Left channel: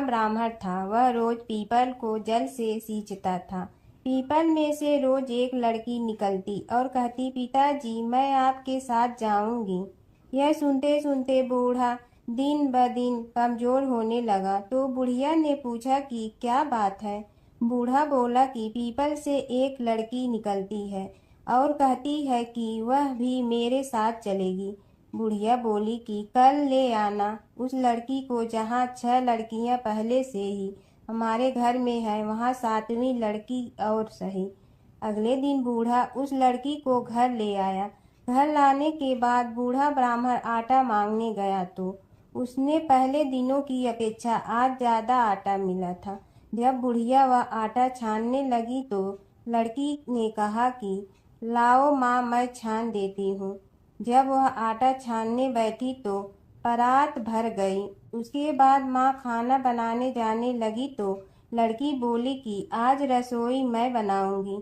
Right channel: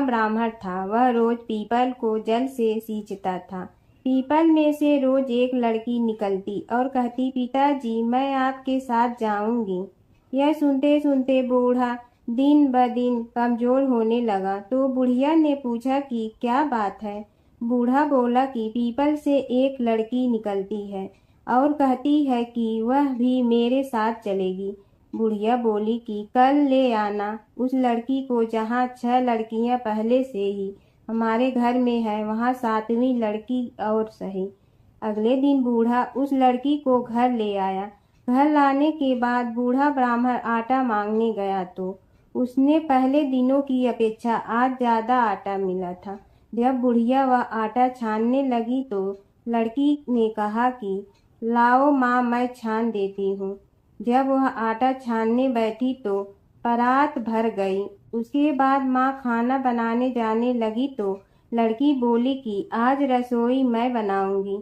ब्राह्मण था। वह रोज पीपल को जल से सींचता था। पीपल में से रोज एक लड़की निकलती और कहती, पिताजी मैं आपके साथ जाऊंगी। यह सुनते सुनते बूढ़ा दिन ब दिन कमजोर होने लगा। तो बुढ़िया ने पूछा कि क्या बात है। बूढ़ा बोला कि पीपल से एक लड़की निकलती है और कहती है कि वह भी मेरे साथ चलेगी। बुढ़िया बोली कि कल ले आना उस लड़की को, जहाँ 6 लड़कियां पहले से ही हमारे घर में है, वहाँ 7वीं लड़की और सही। अगले दिन बूढ़ा उस लड़की को घर ले आया। घर लाने के बाद बूढ़ा ब्राह्मण आटा मांगने गया तो उसने पहले दिनों की अपेक्षा आज ज्यादा आटा मिला था। जब बुढ़िया वह आटा छानने लगी तो लड़की ने कहा कि लाओ माँ, मैं छान देती हूँ। जब वह आटा छानने बैठी तो परात भर गई। उसके बाद माँ खाना बनाने जाने लगी तो लड़की बोली कि आज रसोई मैं बनाऊंगी।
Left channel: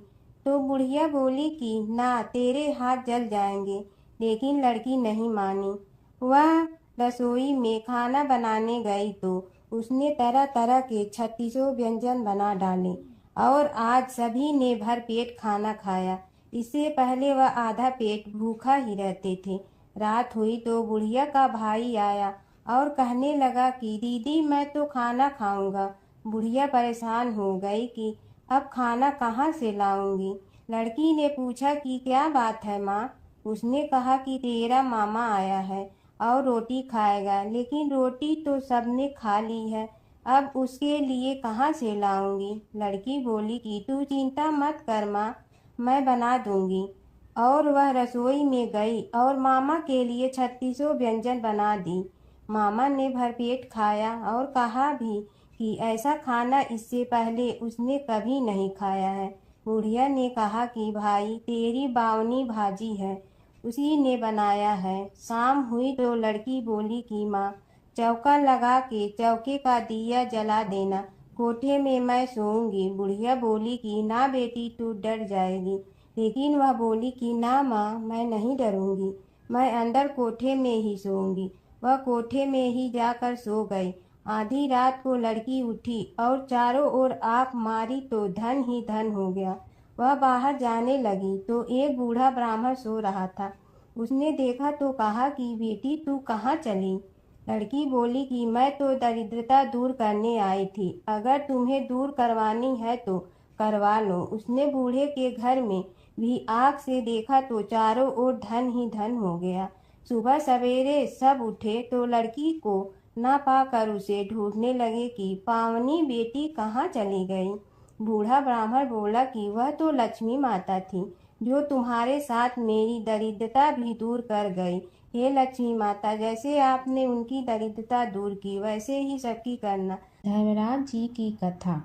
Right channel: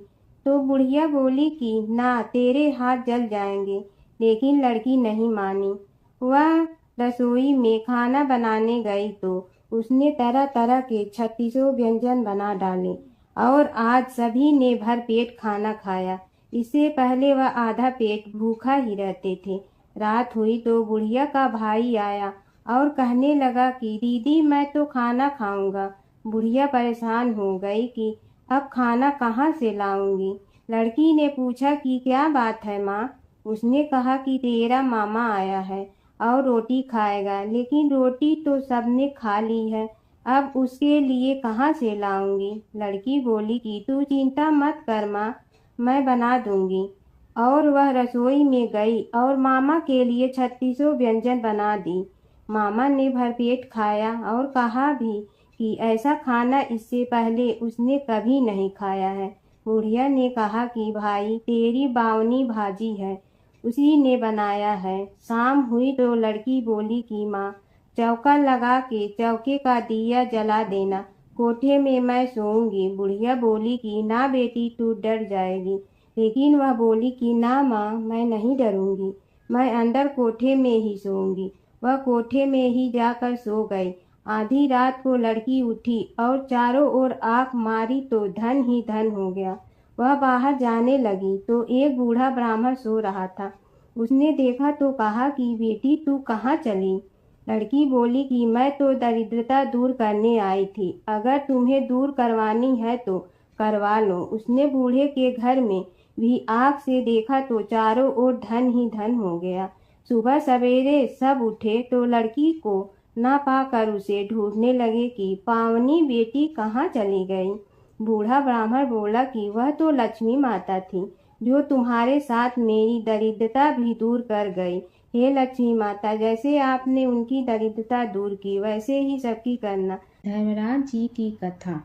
तो बुढ़िया बोली कि ना, तेरे हाथ जल जाएंगे। लेकिन लड़की नहीं मानी। वह रसोई में खाना बनाने गई तो उसने तरह तरह के 36 व्यंजन बना डाले और आज सभी ने भर पेट खाना खाया। इससे पहले वह आधा पेट भूखा ही रहते थे। रात हुई तो बुढ़िया का भाई आया और कहने लगा कि दीदी मैं तो खाना खाऊंगा। बुढ़िया परेशान हो गई कि अब खाना कहाँ से लाऊंगी। लड़की ने पूछा कि क्या बात है माँ। उसने कहा कि तेरा मामा आया है और रोटी खाएगा, लेकिन रोटी तो सबने खा ली है, अब उसके लिए कहाँ से लाऊंगी। लड़की बोली कि तू चिंता मत कर माँ, मैं बना दूंगी। और वह रसोई में गई और मामा के लिए 36 व्यंजन बना दी। मामा ने भरपेट खाया और कहा भी कि ऐसा खाना इससे पहले उसने कभी नहीं खाया है। बुढ़िया ने कहा कि भाई तेरी बावनी भाजी है, उसी ने बनाया है। शाम हुई तो लड़की बोली कि माँ चौका लगा के चौके का दिया जला देना, कोठे में मैं सोऊंगी। बुढ़िया बोली कि ना बेटी, तू डर जाएगी। लेकिन वह बोली कि ना माँ, मैं नहीं डरूंगी, मैं अंदर कोठे में ही सोऊंगी। वह कोठे में ही जाकर सो गई। आधी रात को लड़की उठी और चारों ओर आंख मारी तो धन ही धन हो गया। वह बाहर जाने लगी तो एक बूढ़ा ब्राह्मण सो रहा था। उसने देखा तो कहा कि बेटी तू कहाँ चली। लड़की बोली कि मैं तो दरिद्रता दूर करने आई थी, अगर तुम्हें दूर करवानी है तो करवा लो। उसने बूढ़े के घर में भी आँख से देखा तो चारों ओर धन ही धन हो गया। सुबह सवेरे सब उठे तो लड़की को ना पाकर उसे ढूंढने लगे कि पावनी बेटी कहाँ चली गई। बूढ़ा ब्राह्मण बोला कि वह तो लक्ष्मी माता थी, जो तुम्हारे साथ मेरी दरिद्रता भी दूर कर गई। हे लक्ष्मी माता, जैसे आपने उनकी दरिद्रता दूर की, वैसे ही सबकी करना। धर्मराज जी की कथा।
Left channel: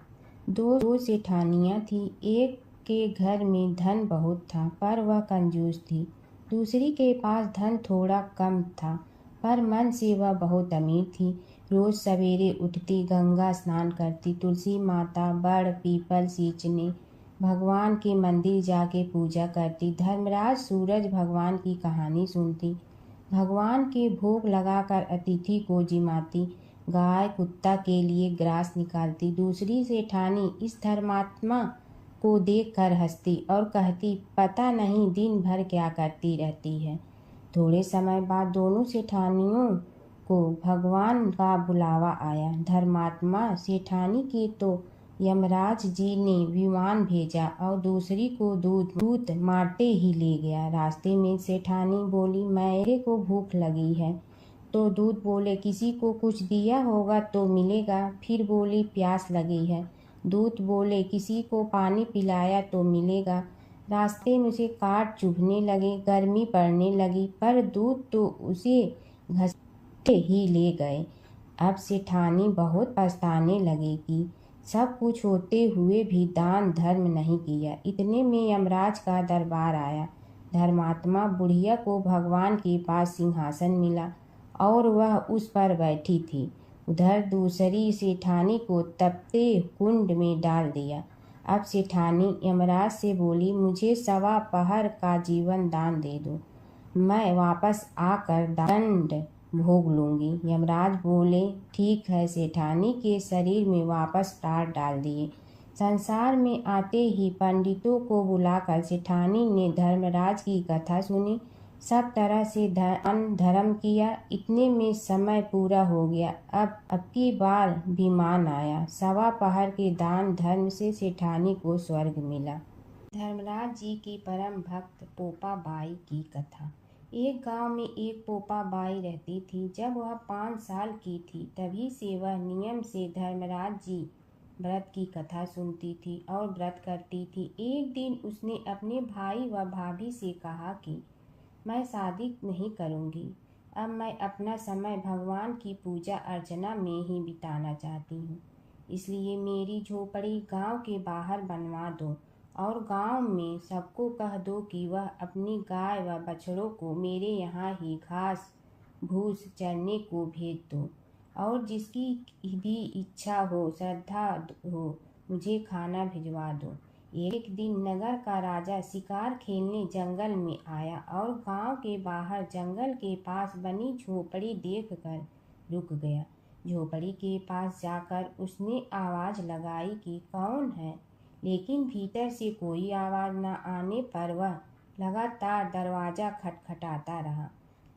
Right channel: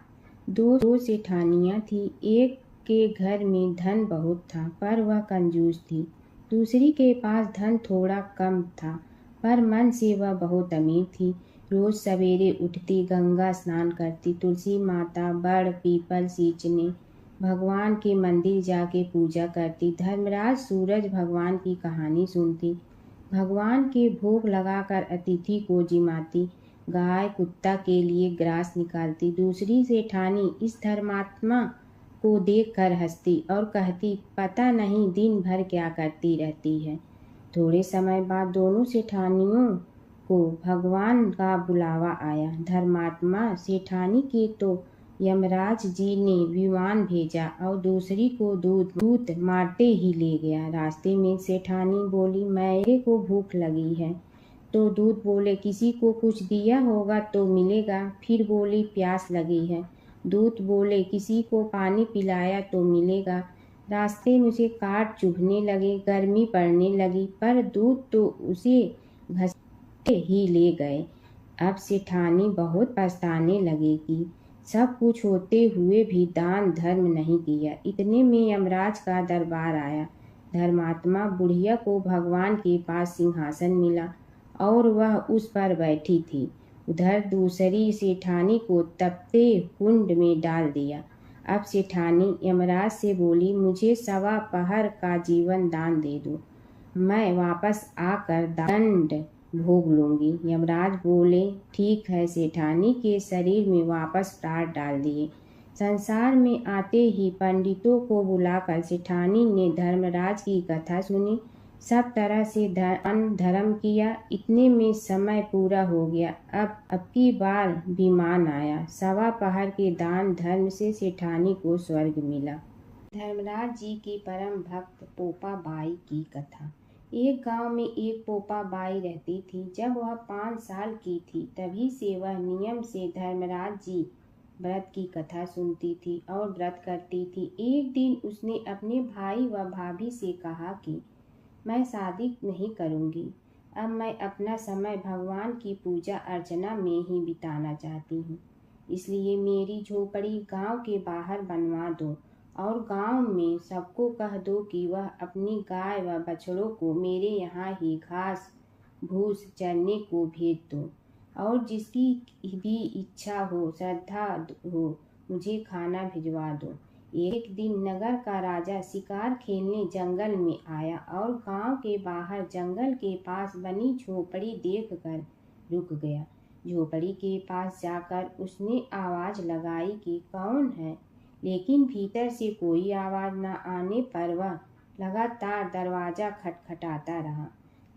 दो सेठानियाँ थी। एक के घर में धन बहुत था पर वह कंजूस थी। दूसरी के पास धन थोड़ा कम था पर मन से वह बहुत अमीर थी। रोज सवेरे उठती, गंगा स्नान करती, तुलसी माता, बड़, पीपल सींचने, भगवान के मंदिर जाके पूजा करती। धर्मराज सूरज भगवान की कहानी सुनती, भगवान के भोग लगाकर अतिथि को जिमाती, गाय कुत्ता के लिए ग्रास निकालती। दूसरी सेठानी इस धर्मात्मा को देखकर हंसती और कहती, पता नहीं दिन भर क्या करती रहती है। थोड़े समय बाद दोनों सेठानियों को भगवान का बुलावा आया। धर्मात्मा सेठानी के तो यमराज जी ने विमान भेजा और दूसरी को दूत मारते ही ले गया। रास्ते में सेठानी बोली, मेरे को भूख लगी है। तो दूत बोले, किसी को कुछ दिया होगा तो मिलेगा। फिर बोली, प्यास लगी है। दूत बोले, किसी को पानी पिलाया तो मिलेगा। रास्ते में उसे काट चुभने लगे, गर्मी पड़ने लगी, पर दूत तो उसे घसीटे ही ले गए। अब सेठानी बहुत पछताने लगी कि सब कुछ होते हुए भी दान धर्म नहीं किया। इतने में यमराज का दरबार आया। धर्मात्मा बुढ़िया को भगवान के पास सिंहासन मिला और वह उस पर बैठी थी। उधर दूसरी सेठानी को तपते कुंड में डाल दिया। अब सेठानी यमराज से बोली, मुझे 1.25 पहर का जीवन दान दे दो, मैं वापस आकर दंड भोग लूंगी। यमराज बोले, ठीक है। सेठानी के शरीर में वापस प्राण डाल दिए। संसार में आते ही पंडितों को बुलाकर सेठानी ने धर्मराज की कथा सुनी। सब तरह से धर्म किया। इतने में समय पूरा हो गया। अब की बार विमान आया। सवा पहर के दान धर्म से सेठानी को स्वर्ग मिला। धर्मराज जी की परम भक्त पोपा बाई की कथा। एक गांव में एक पोपा बाई रहती थी। जब वह 5 साल की थी तभी से वह नियम से धर्मराज जी व्रत की कथा सुनती थी और व्रत करती थी। एक दिन उसने अपने भाई व भाभी से कहा कि मैं शादी नहीं करूंगी। अब मैं अपना समय भगवान की पूजा अर्चना में ही बिताना चाहती हूँ। इसलिए मेरी झोपड़ी गांव के बाहर बनवा दो और गांव में सबको कह दो कि वह अपनी गाय व बछड़ों को मेरे यहाँ ही घास भूस चरने को भेज दो और जिसकी भी इच्छा हो, श्रद्धा हो, मुझे खाना भिजवा दो। एक दिन नगर का राजा शिकार खेलने जंगल में आया और गांव के बाहर जंगल के पास बनी झोपड़ी देखकर रुक गया। झोपड़ी के पास जाकर उसने आवाज लगाई कि कौन है, लेकिन भीतर से कोई आवाज न आने पर वह लगातार दरवाजा खटखटाता रहा।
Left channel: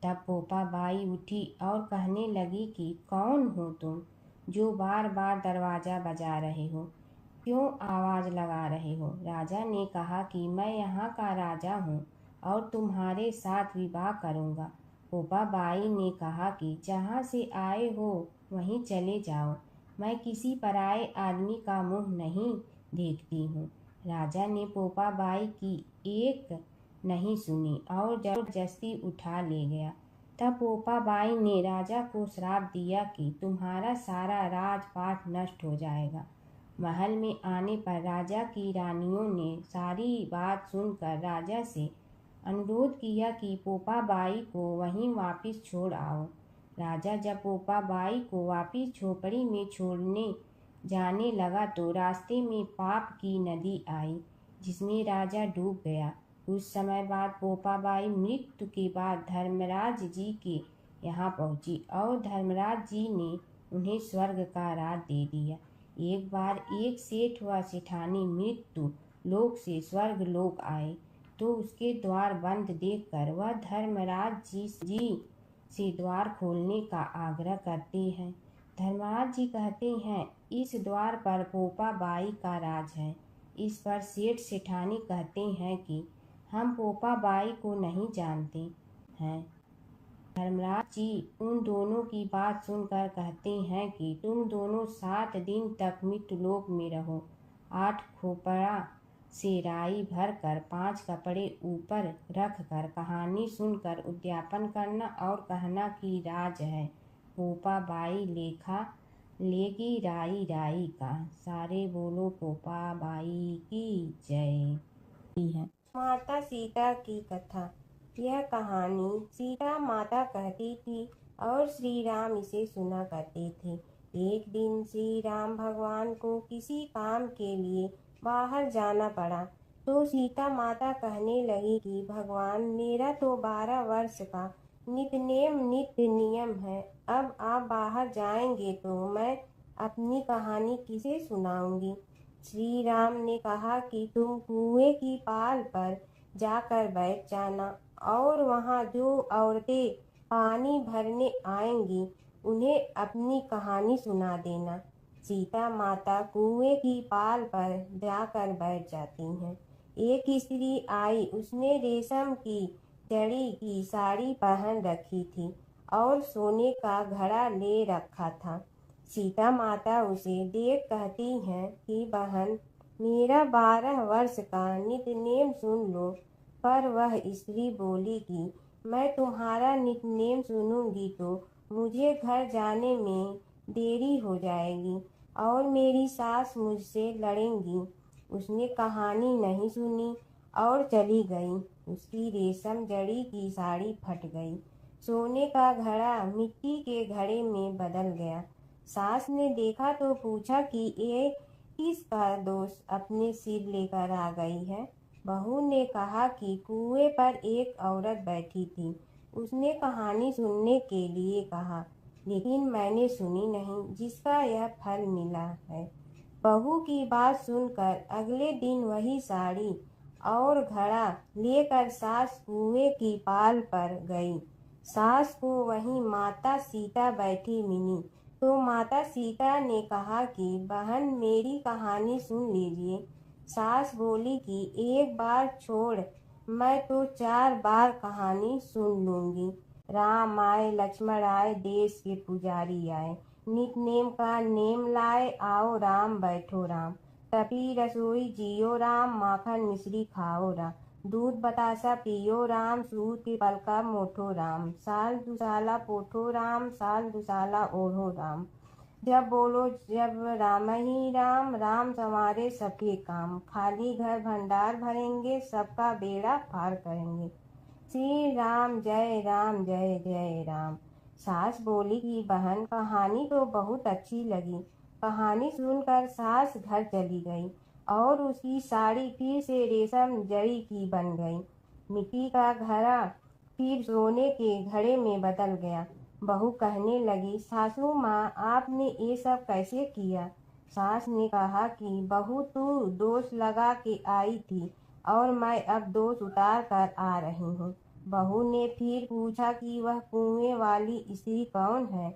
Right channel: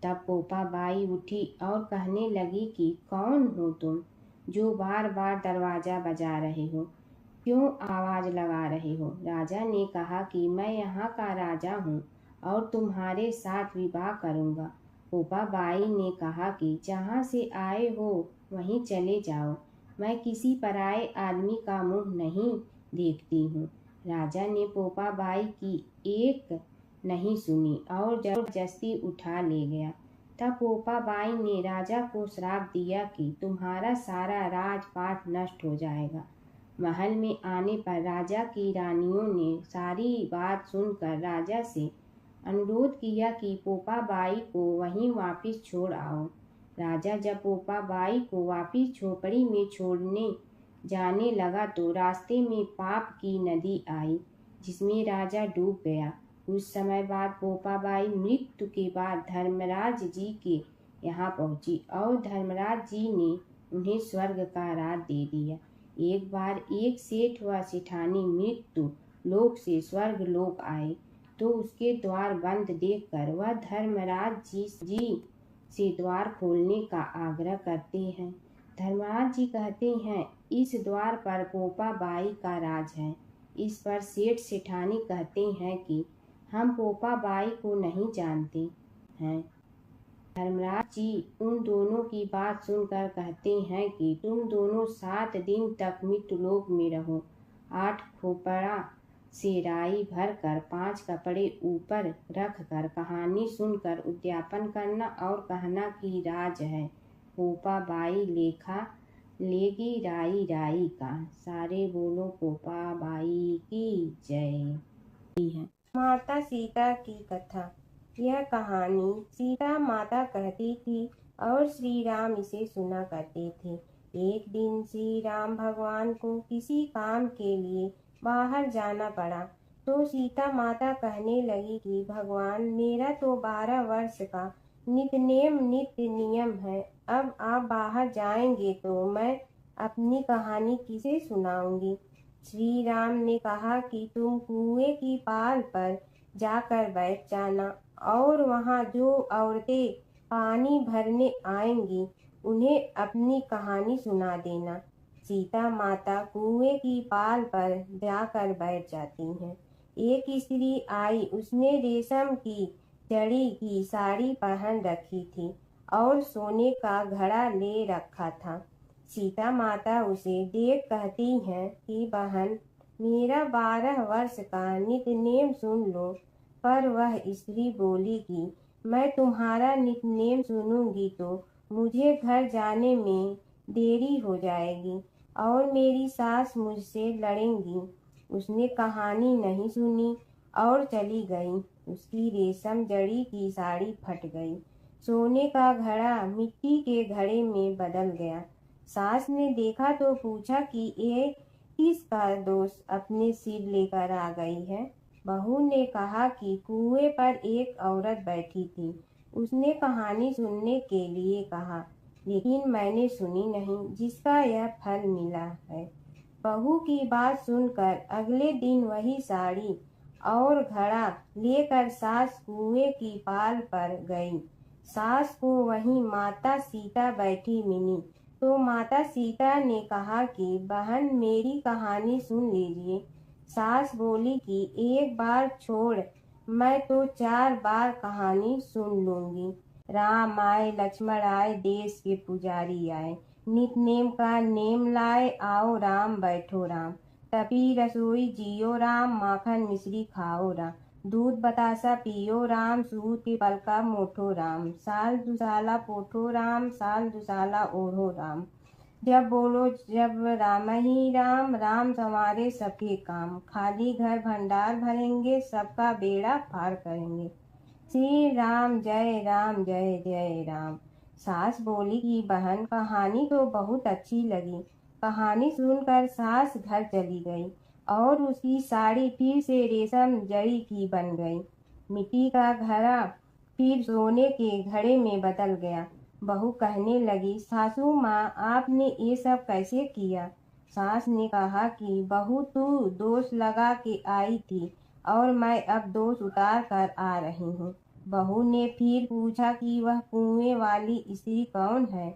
तब पोपा बाई उठी और कहने लगी कि कौन हो तुम जो बार बार दरवाजा बजा रहे हो, क्यों आवाज लगा रहे हो? राजा ने कहा कि मैं यहाँ का राजा हूँ और तुम्हारे साथ विवाह करूँगा। पोपा बाई ने कहा कि जहाँ से आए हो वहीं चले जाओ, मैं किसी पराये आदमी का मुंह नहीं देखती हूँ। राजा ने पोपा बाई की एक नहीं सुनी और जबरदस्ती उठा ले गया। तब पोपा बाई ने राजा को श्राप दिया कि तुम्हारा सारा राजपाट नष्ट हो जाएगा। महल में आने पर राजा की रानियों ने सारी बात सुनकर राजा से अनुरोध किया कि पोपा बाई को वहीं वापस छोड़ आओ। राजा जब पोपा बाई को वापस झोपड़ी में छोड़ने जाने लगा तो रास्ते में पाप की नदी आई जिसमें राजा डूब गया। कुछ समय बाद पोपा बाई मृत्यु के बाद धर्मराज जी के यहाँ पहुँची और धर्मराज जी ने उन्हें स्वर्ग का राज दे दिया। एक बार एक सेठ व सेठानी मृत्यु लोक से स्वर्ग लोक आए तो उसके द्वार बंद देखकर वह धर्मराज जी से द्वार खोलने का आग्रह करते हैं। धर्मराज जी कहते हैं, इस द्वार पर पोपा बाई का राज है। इस पर सेठ सेठानी कहते हैं कि हम पोपा बाई को नहीं जानते हैं। धर्मराज जी उन दोनों की बात सुनकर कहते हैं कि तुम दोनों 7 दिन तक मृत्युलोक में रहो। 8 खोपड़ा से राई भरकर 5 कपड़े ऊपर रखकर कहानी सुनकर उद्यापन करना और कहना कि राज है। पोपा बाई लेखा लेगी राई राई का। सारे बोलो पोपा बाई की जय। माता सीता की कथा। यह कहानी सीता माता कहती थी और श्री राम इसे सुना करते थे। एक दिन श्री राम भगवान को किसी काम के लिए बाहर जाना पड़ा तो सीता माता कहने लगी कि भगवान, मेरा तो 12 वर्ष का नित्य नियम है। अब आप बाहर जाएंगे तो मैं अपनी कहानी किसे सुनाऊंगी? श्री राम ने कहा कि तुम कुएं की पाल पर जाकर बैठ जाना और वहाँ जो औरतें पानी भरने आएंगी उन्हें अपनी कहानी सुना देना। सीता माता कुएं की पाल पर जाकर बैठ जाती हैं। एक स्त्री आई, उसने रेशम की जड़ी की साड़ी पहन रखी थी और सोने का घड़ा ले रखा था। सीता माता उसे देख कहती हैं कि बहन, मेरा 12 वर्ष का नित्य नेम सुन लो। पर वह स्त्री बोली कि मैं तुम्हारा नित्य नेम सुनूंगी तो मुझे घर जाने में देरी हो जाएगी और मेरी सास मुझसे लड़ेंगी। उसने कहानी नहीं सुनी और चली गई। उसकी रेशम जड़ी की साड़ी फट गई। सोने का घड़ा मिट्टी के घड़े में बदल गया। सास ने देखा तो पूछा कि ये किसका दोष अपने सिर लेकर आ गई है? बहू ने कहा कि कुएं पर एक औरत बैठी थी, उसने कहानी सुनने के लिए कहा, लेकिन मैंने सुनी नहीं, जिसका यह फल मिला है। बहू की बात सुनकर अगले दिन वही साड़ी और घड़ा लेकर सास कुएं की पाल पर गई। सास को वहीं माता सीता बैठी मिली, तो माता सीता ने कहा कि बहन, मेरी कहानी सुन लीजिए। सास बोली कि एक बार छोड़, मैं तो 4 बार कहानी सुन लूंगी। राम आए, लक्ष्मण आए, देश के पुजारी आए, नित नेम का नेम लाए, आओ राम बैठो राम। तपी रसोई जियो राम, माखन मिश्री खाओ राम। दूध बतासा पियो राम, सूत के पलका मोठो राम। साल दुसाला पोठो राम, साल दुसाला ओढ़ो राम। जब बोलो जब राम ही राम, राम संवारे सबके काम। खाली घर भंडार भरेंगे, सबका बेड़ा पार करेंगे। श्री राम जय राम जय जय राम। सास बोली कि बहन, कहानी तो बहुत अच्छी लगी। कहानी सुनकर सास घर चली गई और उसकी साड़ी फिर से रेशम जड़ी की बन गई। मिट्टी का घड़ा फिर सोने के घड़े में बदल गया। बहू कहने लगी, सासू माँ, आपने ये सब कैसे किया? सास ने कहा कि बहू, तू दोष लगा के आई थी और मैं अब दोष उतार कर आ रही हूँ। बहू ने फिर पूछा कि वह कुएं वाली स्त्री कौन है?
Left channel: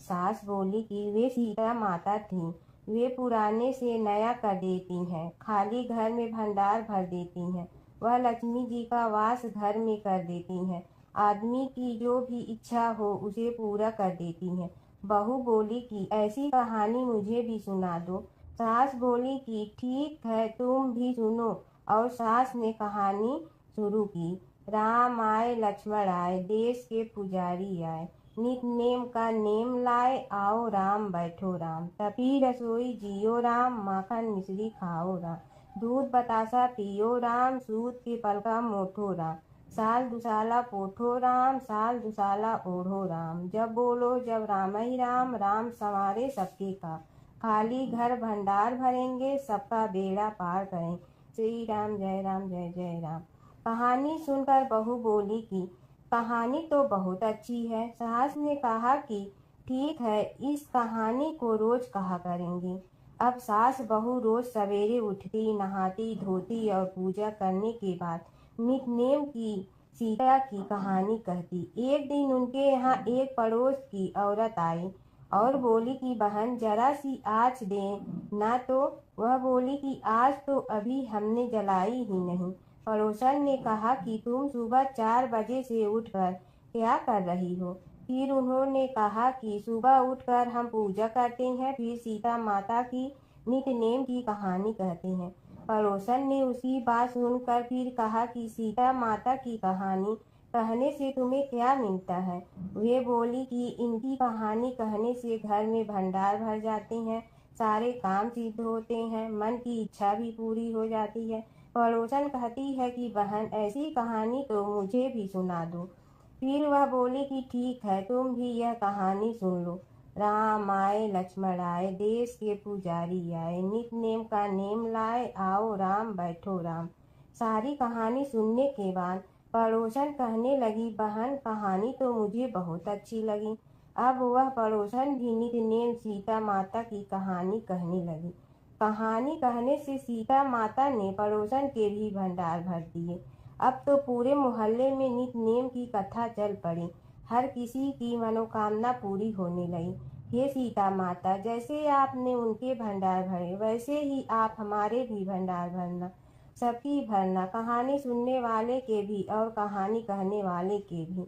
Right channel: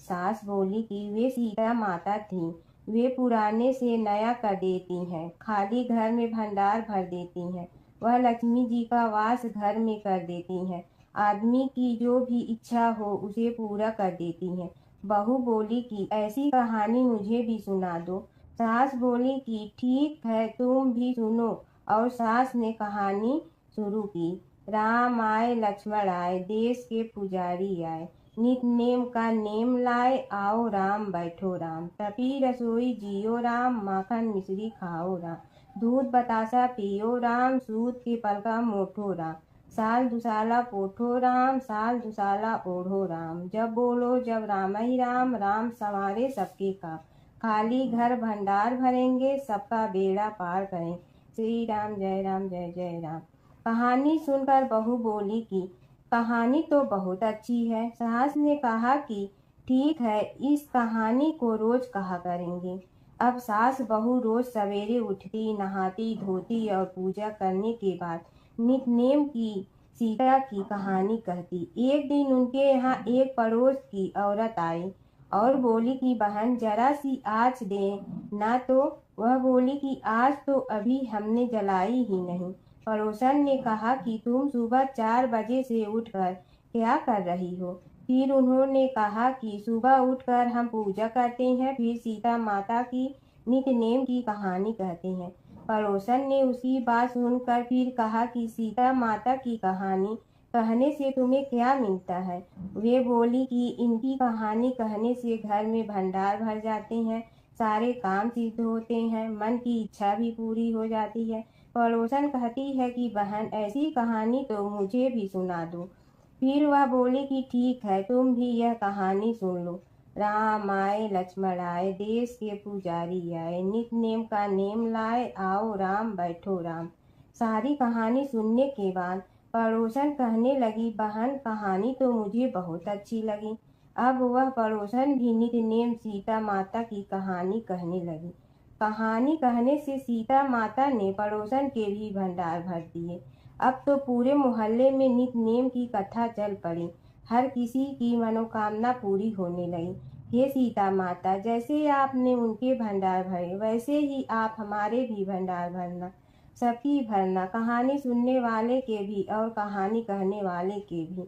सास बोली कि वे सीता माता थी। वे पुराने से नया कर देती हैं, खाली घर में भंडार भर देती हैं। वह लक्ष्मी जी का वास घर में कर देती हैं। आदमी की जो भी इच्छा हो उसे पूरा कर देती हैं। बहू बोली कि ऐसी कहानी मुझे भी सुना दो। सास बोली कि ठीक है, तुम भी सुनो। और सास ने कहानी शुरू की। राम आए, लक्ष्मण आए, देश के पुजारी आए, नित नेम का नेम लाए, आओ राम बैठो राम। तपी रसोई जियो राम, माखन मिश्री खाओ राम। दूध बतासा पियो राम, सूत के पलका मोठो राम। साल दुसाला पोठो राम, साल दुसाला ओढ़ो राम। जब बोलो जब राम ही राम, राम संवारे सबके काम। खाली घर भंडार भरेंगे, सबका बेड़ा पार करें। श्री राम जय जय राम। कहानी सुनकर बहू बोली कि कहानी तो बहुत अच्छी है। सास ने कहा कि ठीक है, इस कहानी को रोज कहा करेंगे। अब सास बहू रोज सवेरे उठती, नहाती धोती और पूजा करने के बाद नित नेम की सीता की कहानी कहती। एक दिन उनके यहाँ एक पड़ोस की औरत आई और बोली कि बहन, जरा सी आँच दे ना। तो वह बोली कि आज तो अभी हमने जलाई ही नहीं। पड़ोसन ने कहा कि तुम सुबह 4 बजे से उठकर क्या कर रही हो? फिर उन्होंने कहा कि सुबह उठकर हम पूजा करते हैं, फिर सीता माता की नित नेम की कहानी कहते हैं। पड़ोसन ने उसकी बात सुनकर फिर कहा कि सीता माता की कहानी कहने से तुम्हें क्या मिलता है? वे बोली कि इनकी कहानी कहने से घर में भंडार भर जाते हैं, सारे काम सिद्ध होते हैं, मन की इच्छा भी पूरी हो जाती है। पड़ोसन कहती है कि बहन, ऐसी कहानी तो मुझे भी सुना दो। फिर वह बोली कि ठीक है, तुम भी यह कहानी सुन लो। राम आए, लक्ष्मण आए, देश के पुजारी आए, नित नेम का नेम लाए, आओ राम बैठो राम। सारी कहानी सुनने के बाद पड़ोसन कहने लगी, बहन, कहानी तो मुझे बहुत अच्छी लगी। अब वह पड़ोसन भी नित नेम सीता माता की कहानी कहने लगी। कहानी कहने से सीता माता ने पड़ोसन के भी भंडार भर दिए। अब तो पूरे मोहल्ले में नित नेम की कथा चल पड़ी। हर किसी की मनोकामना पूरी होने लगी। हे सीता माता, जैसे आपने उनके भंडार भरे, वैसे ही आप हमारे भी भंडार भरना, सबकी भरना, कहानी सुनने वाले के भी और कहानी कहने वाले के भी।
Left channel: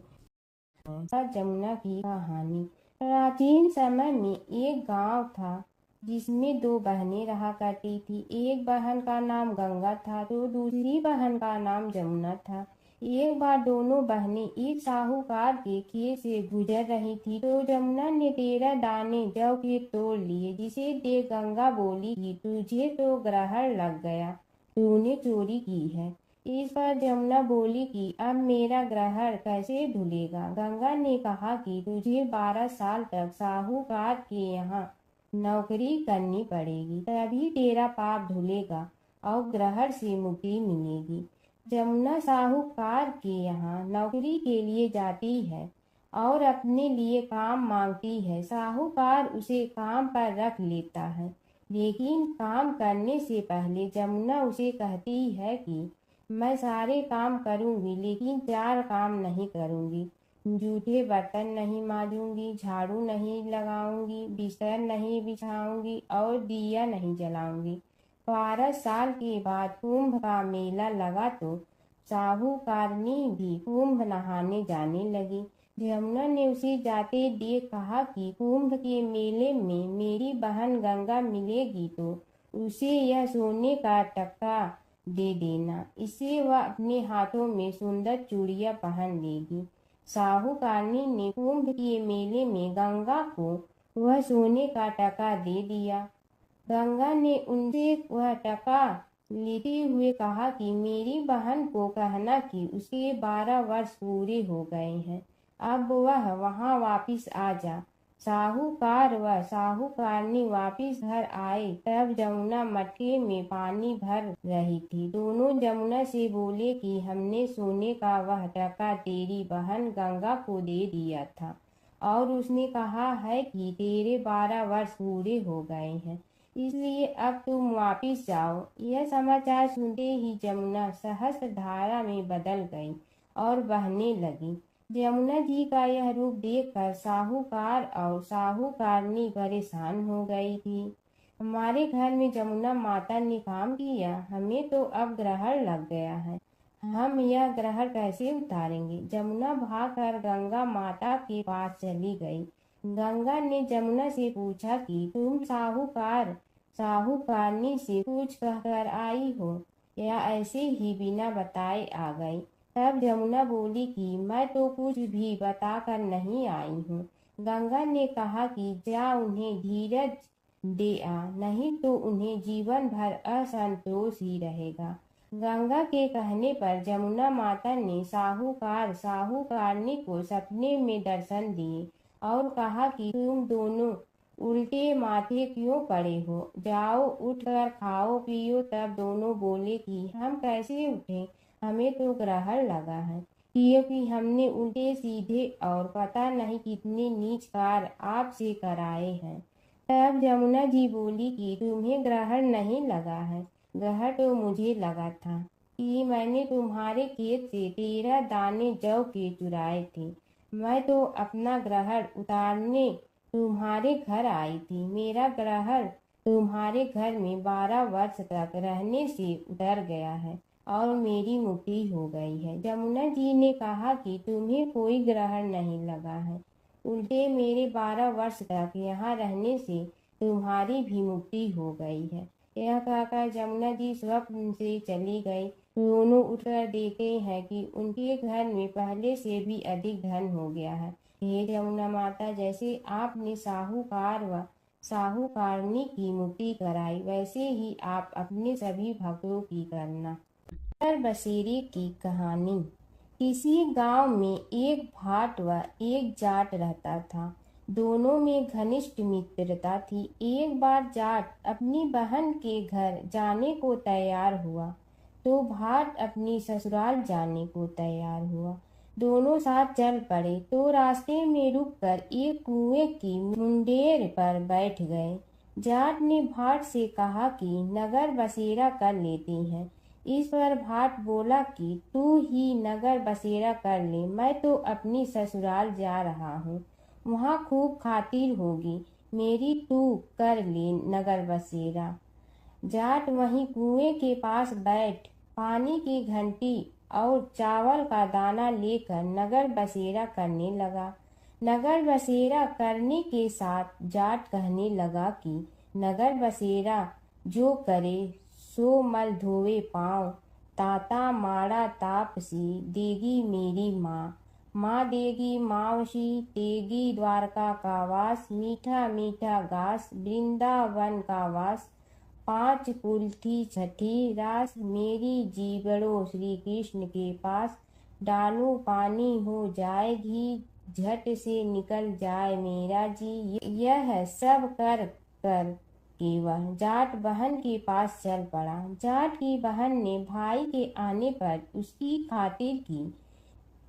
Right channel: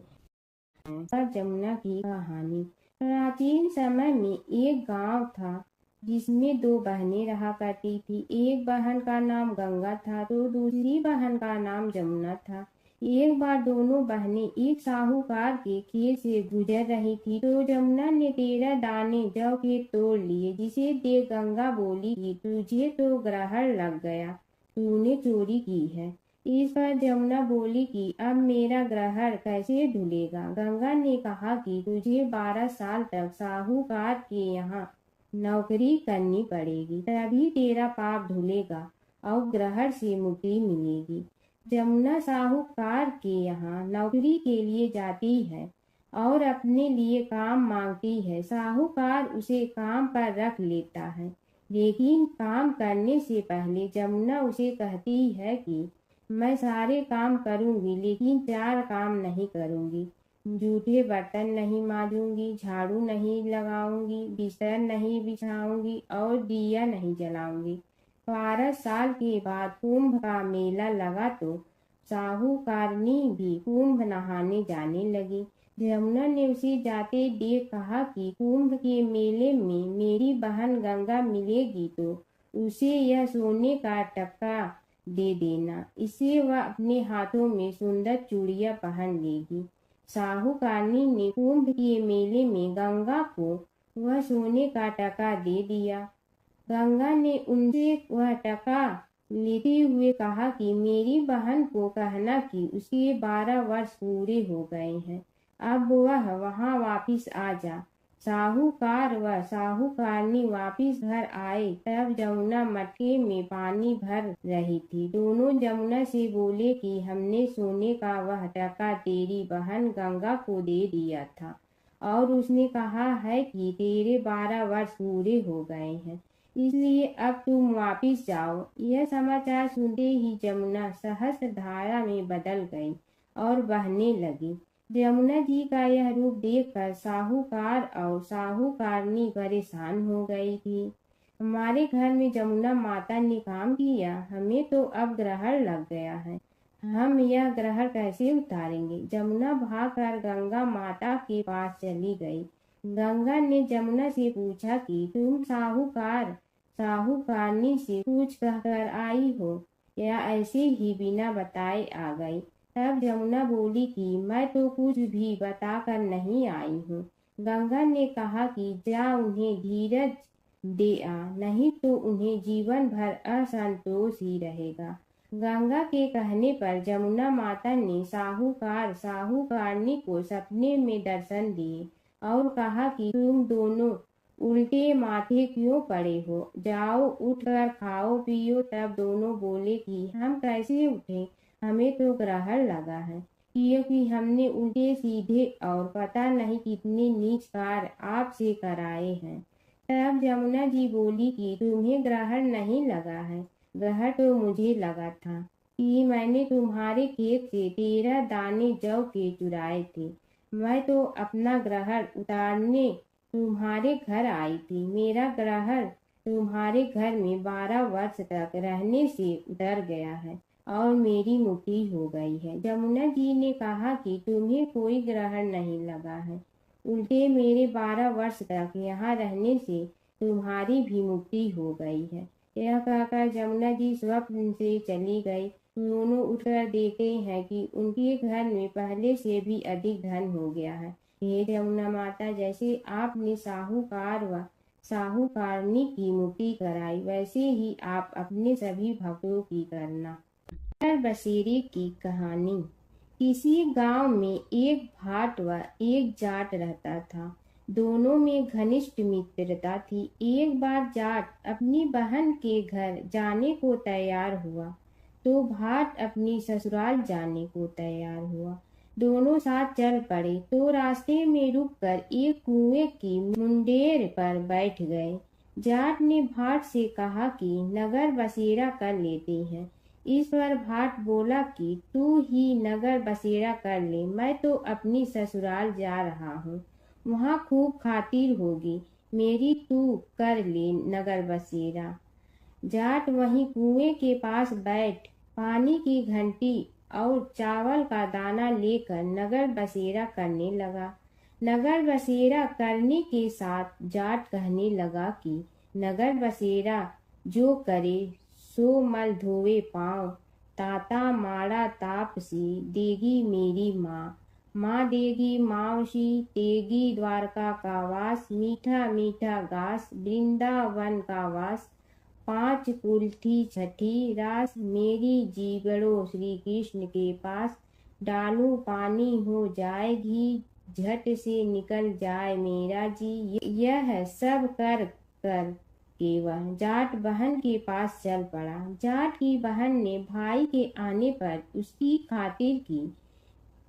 और जमुना की कहानी। प्राचीन समय में एक गांव था जिसमें 2 बहनें रहा करती थी। एक बहन का नाम गंगा था तो दूसरी बहन का नाम जमुना था। एक बार दोनों बहनें एक साहूकार के खेत से गुजर रही थी तो जमुना ने 13 दाने जौ के तोड़ लिए, जिसे देख गंगा बोली कि तुझे तो ग्रहण लग गया, तूने चोरी की है। इस पर जमुना बोली कि अब मेरा ग्रहण कैसे धुलेगा। गंगा ने कहा कि तुझे 12 साल तक साहूकार के यहाँ नौकरी करनी पड़ेगी, तभी तेरा पाप धुलेगा और ग्रहण से मुक्ति मिलेगी। जमुना साहूकार के यहाँ नौकरी के लिए जाती है और अपने लिए काम मांगती है। साहूकार उसे काम पर रख लेता है, लेकिन काम करने से पहले जमुना उसे कहती है कि मैं सारे काम करूंगी, लेकिन 4 काम नहीं करूंगी। जूठे बर्तन नहीं मांजूंगी, झाड़ू नहीं लगाऊंगी, बिस्तर नहीं बिछाऊंगी और दिया नहीं जलाऊंगी। 12 साल के बाद कुंभ का मेला लगा तो साहूकारनी भी कुंभ नहाने जाने लगी। यमुना ने उसे जाते देख कहा कि कुंभ के मेले में मेरी बहन गंगा मिलेगी तो उसे यह सोने का टक्का दे देना, इससे वह अपने हाथों में सुंदर चूड़ियां पहन लेगी। साहूकारनी ने कुंभ के मेले में गंगा को वह सोने का टका दे दिया। गंगा ने उनसे वह टका लेते हुए कहा कि मेरी बहन को कहना कि उसके 12 वर्ष पूरे हो गए हैं, अब वह वहां वापिस आ जा। साहूकार व साहूकारनी वापिस घर आए तब जमुना मटके में पानी भर रही थी। दोनों जमुना से बोले कि हमने सोने का वह टका तेरी बहन गंगा को दे दिया था और उसने कहा है कि तेरे 12 वर्ष पूरे हो गए हैं, इसलिए अब तुम वापिस जाओ। यह समाचार सुनते ही जमुना सहस्र धारा में बदल गई और बहने लगी। यमुना जी का यह रूप देखकर साहूकार और साहूकारनी परेशान हो गई थी। हमारे घर में जमुना माता ने काम किया, हमें तो अब ग्रहण लग गया है, हम यह ग्रहण कैसे उतारेंगे। जमुना भागकर गंगा माता के पास चली गई। गंगा ने जमुना से पूछा कि तुम साहूकारनी से कुछ कहकर आई हो या ऐसे ही बिना बताए आ गई। तब जमुना बोली कि मैं तो कुछ भी बताकर नहीं आई हूँ। गंगा ने कहा कि जा उन्हें धीरज दे आ, नहीं तो उन्हें जीवन भर असंतोष ही रहेगा। गंगा के कहने पर जमुना माता ने साहूकारनी को सपने में दर्शन दिए और कहा कि तुम दोनों उल्टे माथे क्यों पड़े हो, जाओ उठकर खाओ पियो। तब दोनों बोले कि हम कैसे उठे, हमें तो ग्रहण लगा है, क्योंकि हमने उल्टे सीधे और पता नहीं कितने नीच कार्य आपसे कराए हैं। तब यमुना जी बोली कि तुम्हें ग्रहण नहीं लगा है, ग्रहण तो मुझे लगा था कि मैंने तुम्हारे खेत से 13 दाने जौ के चुराए थे। मैं तो अपना ग्रहण उतारने तुम्हारे घर आई थी। मेरा ग्रहण तुम्हारे घर में 12 वर्ष तक रहने से उतर गया है और मेरी मुक्ति हो गई है। यमुना जी ने कहा कि तुम्हें कोई ग्रहण नहीं लगा है, उल्टे मेरे 12 वर्ष तक यहाँ रहने से तुम्हारी भी मुक्ति हो गई है। यह कहकर यमुना जी स्वप्न से चली गई। दोनों उठकर देखते हैं कि उनके घर में पहले से भी अधिक धन हो गया है। हे यमुना माता, जैसे आपने साहूकार व साहूकारनी की मुक्ति कराई, वैसे ही आप अपने सभी भक्तों की करना। बसेरे की कहानी। किसी गांव में एक भाट व एक जाट रहता था। दोनों में घनिष्ठ मित्रता थी। एक बार जाट अपनी बहन के घर जाने को तैयार हुआ तो भाट अपनी ससुराल जाने को तैयार हुआ। दोनों साथ चल पड़े तो रास्ते में रुककर एक कुएं की मुंडेर पर बैठ गए। जाट ने भाट से कहा कि नगर बसेरा कर लेते हैं। इस पर भाट बोला कि तू ही नगर बसेरा कर ले, मैं तो अपनी ससुराल जा रहा हूँ, वहाँ खूब खातिर होगी मेरी, तू कर ले नगर बसेरा। जाट वहीं कुएं के पास बैठ पानी की घंटी और चावल का दाना लेकर नगर बसेरा करने लगा। नगर बसेरा करने के साथ जाट कहने लगा कि नगर बसेरा जो करे सो मल धोवे पाँव, ताता माड़ा तापसी देगी मेरी माँ, माँ देगी मावशी तेगी द्वारका का वास, मीठा मीठा घास वृंदावन का वास, 5 कुल्थी छठी रास, मेरी जीवड़ो श्री कृष्ण के पास, डालू पानी हो जाए घी, झट से निकल जाए मेरा जी। यह सब कर के वह जाट बहन के पास चल पड़ा। जाट की बहन ने भाई के आने पर उसकी खातिर की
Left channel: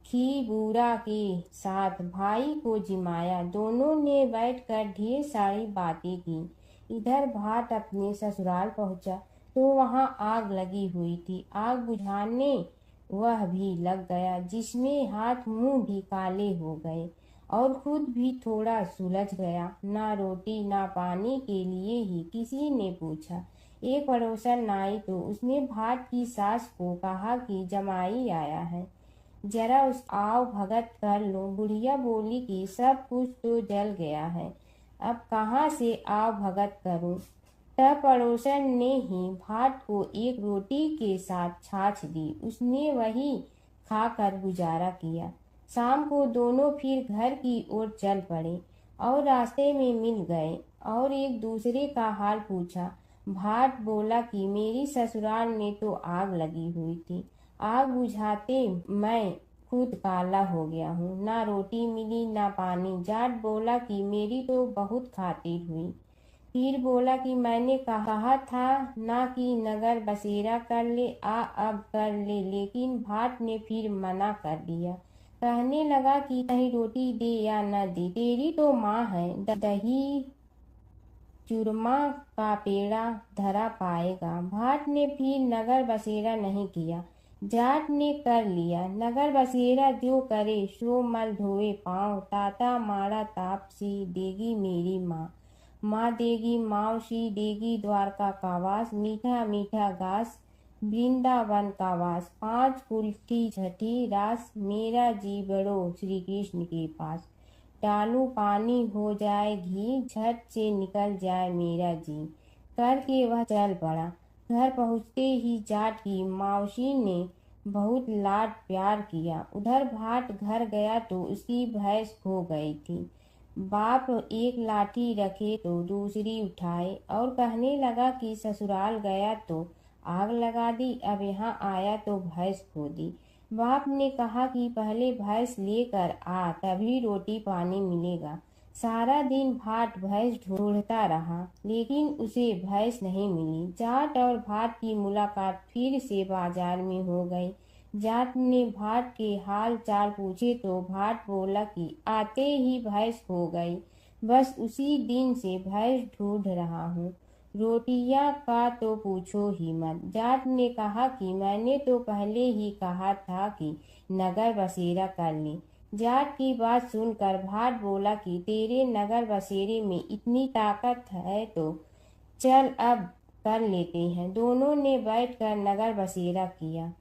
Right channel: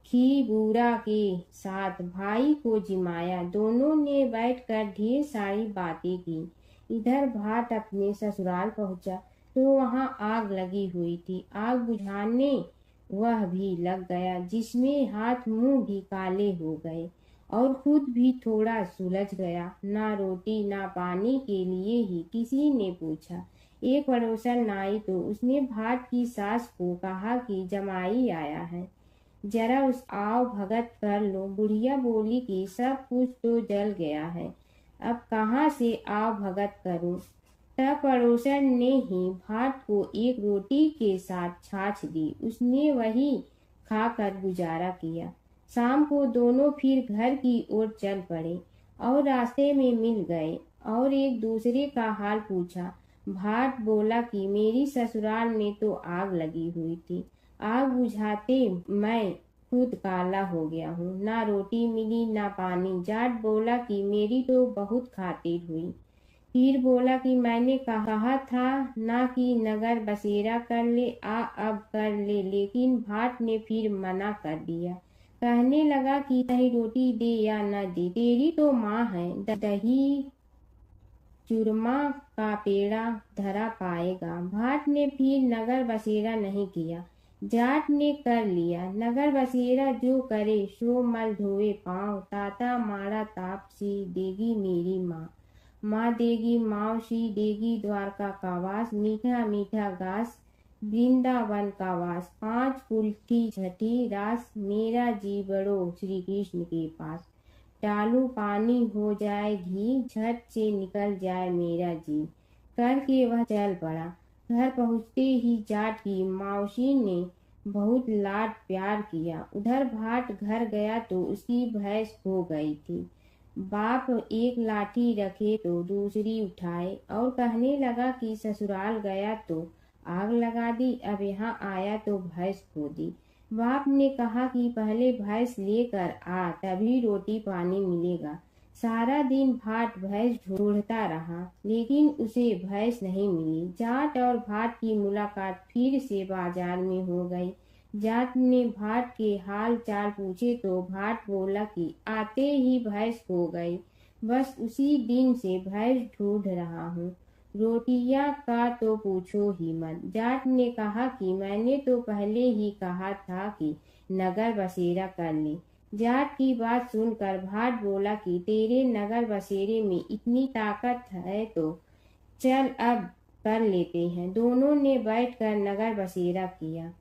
खीबूरा के साथ भाई को जिमाया। दोनों ने बैठकर ढेर सारी बातें की। इधर भाट अपने ससुराल पहुंचा तो वहां आग लगी हुई थी। आग बुझाने वह भी लग गया, जिसमें हाथ मुंह भी काले हो गए और खुद भी थोड़ा सुलझ गया। ना रोटी ना पानी के लिए ही किसी ने पूछा। एक पड़ोसन आई तो उसने भाट की सास को कहा कि जमाई आया है, जरा उस आओ भगत कर लो। बुढ़िया बोली कि सब कुछ तो जल गया है, अब कहाँ से आओ भगत करूं। तब पड़ोसन ने ही भाट को एक रोटी के साथ छाछ दी। उसने वही खाकर गुजारा किया। शाम को दोनों फिर घर की ओर चल पड़े और रास्ते में मिल गए और एक दूसरे का हाल पूछा। भाट बोला कि मेरी ससुराल में तो आग लगी हुई थी, आग बुझाते मैं खुद काला हो गया हूँ, ना रोटी मिली ना पानी। जाट बोला कि मेरी तो बहुत खातिर हुई। फिर बोला कि मैंने कहा था ना कि नगर बसेरा कर ले, अब कर ले, लेकिन भाट ने फिर मना कर दिया। कहने लगा कि चाहे रोटी दे या न दे, तेरी तो माँ है, दही चूरमा का पेड़ा धरा पाएगा। भाट ने फिर नगर बसेरा नहीं किया, जाट ने कर लिया। नगर बसेरा जो करे सो मल धोए पाँव, ताता माड़ा तापसी देगी मेरी माँ, माँ देगी मावसी देगी द्वारका का वास, मीठा मीठा घास वृंदावन का वास, 5 कुल्ठी छठी रास, मेरा जी बड़ो श्री कृष्ण के पास। डालू पानी हो जाए घी, झट से निकल जाए मेरा जी। करके वह चल पड़ा। घर पहुँचते ही जाट की मौसी ने बहुत लाड प्यार किया। उधर भाट घर गया तो उसकी भैंस खो गई थी। बाप एक लाठी रखे तो दूसरी उठाए और कहने लगा कि ससुराल गया तो आग लगा दी, अब यहाँ आया तो भैंस खो दी। बाप ने कहा कि पहले भैंस लेकर आ, तभी रोटी पानी मिलेगा। सारा दिन भाट भैंस ढूंढता रहा, लेकिन उसे भैंस नहीं मिली। जाट और भाट की मुलाकात फिर से बाजार में हो गई। जाट ने भाट के हाल चाल पूछे तो भाट बोला कि आते ही भैंस खो गई, बस उसी दिन से भैंस ढूंढ रहा हूँ। रोटियां का तो पूछो ही मत। जाट ने कहा कि मैंने तो पहले ही कहा था कि नगर बसेरा कर ले। जाट की बात सुनकर भाट बोला कि तेरे नगर बसेरे में इतनी ताकत है तो चल अब कर लेते हैं। दोनों ने बैठकर नगर बसेरा किया।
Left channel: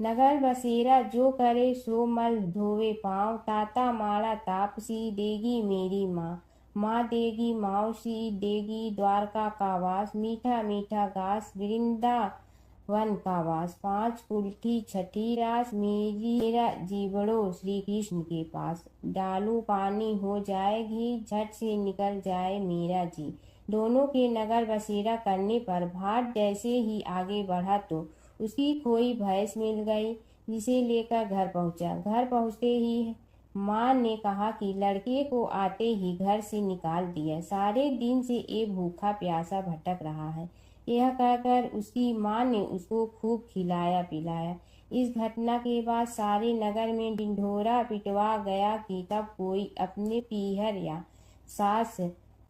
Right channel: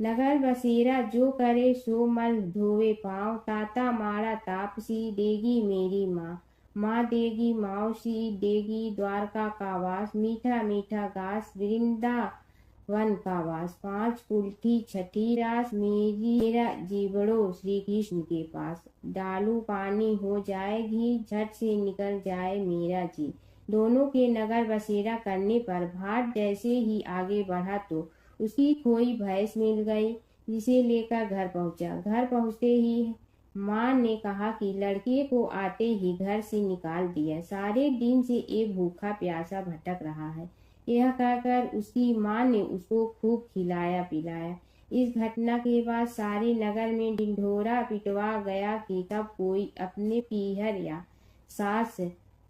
नगर बसेरा जो करे सो मल धोवे पाँव, ताता माड़ा तापसी देगी मेरी माँ, माँ देगी मावसी देगी द्वारका का वास, मीठा मीठा घास वृंदावन का वास, 5 कुल्ठी छठी रास, मेरा जीवड़ो श्री कृष्ण के पास। डालू पानी हो जाए घी, झट से निकल जाए मेरा जी। दोनों के नगर बसेरा करने पर भाट जैसे ही आगे बढ़ा तो उसकी खोई भैंस मिल गई, जिसे लेकर घर पहुंचा। घर पहुंचते ही माँ ने कहा कि लड़के को आते ही घर से निकाल दिया, सारे दिन से ये भूखा प्यासा भटक रहा है। यह कहकर उसकी माँ ने उसको खूब खिलाया पिलाया। इस घटना के बाद सारे नगर में ढिंढोरा पिटवा गया कि कब कोई अपने पीहर या सास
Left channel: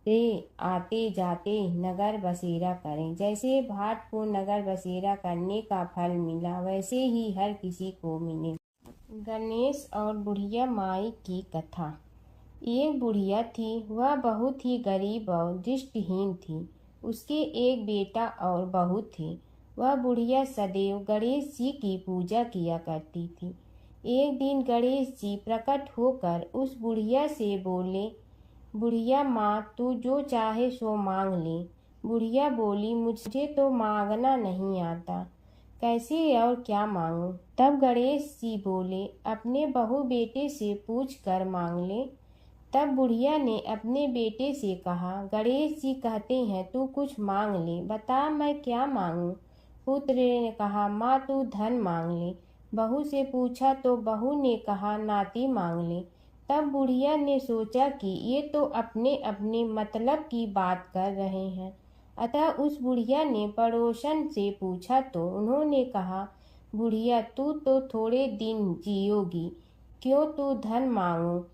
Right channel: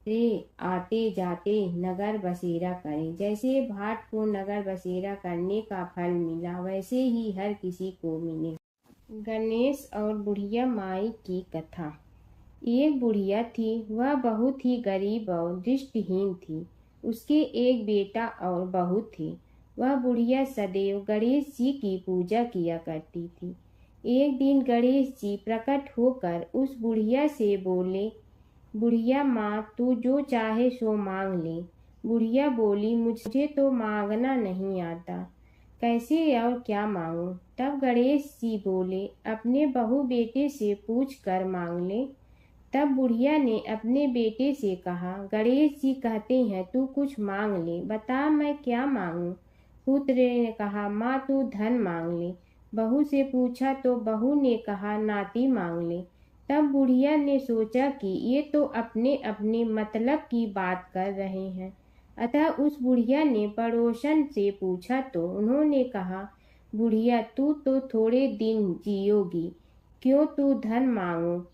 से आते जाते नगर बसेरा करें। जैसे भाट को नगर बसेरा करने का फल मिला, वैसे ही हर किसी को मिले। गणेश और बुढ़िया माई की कथा। एक बुढ़िया थी, वह बहुत ही गरीब और दृष्टिहीन थी। उसके एक बेटा और बहू थे। वह बुढ़िया सदैव गणेश जी की पूजा किया करती थी। एक दिन गणेश जी प्रकट होकर उस बुढ़िया से बोले, बुढ़िया माँ तू जो चाहे सो मांग ले। बुढ़िया बोली, मुझे तो मांगना नहीं आता, कैसे और क्या मांगूं। तब गणेश जी बोले, अपने बहू बेटे से पूछ कर मांग ले। तब बुढ़िया ने अपने बेटे से कहा, गणेश जी कहते हैं तू कुछ मांग ले, बता मैं क्या मांगूं। पुत्र ने कहा, माँ तू धन मांग ले। बहू से पूछा तो बहू ने कहा, नाती मांग ले। तब बुढ़िया ने सोचा कि ये तो अपने अपने मतलब की बात कर रहे हैं, अतः उस बुढ़िया ने पड़ोसन से पूछा तो उन्होंने कहा, बुढ़िया तू तो थोड़े दिन जियोगी, क्यों तू धन मांगो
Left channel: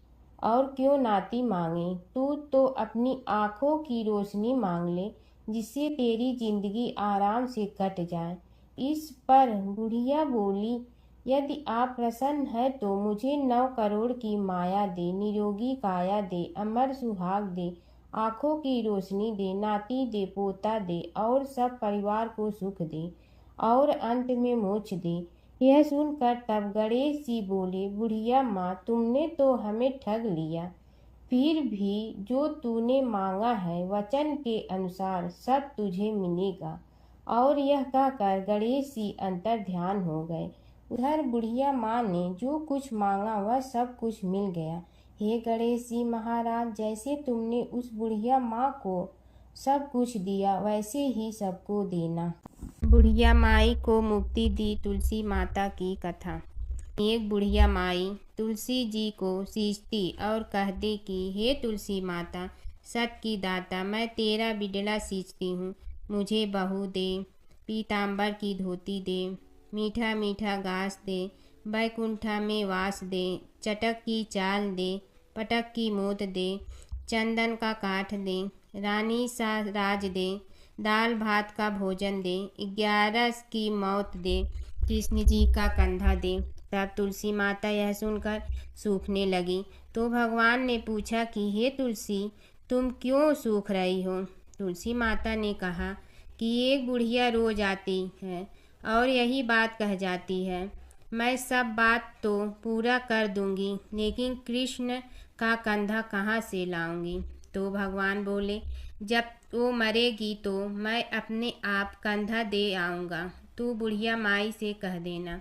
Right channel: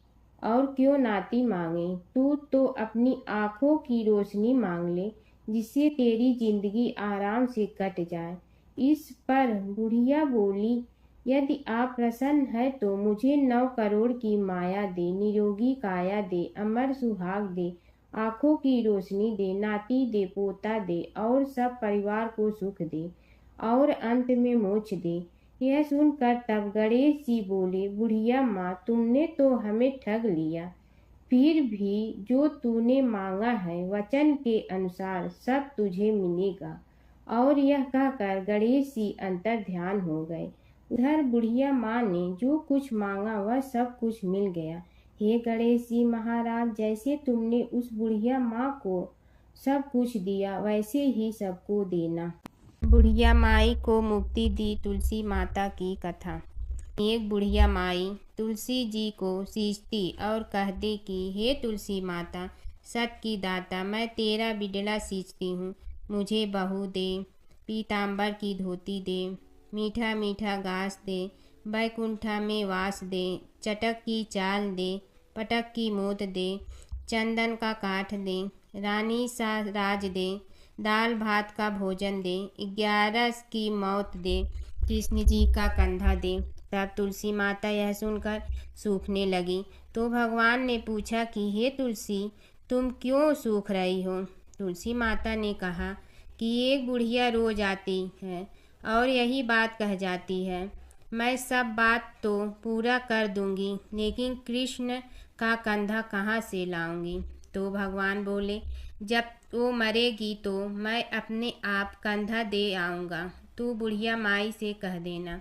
और क्यों नाती मांगे। तू तो अपनी आँखों की रोशनी मांग ले, जिससे तेरी जिंदगी आराम से कट जाए। इस पर बुढ़िया बोली, यदि आप प्रसन्न हैं तो मुझे 9 करोड़ की माया दे, निरोगी काया दे, अमर सुहाग दे, आँखों की रोशनी दे, नाती दे, पोता दे और सब परिवार को सुख दे और अंत में मोक्ष दे। यह सुनकर तब गणेश जी बोले, बुढ़िया माँ, तुमने तो हमें ठग लिया। फिर भी जो तूने मांगा है वचन के अनुसार सब तुझे मिलेगा। और यह कहकर गणेश जी अंतर ध्यान हो गए। उधर बुढ़िया माँ ने जो कुछ मांगा वह सब कुछ मिल गया। हे गणेश जी महाराज, जैसे तुमने उस बुढ़िया माँ को सब कुछ दिया वैसे ही सबको देना। बुढ़िया माई को मुक्ति दी तुलसी माता की कथा। एक बुढ़िया माई तुलसी जी को सींचती और कहती कि हे तुलसी माता, सत की दाता, मैं तेरा बिडला सींचती हूँ, मुझे बहू दे, पीताम्बर की धोती दे, मीठा मीठा घास दे, बैकुंठा में वास दे, चटक की चाल दे, पटक की मोत दे, चंदन का काठ दे, रानी सा राज दे, दाल भात का भोजन दे, 11 की मौत दे, कृष्ण जी का कंधा दे। तब तुलसी माता यह सुनकर सूखने लगी। तो भगवान ने पूछा कि हे तुलसी, तुम क्यों सूख रही हो। तुलसी माता ने कहा कि एक बुढ़िया रोज आती है और यही बात कह जाती है, मैं सब बात तो पूरा कर दूंगी, लेकिन कृष्ण का कंधा कहाँ से लाऊंगी। तो भगवान बोले, जब वो मरेगी तो मैं अपने आप कंधा दे आऊँगा, तू बुढ़िया माई से कह देना।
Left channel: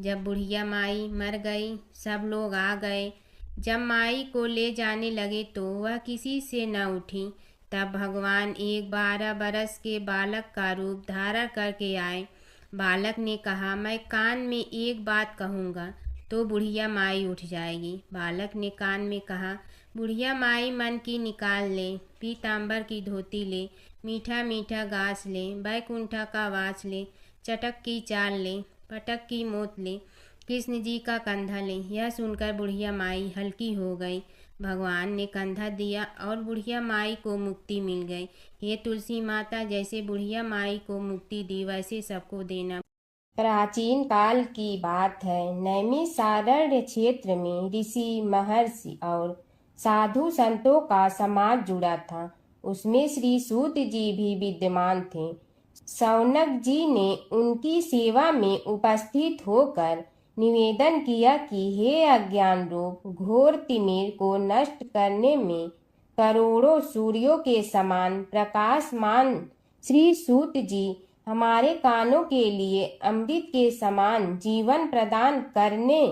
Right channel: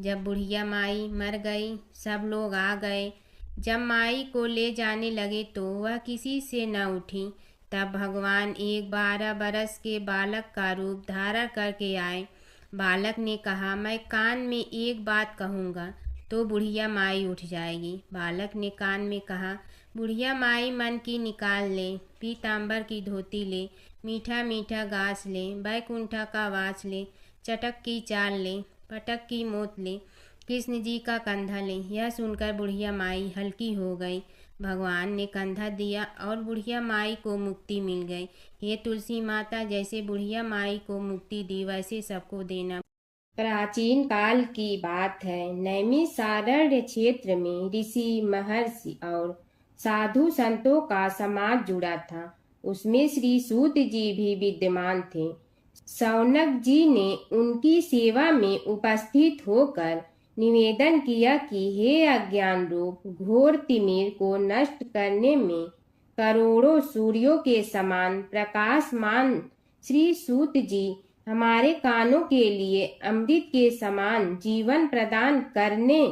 जब बुढ़िया माई मर गई, सब लोग आ गए। जब माई को ले जाने लगे तो वह किसी से न उठी। तब भगवान एक 12 बरस के बालक का रूप धारण करके आए। बालक ने कहा, मैं कान में एक बात कहूँगा तो बुढ़िया माई उठ जाएगी। बालक ने कान में कहा, बुढ़िया माई मन की निकाल ले, पीताम्बर की धोती ले, मीठा मीठा घास ले, बैकुंठा का वास ले, चटक की चाल ले, पटक की मोत ले, कृष्ण जी का कंधा ले। यह सुनकर बुढ़िया माई हल्की हो गई। भगवान ने कंधा दिया और बुढ़िया माई को मुक्ति मिल गई। हे तुलसी माता, जैसे बुढ़िया माई को मुक्ति दी वैसे सबको देना। प्राचीन काल की बात है। नैमिषारण्य क्षेत्र में ऋषि, महर्षि और साधु संतों का समाज जुड़ा था। उसमें श्री सूत जी भी विद्यमान थे। शौनक जी ने उनकी सेवा में उपस्थित होकर निवेदन किया कि हे अज्ञान रूप घोर तिमिर को नष्ट करने में करोड़ों सूर्यों के समान प्रकाशमान श्री सूत जी, हमारे कानों के लिए अमृत के समान जीवन प्रदान करने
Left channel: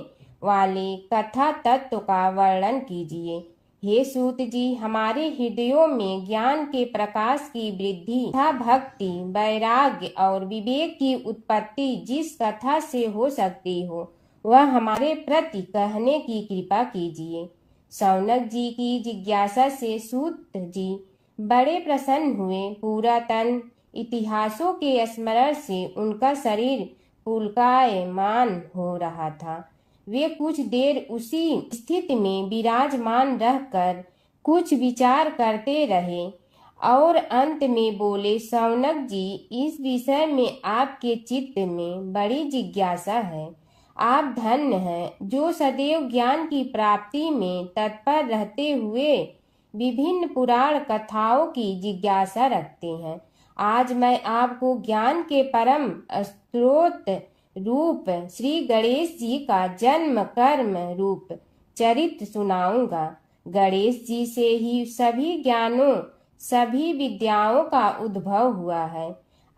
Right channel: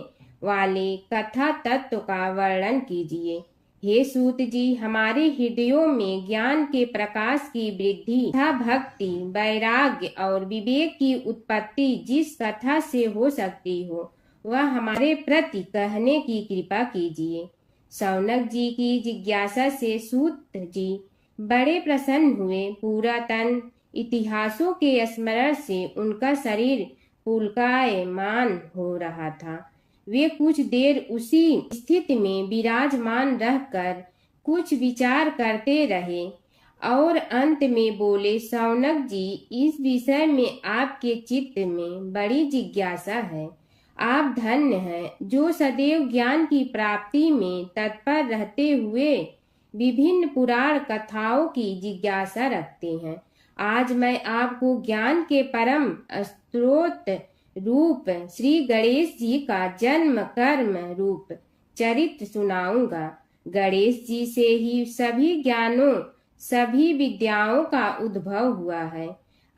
वाले कथा तत्व का वर्णन कीजिए। हे सूत जी, हमारे हृदयों में ज्ञान के प्रकाश की वृद्धि तथा भक्ति, वैराग्य और विवेक की उत्पत्ति जिस कथा से हो सकती हो वह हमारे प्रति कहने की कृपा कीजिए। शौनक जी की जिज्ञासा से सूत जी बड़े प्रसन्न हुए। पुरातन इतिहासों के स्मरण से उनका शरीर पुलकायमान हो रहा था। वे कुछ देर उसी स्थिति में विराजमान रहकर कुछ विचार करते रहे और अंत में बोले, शौनक जी, इस विषय में आपके चित्त में बड़ी जिज्ञासा है। आप धन्य हैं जो सदैव ज्ञान की प्राप्ति में तत्पर रहते हुए विभिन्न पुराण कथाओं की जिज्ञासा रखते हैं। आज मैं आपको ज्ञान के परम स्रोत रूप श्री गणेश जी का जन्म कर्म रूप चरित्र सुनाऊंगा। गणेश जी से ही सभी ज्ञानों, सभी विद्याओं का उद्भव हुआ है।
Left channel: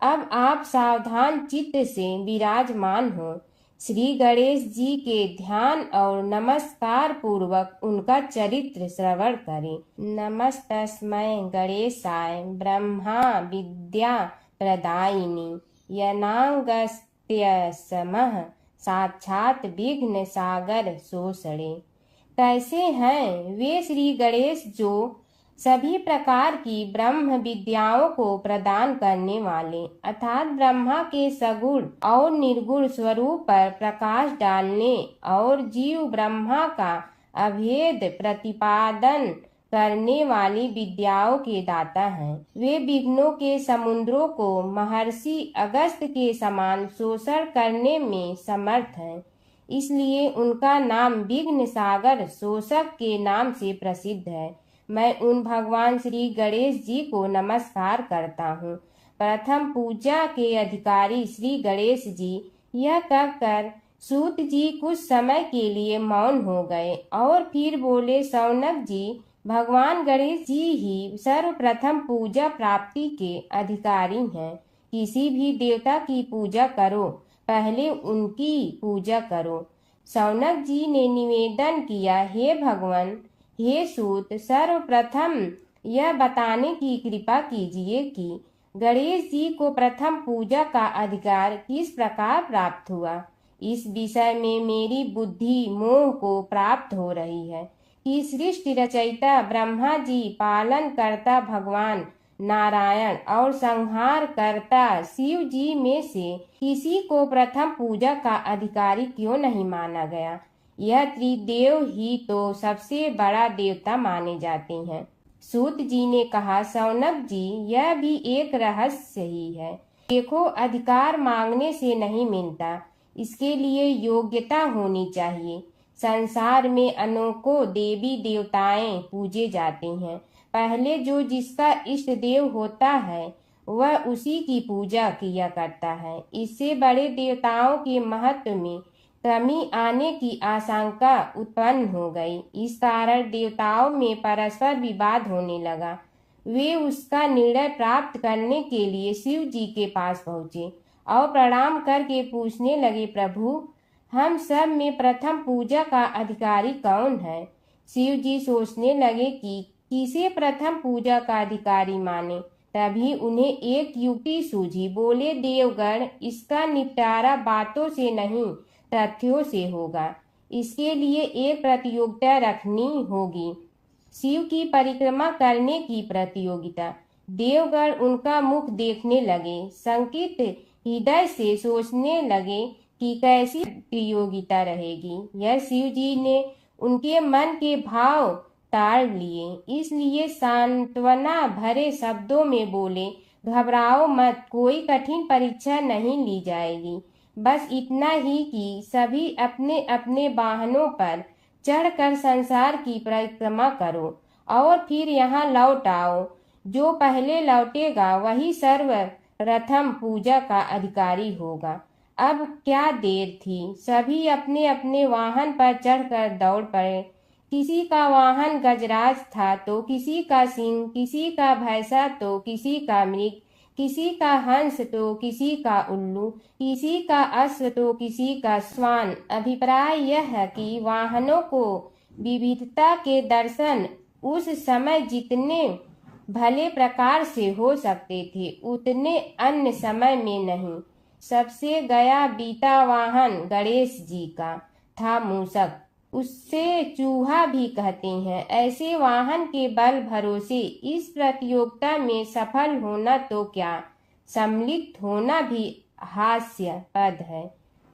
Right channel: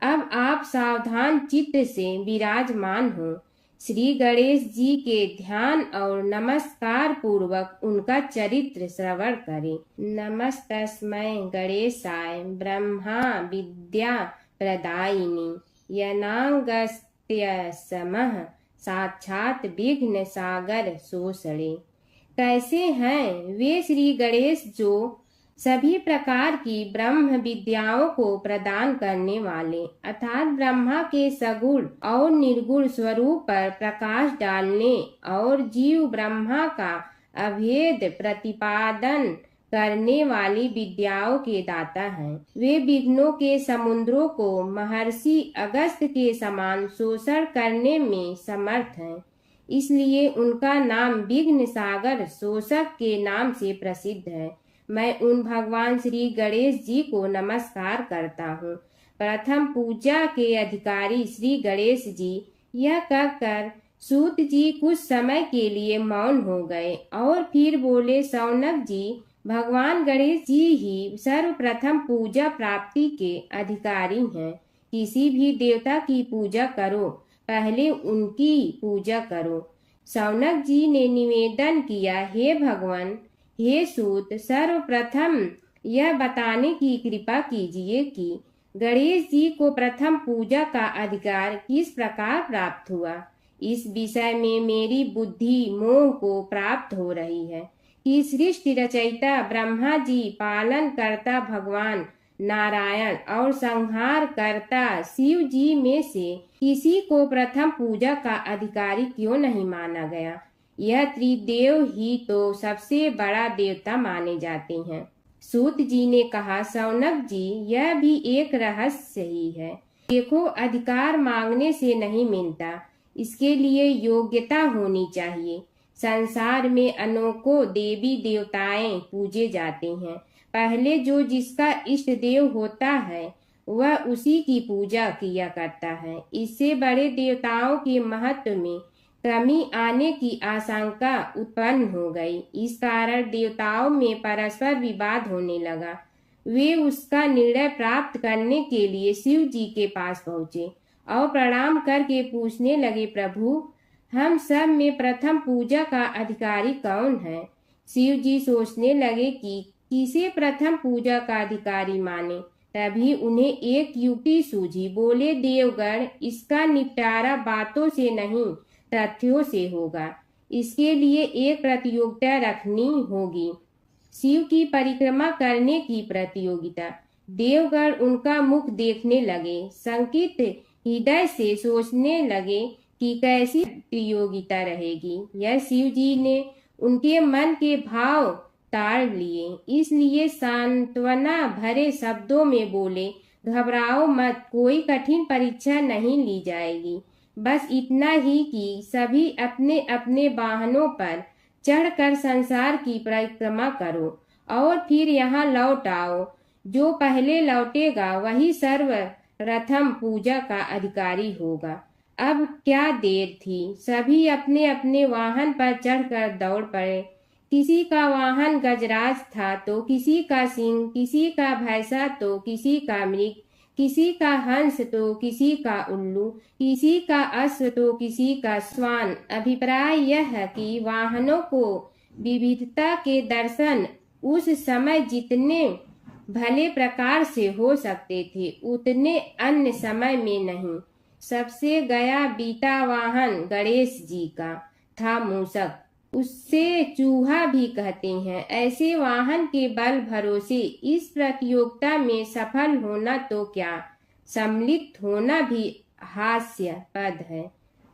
अब आप सावधान चित्त से विराजमान हो। श्री गणेश जी के ध्यान और नमस्कार पूर्वक उनका चरित्र श्रवण करें। नमस्तस्मै गणेशाय ब्रह्मा विद्या प्रदायिनी यनागस्त्यसमः साक्षात विघ्न सागर शोषणे। कैसे हैं वे श्री गणेश जो सभी प्रकार की ब्रह्म विद्याओं को प्रदान करने वाले अर्थात ब्रह्मा के सगुण और निर्गुण स्वरूप पर प्रकाश डालने और जीव ब्रह्मा का अभेद प्रतिपादन करने वाली विद्याओं के दाता हैं। वे विघ्नों के समुद्रों को महर्षि अगस्त्य के समान शोषण करने में समर्थ हैं, इसलिए उनका नाम विघ्न सागर शोषक के नाम से प्रसिद्ध है। मैं उन भगवान श्री गणेश जी को नमस्कार करता हूँ। प्रथम पूजा के अधिकारी श्री गणेश जी, यह कहकर सूत जी कुछ समय के लिए मौन हो गए और फिर बोले, शौनक जी, भगवान गणेश जी ही सर्वप्रथम पूजा प्राप्ति के अधिकारी हैं। किसी भी देवता की पूजा करो, पहले उनकी पूजा करो। शौनक जी ने निवेदन किया, हे भगवान, हे सूत, सर्वप्रथम यह बताने की कृपा कीजिए कि गणेश जी को प्रथम पूजा का अधिकार किस प्रकार प्राप्त हुआ। इस विषय में मेरी बुद्धि मोह को प्राप्त हो रही है कि सृष्टि रचयिता ब्रह्मा जी, पालन करता भगवान नारायण और संहार करता शिव जी में से किसी को प्रथम पूजा का अधिकारी क्यों नहीं माना गया। यह त्रिदेव ही तो सबसे बड़ा देवता माने जाते हैं। सूत जी ने कहा, शौनक जी, यह भी एक रहस्य ही है। देखो, अधिकार मांगने से नहीं मिलता, इसके लिए योग्यता होनी चाहिए। संसार में अनेकों देवी देवताएं पूजे जाते हैं। पहले जो जिसका इष्ट देव होता है वह उसी की पूजा किया करता है। इससे बड़े देवताओं के महत्व में कमी आने की आशंका उत्पन्न हो गई। इस कारण देवताओं में परस्पर विवाद होने लगा। वे उसका निर्णय प्राप्त करने के लिए शिव जी के पास पहुँचे और प्रणाम करके पूछने लगे, प्रभु, हम सब में प्रथम पूजा का अधिकारी कौन है। शिव जी सोचने लगे कि किसे प्रथम पूजा का अधिकारी माने। तभी उन्हें एक युक्ति सूझी। बोले, देवगण, इसका निपटारा बातों से नहीं तथ्यों से होगा। इसके लिए एक प्रतियोगिता रखनी होगी, शिव की परिक्रमा करने की प्रतियोगिता। देवगण उनका मुख देखने लगे, शंकित हृदय से सोचने लगे कि कैसी प्रतियोगिता रहेगी। यह शिव जी ने उनके मन के भाव ताड़ लिए, इसलिए सांत्वना भरे शब्दों में बोले, घबराओ मत, कोई कठिन परीक्षा नहीं ली जाएगी। बस इतना ही कि सभी अपने अपने वाहनों पर चढ़कर संसार की परिक्रमा करो और फिर यहाँ लौट आओ। जो पहले लौटेगा वही सर्वप्रथम पूजा का अधिकारी होगा। अब क्या देर थी, सभी अपने अपने वाहन पर चढ़कर दौड़ पड़े। किसी का वाहन गजराज था तो किसी का सिंह, किसी का भैंसा तो किसी का मृग, किसी का हंस तो किसी का उल्लू, किसी का अश्व तो किसी का श्वान। अभिप्राय यह है कि वाहनों को विविधता के दर्शन उस समय जितने भले प्रकार से हो सकते थे उतने अन्य समय में नहीं। सबसे गया बीता वाहन गणेश जी का था मूषक, उससे चूहा भी कहते हैं। ऐसे वाहन के बल भरोसे इस प्रतियोगिता में सफल होना तो क्या, सम्मिलित होना भी हास्यास्पद है।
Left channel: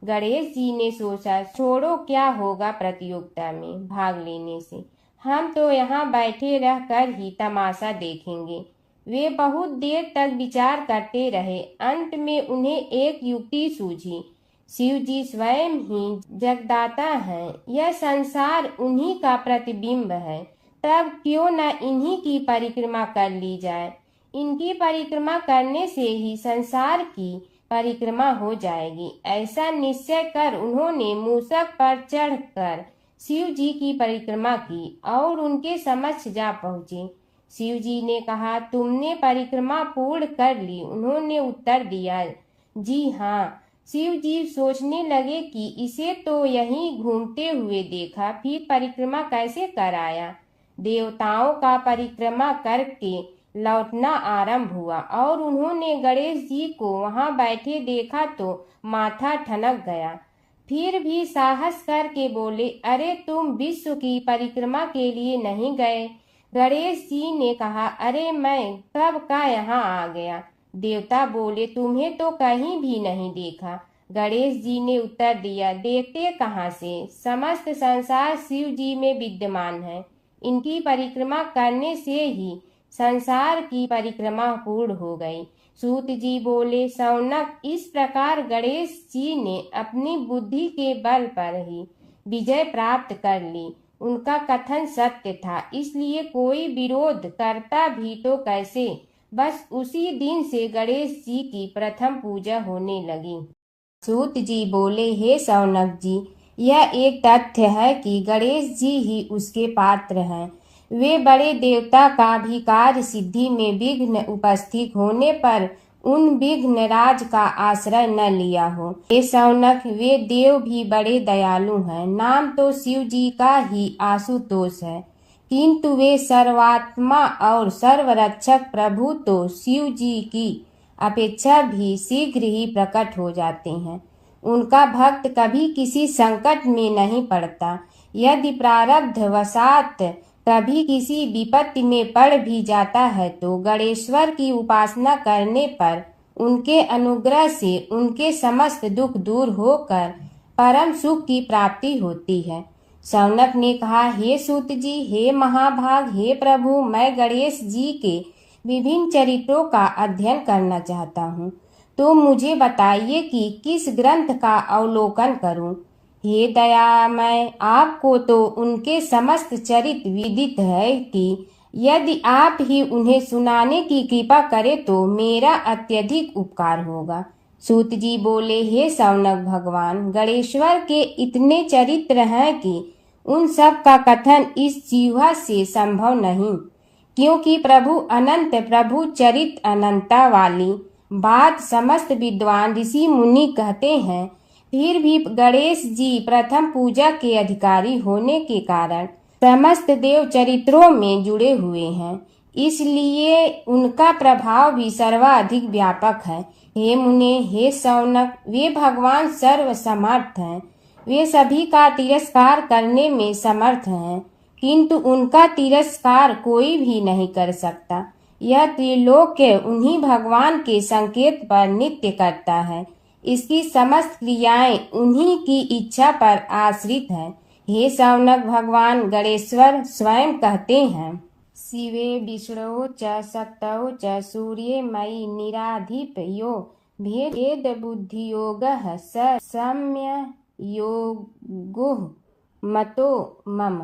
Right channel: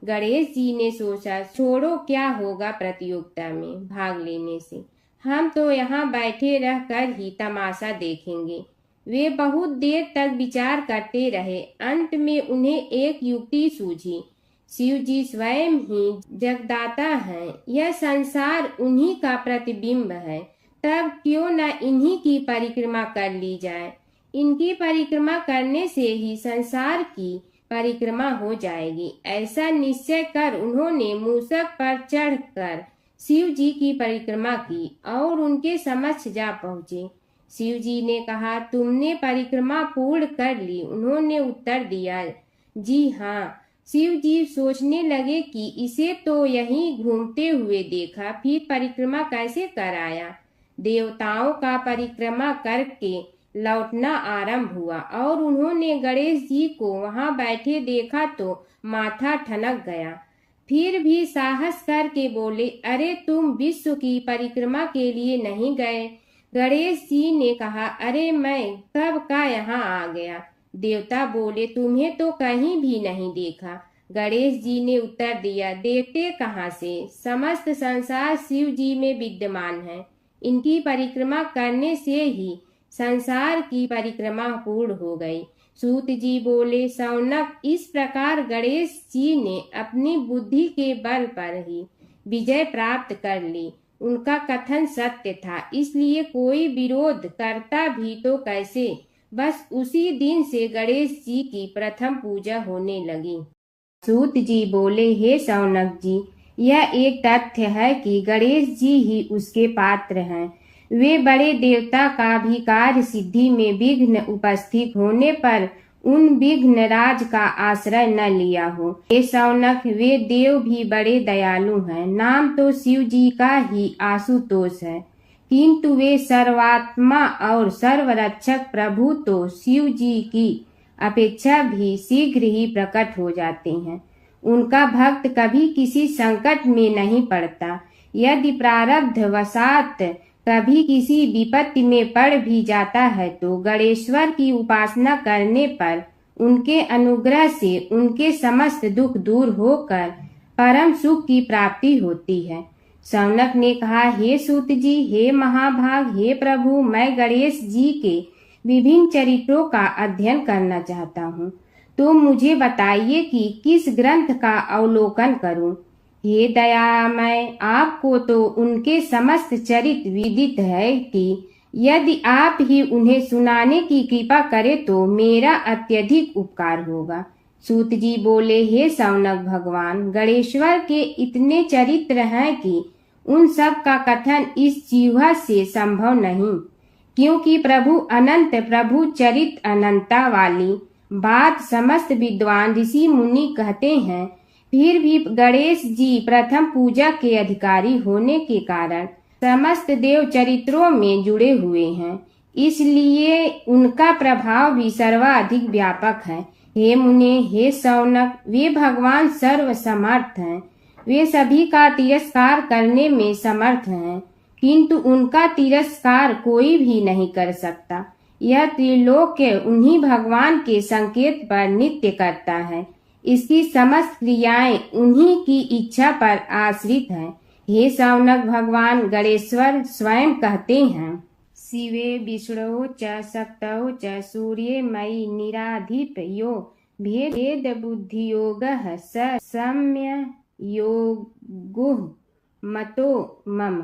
गणेश जी ने सोचा, छोड़ो, क्या होगा प्रतियोगिता में भाग लेने से, हम तो यहाँ बैठे रहकर ही तमाशा देखेंगे। वे बहुत देर तक विचार करते रहे। अंत में उन्हें एक युक्ति सूझी। शिव जी स्वयं ही जगदाता हैं, यह संसार उन्हीं का प्रतिबिंब है, तब क्यों न इन्हीं की परिक्रमा कर ली जाए। इनकी परिक्रमा करने से ही संसार की परिक्रमा हो जाएगी। ऐसा निश्चय कर उन्होंने मूषक पर चढ़कर शिव जी की परिक्रमा की और उनके समक्ष जा पहुँचे। शिव जी ने कहा, तुमने परिक्रमा पूर्ण कर ली। उन्होंने उत्तर दिया, जी हाँ। शिव जी सोचने लगे कि इसे तो यहीं घूमते हुए देखा, फिर परिक्रमा कैसे कर आया। देवताओं का परिक्रमा करके लौटना आरंभ हुआ और उन्होंने गणेश जी को वहां बैठे देखा तो माथा ठनक गया। फिर भी साहस करके बोले, अरे तुम विश्व की परिक्रमा के लिए नहीं गए। गणेश जी ने कहा, अरे मैं कब का यहाँ आ गया। देवता बोले, तुम्हें तो कहीं भी नहीं देखा। गणेश जी ने उत्तर दिया, देखते कहाँ से, समस्त संसार शिव जी में विद्यमान है। इनकी परिक्रमा करने से ही संसार की परिक्रमा पूर्ण हो गई। सूत जी बोले, शौनक, इस प्रकार गणेश जी ने अपनी बुद्धि के बल पर ही विजय प्राप्त कर ली। उनका कथन सत्य था, इसलिए कोई विरोध करता भी तो कैसे। बस उसी दिन से गणेश जी की प्रथम पूजा होने लगी। सूत जी बोले, हे शौनक जी, यह एक तथ्य है कि गणेश जी ही उसके पात्र हैं। वे बड़े देवता का भी कार्य सिद्धि में विघ्न उपस्थित होने पर उन विघ्न राज का आश्रय न लिया हो। हे शौनक, वे देव भी बड़े दयालु हैं। नाम तो शिव जी का ही आशुतोष है, किंतु वे सर्वात्मा और सर्वरक्षक प्रभु तो शिव जी की अपेक्षा भी शीघ्र ही प्रकट हो जाते हैं। उनका भक्त कभी किसी संकट में नहीं पड़ता। यदि प्रारब्ध वशात कभी किसी विपत्ति में पड़ भी जाता है तो गणेश्वर की उपासना करने पर उनके अनुग्रह से उनके समस्त दुख दूर होकर परम सुख की प्राप्ति होती है। शौनक ने कहा, हे सूत जी, हे महाभाग, हे प्रभु, मैं गणेश जी के विभिन्न चरित्रों का अध्ययन करना चाहता हूँ, तो मुझे बताइए कि किस ग्रंथ का अवलोकन करूं। हे दयामय, आपको तो उनके समस्त चरित्र विदित है कि यदि आप ही उन्हें सुनाने की कृपा करें तो मेरा अत्यधिक उपकार होगा। सूत जी बोले, हे शौनक भगवान, गणेश्वर के इतने चरित्र हैं कि उन सब का कथन इस जिह्वा से संभव नहीं, क्योंकि प्रभु अनंत, प्रभु चरित अनंता वाली बात समस्त विद्वान ऋषि मुनि कहते हैं। फिर भी गणेश जी प्रथम पूजा के अधिकारी होने के कारण समस्त देव चरित्रों में जुड़े हुए हैं, इसलिए उनका प्रभाव भी सर्वाधिक व्यापक है। हे मुने, हे शौनक, वे भगवान सर्व समर्थ हैं। वे सभी का तिरस्कार करने में समर्थ हैं, किंतु उनका तिरस्कार कोई भी नहीं कर सकता। यह त्रिलोक्य उन्हीं भगवान के संकेत पर नित्य करता है। इसकी समस्त क्रियाएं उन्हीं की इच्छा पर आश्रित हैं। हे शौनक भगवान गणेश्वर स्वयं कहते हैं, शिवे विष्णु च शक्तौ च सूर्ये मयि निराधिप यो भेद बुद्धि योगः स सम्य योगुः मतो मम।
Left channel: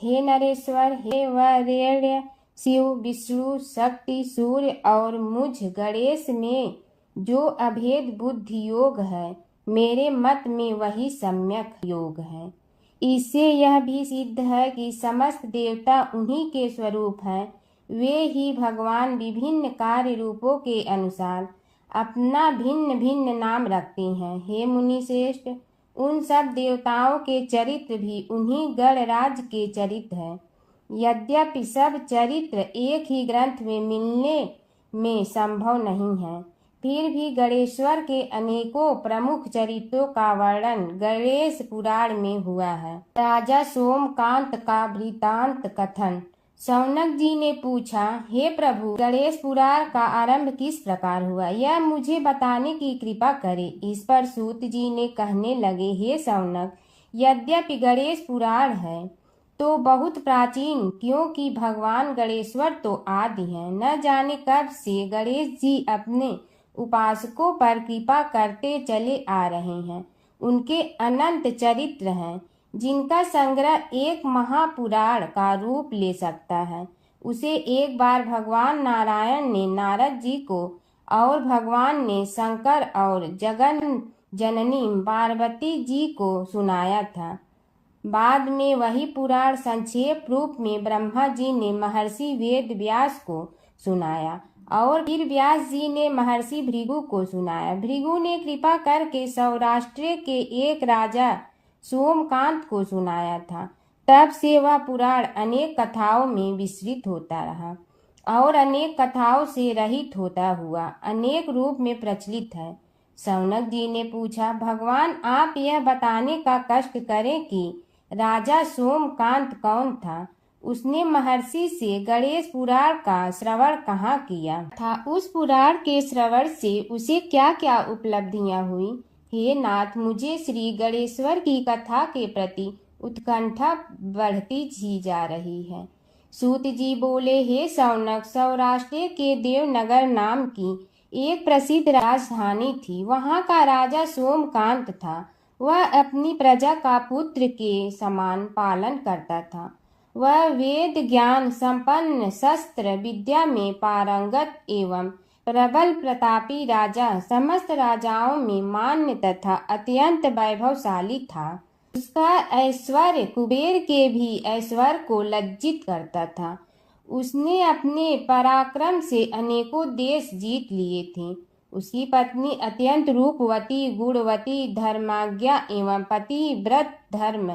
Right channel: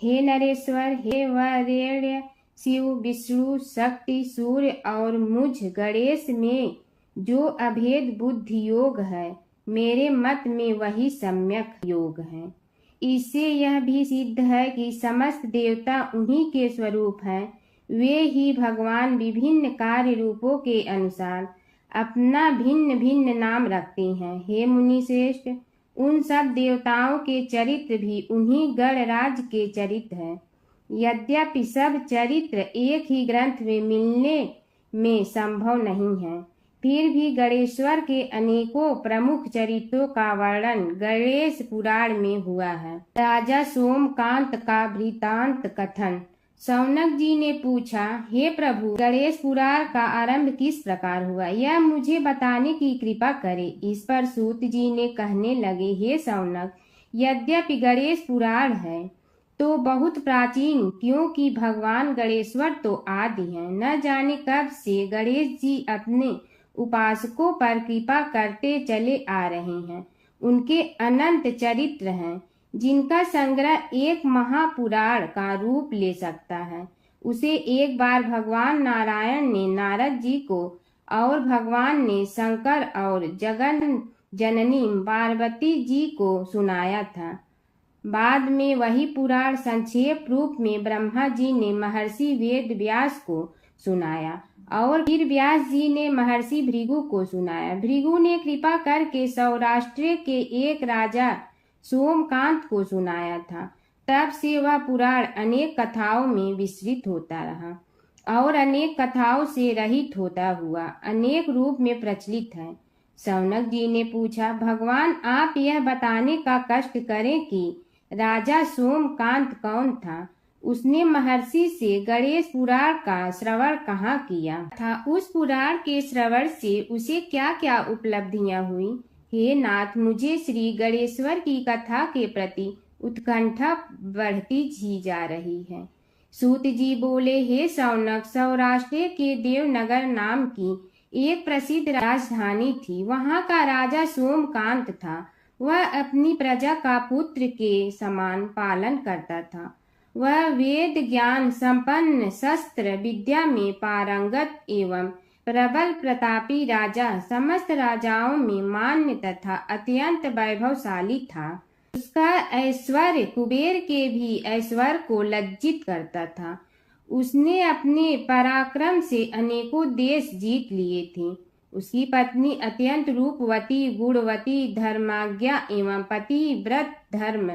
हे नरेश्वर, हे वरेण्य, शिव, विष्णु, शक्ति, सूर्य और मुझ गणेश में जो अभेद बुद्धि योग है, मेरे मत में वही सम्यक योग है। इससे यह भी सिद्ध है कि समस्त देवता उन्हीं के स्वरूप हैं। वे ही भगवान विभिन्न कार्य रूपों के अनुसार अपना भिन्न भिन्न नाम रखते हैं। हे मुनि श्रेष्ठ, उन सब देवताओं के चरित्र भी उन्हीं गणराज के चरित्र हैं। यद्यपि सब चरित्र एक ही ग्रंथ में मिलने में संभव नहीं है, फिर भी गणेश्वर के अनेकों प्रमुख चरित्रों का वर्णन गणेश पुराण में हुआ है। राजा सोमकांत का वृतांत कथन। शौनक जी ने पूछा, हे प्रभु, गणेश पुराण का आरंभ किस प्रकार हुआ, यह मुझे बताने की कृपा करें। इस पर सूत जी ने कहने लगे, हे शौनक, यद्यपि गणेश पुराण है तो बहुत प्राचीन, क्योंकि भगवान गणेश्वर तो आदि हैं। न जाने कब से गणेश जी अपने उपासकों पर कृपा करते चले आ रहे हैं। उनके अनंत चरित्र हैं, जिनका संग्रह एक महापुराण का रूप ले सकता है। उसे एक बार भगवान नारायण ने नारद जी को और भगवान ने शंकर और जगन जननी पार्वती जी को सुनाया था। बाद में वही पुराण संक्षेप रूप में ब्रह्मा जी ने महर्षि वेद व्यास को सुनाया और फिर व्यास जी ने महर्षि भृगु को सुनाया। भृगु ने कृपा करके सौराष्ट्र के एक राजा सोमकांत को सुनाया था। तब से वह पुराण अनेक कथाओं में विस्तृत होता रहा और अनेक कथाओं से रहित होता हुआ अनेक रूप में प्रचलित है। शौनक जी ने पूछा, भगवान, आप यह बताने का कष्ट करें कि राजा सोमकांत कौन था। उसने महर्षि से गणेश पुराण का श्रवण कहाँ किया था, उस पुराण के श्रवण से उसे क्या क्या उपलब्धियां हुई। हे नाथ, मुझे श्री गणेश्वर की कथा के प्रति उत्कंठा बढ़ती ही जा रही है। सूत जी बोले, हे शौनक, सौराष्ट्र के देवनगर नाम की एक प्रसिद्ध राजधानी थी। वहाँ का राजा सोमकांत था। वह अपनी प्रजा का पुत्र के समान पालन करता था। वह वेद ज्ञान संपन्न, शस्त्र विद्या में पारंगत एवं प्रबल प्रतापी राजा, समस्त राजाओं में मान्य तथा अत्यंत वैभवशाली था। उसका ऐश्वर्य कुबेर के भी ऐश्वर्य को लज्जित करता था। उसने अपने पराक्रम से अनेकों देश जीत लिए थे। उसकी पत्नी अत्यंत रूपवती, गुणवती, धर्माज्ञा एवं पतिव्रत धर्म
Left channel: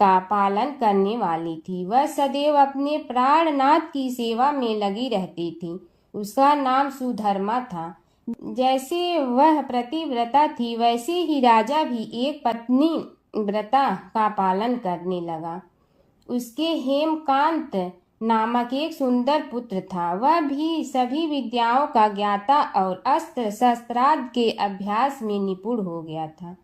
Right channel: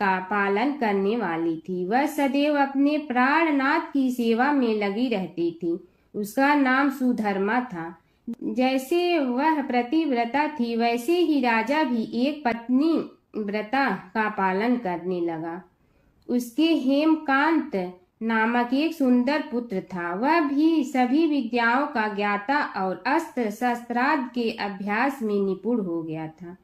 का पालन करने वाली थी। वह सदैव अपने प्राणनाथ की सेवा में लगी रहती थी। उसका नाम सुधर्मा था। जैसे वह पतिव्रता थी, वैसे ही राजा भी एक पत्नी व्रता का पालन करने लगा। उसके हेमकांत नामक एक सुंदर पुत्र था। वह भी सभी विद्याओं का ज्ञाता और अस्त्र शस्त्रादि के अभ्यास में निपुण हो गया था।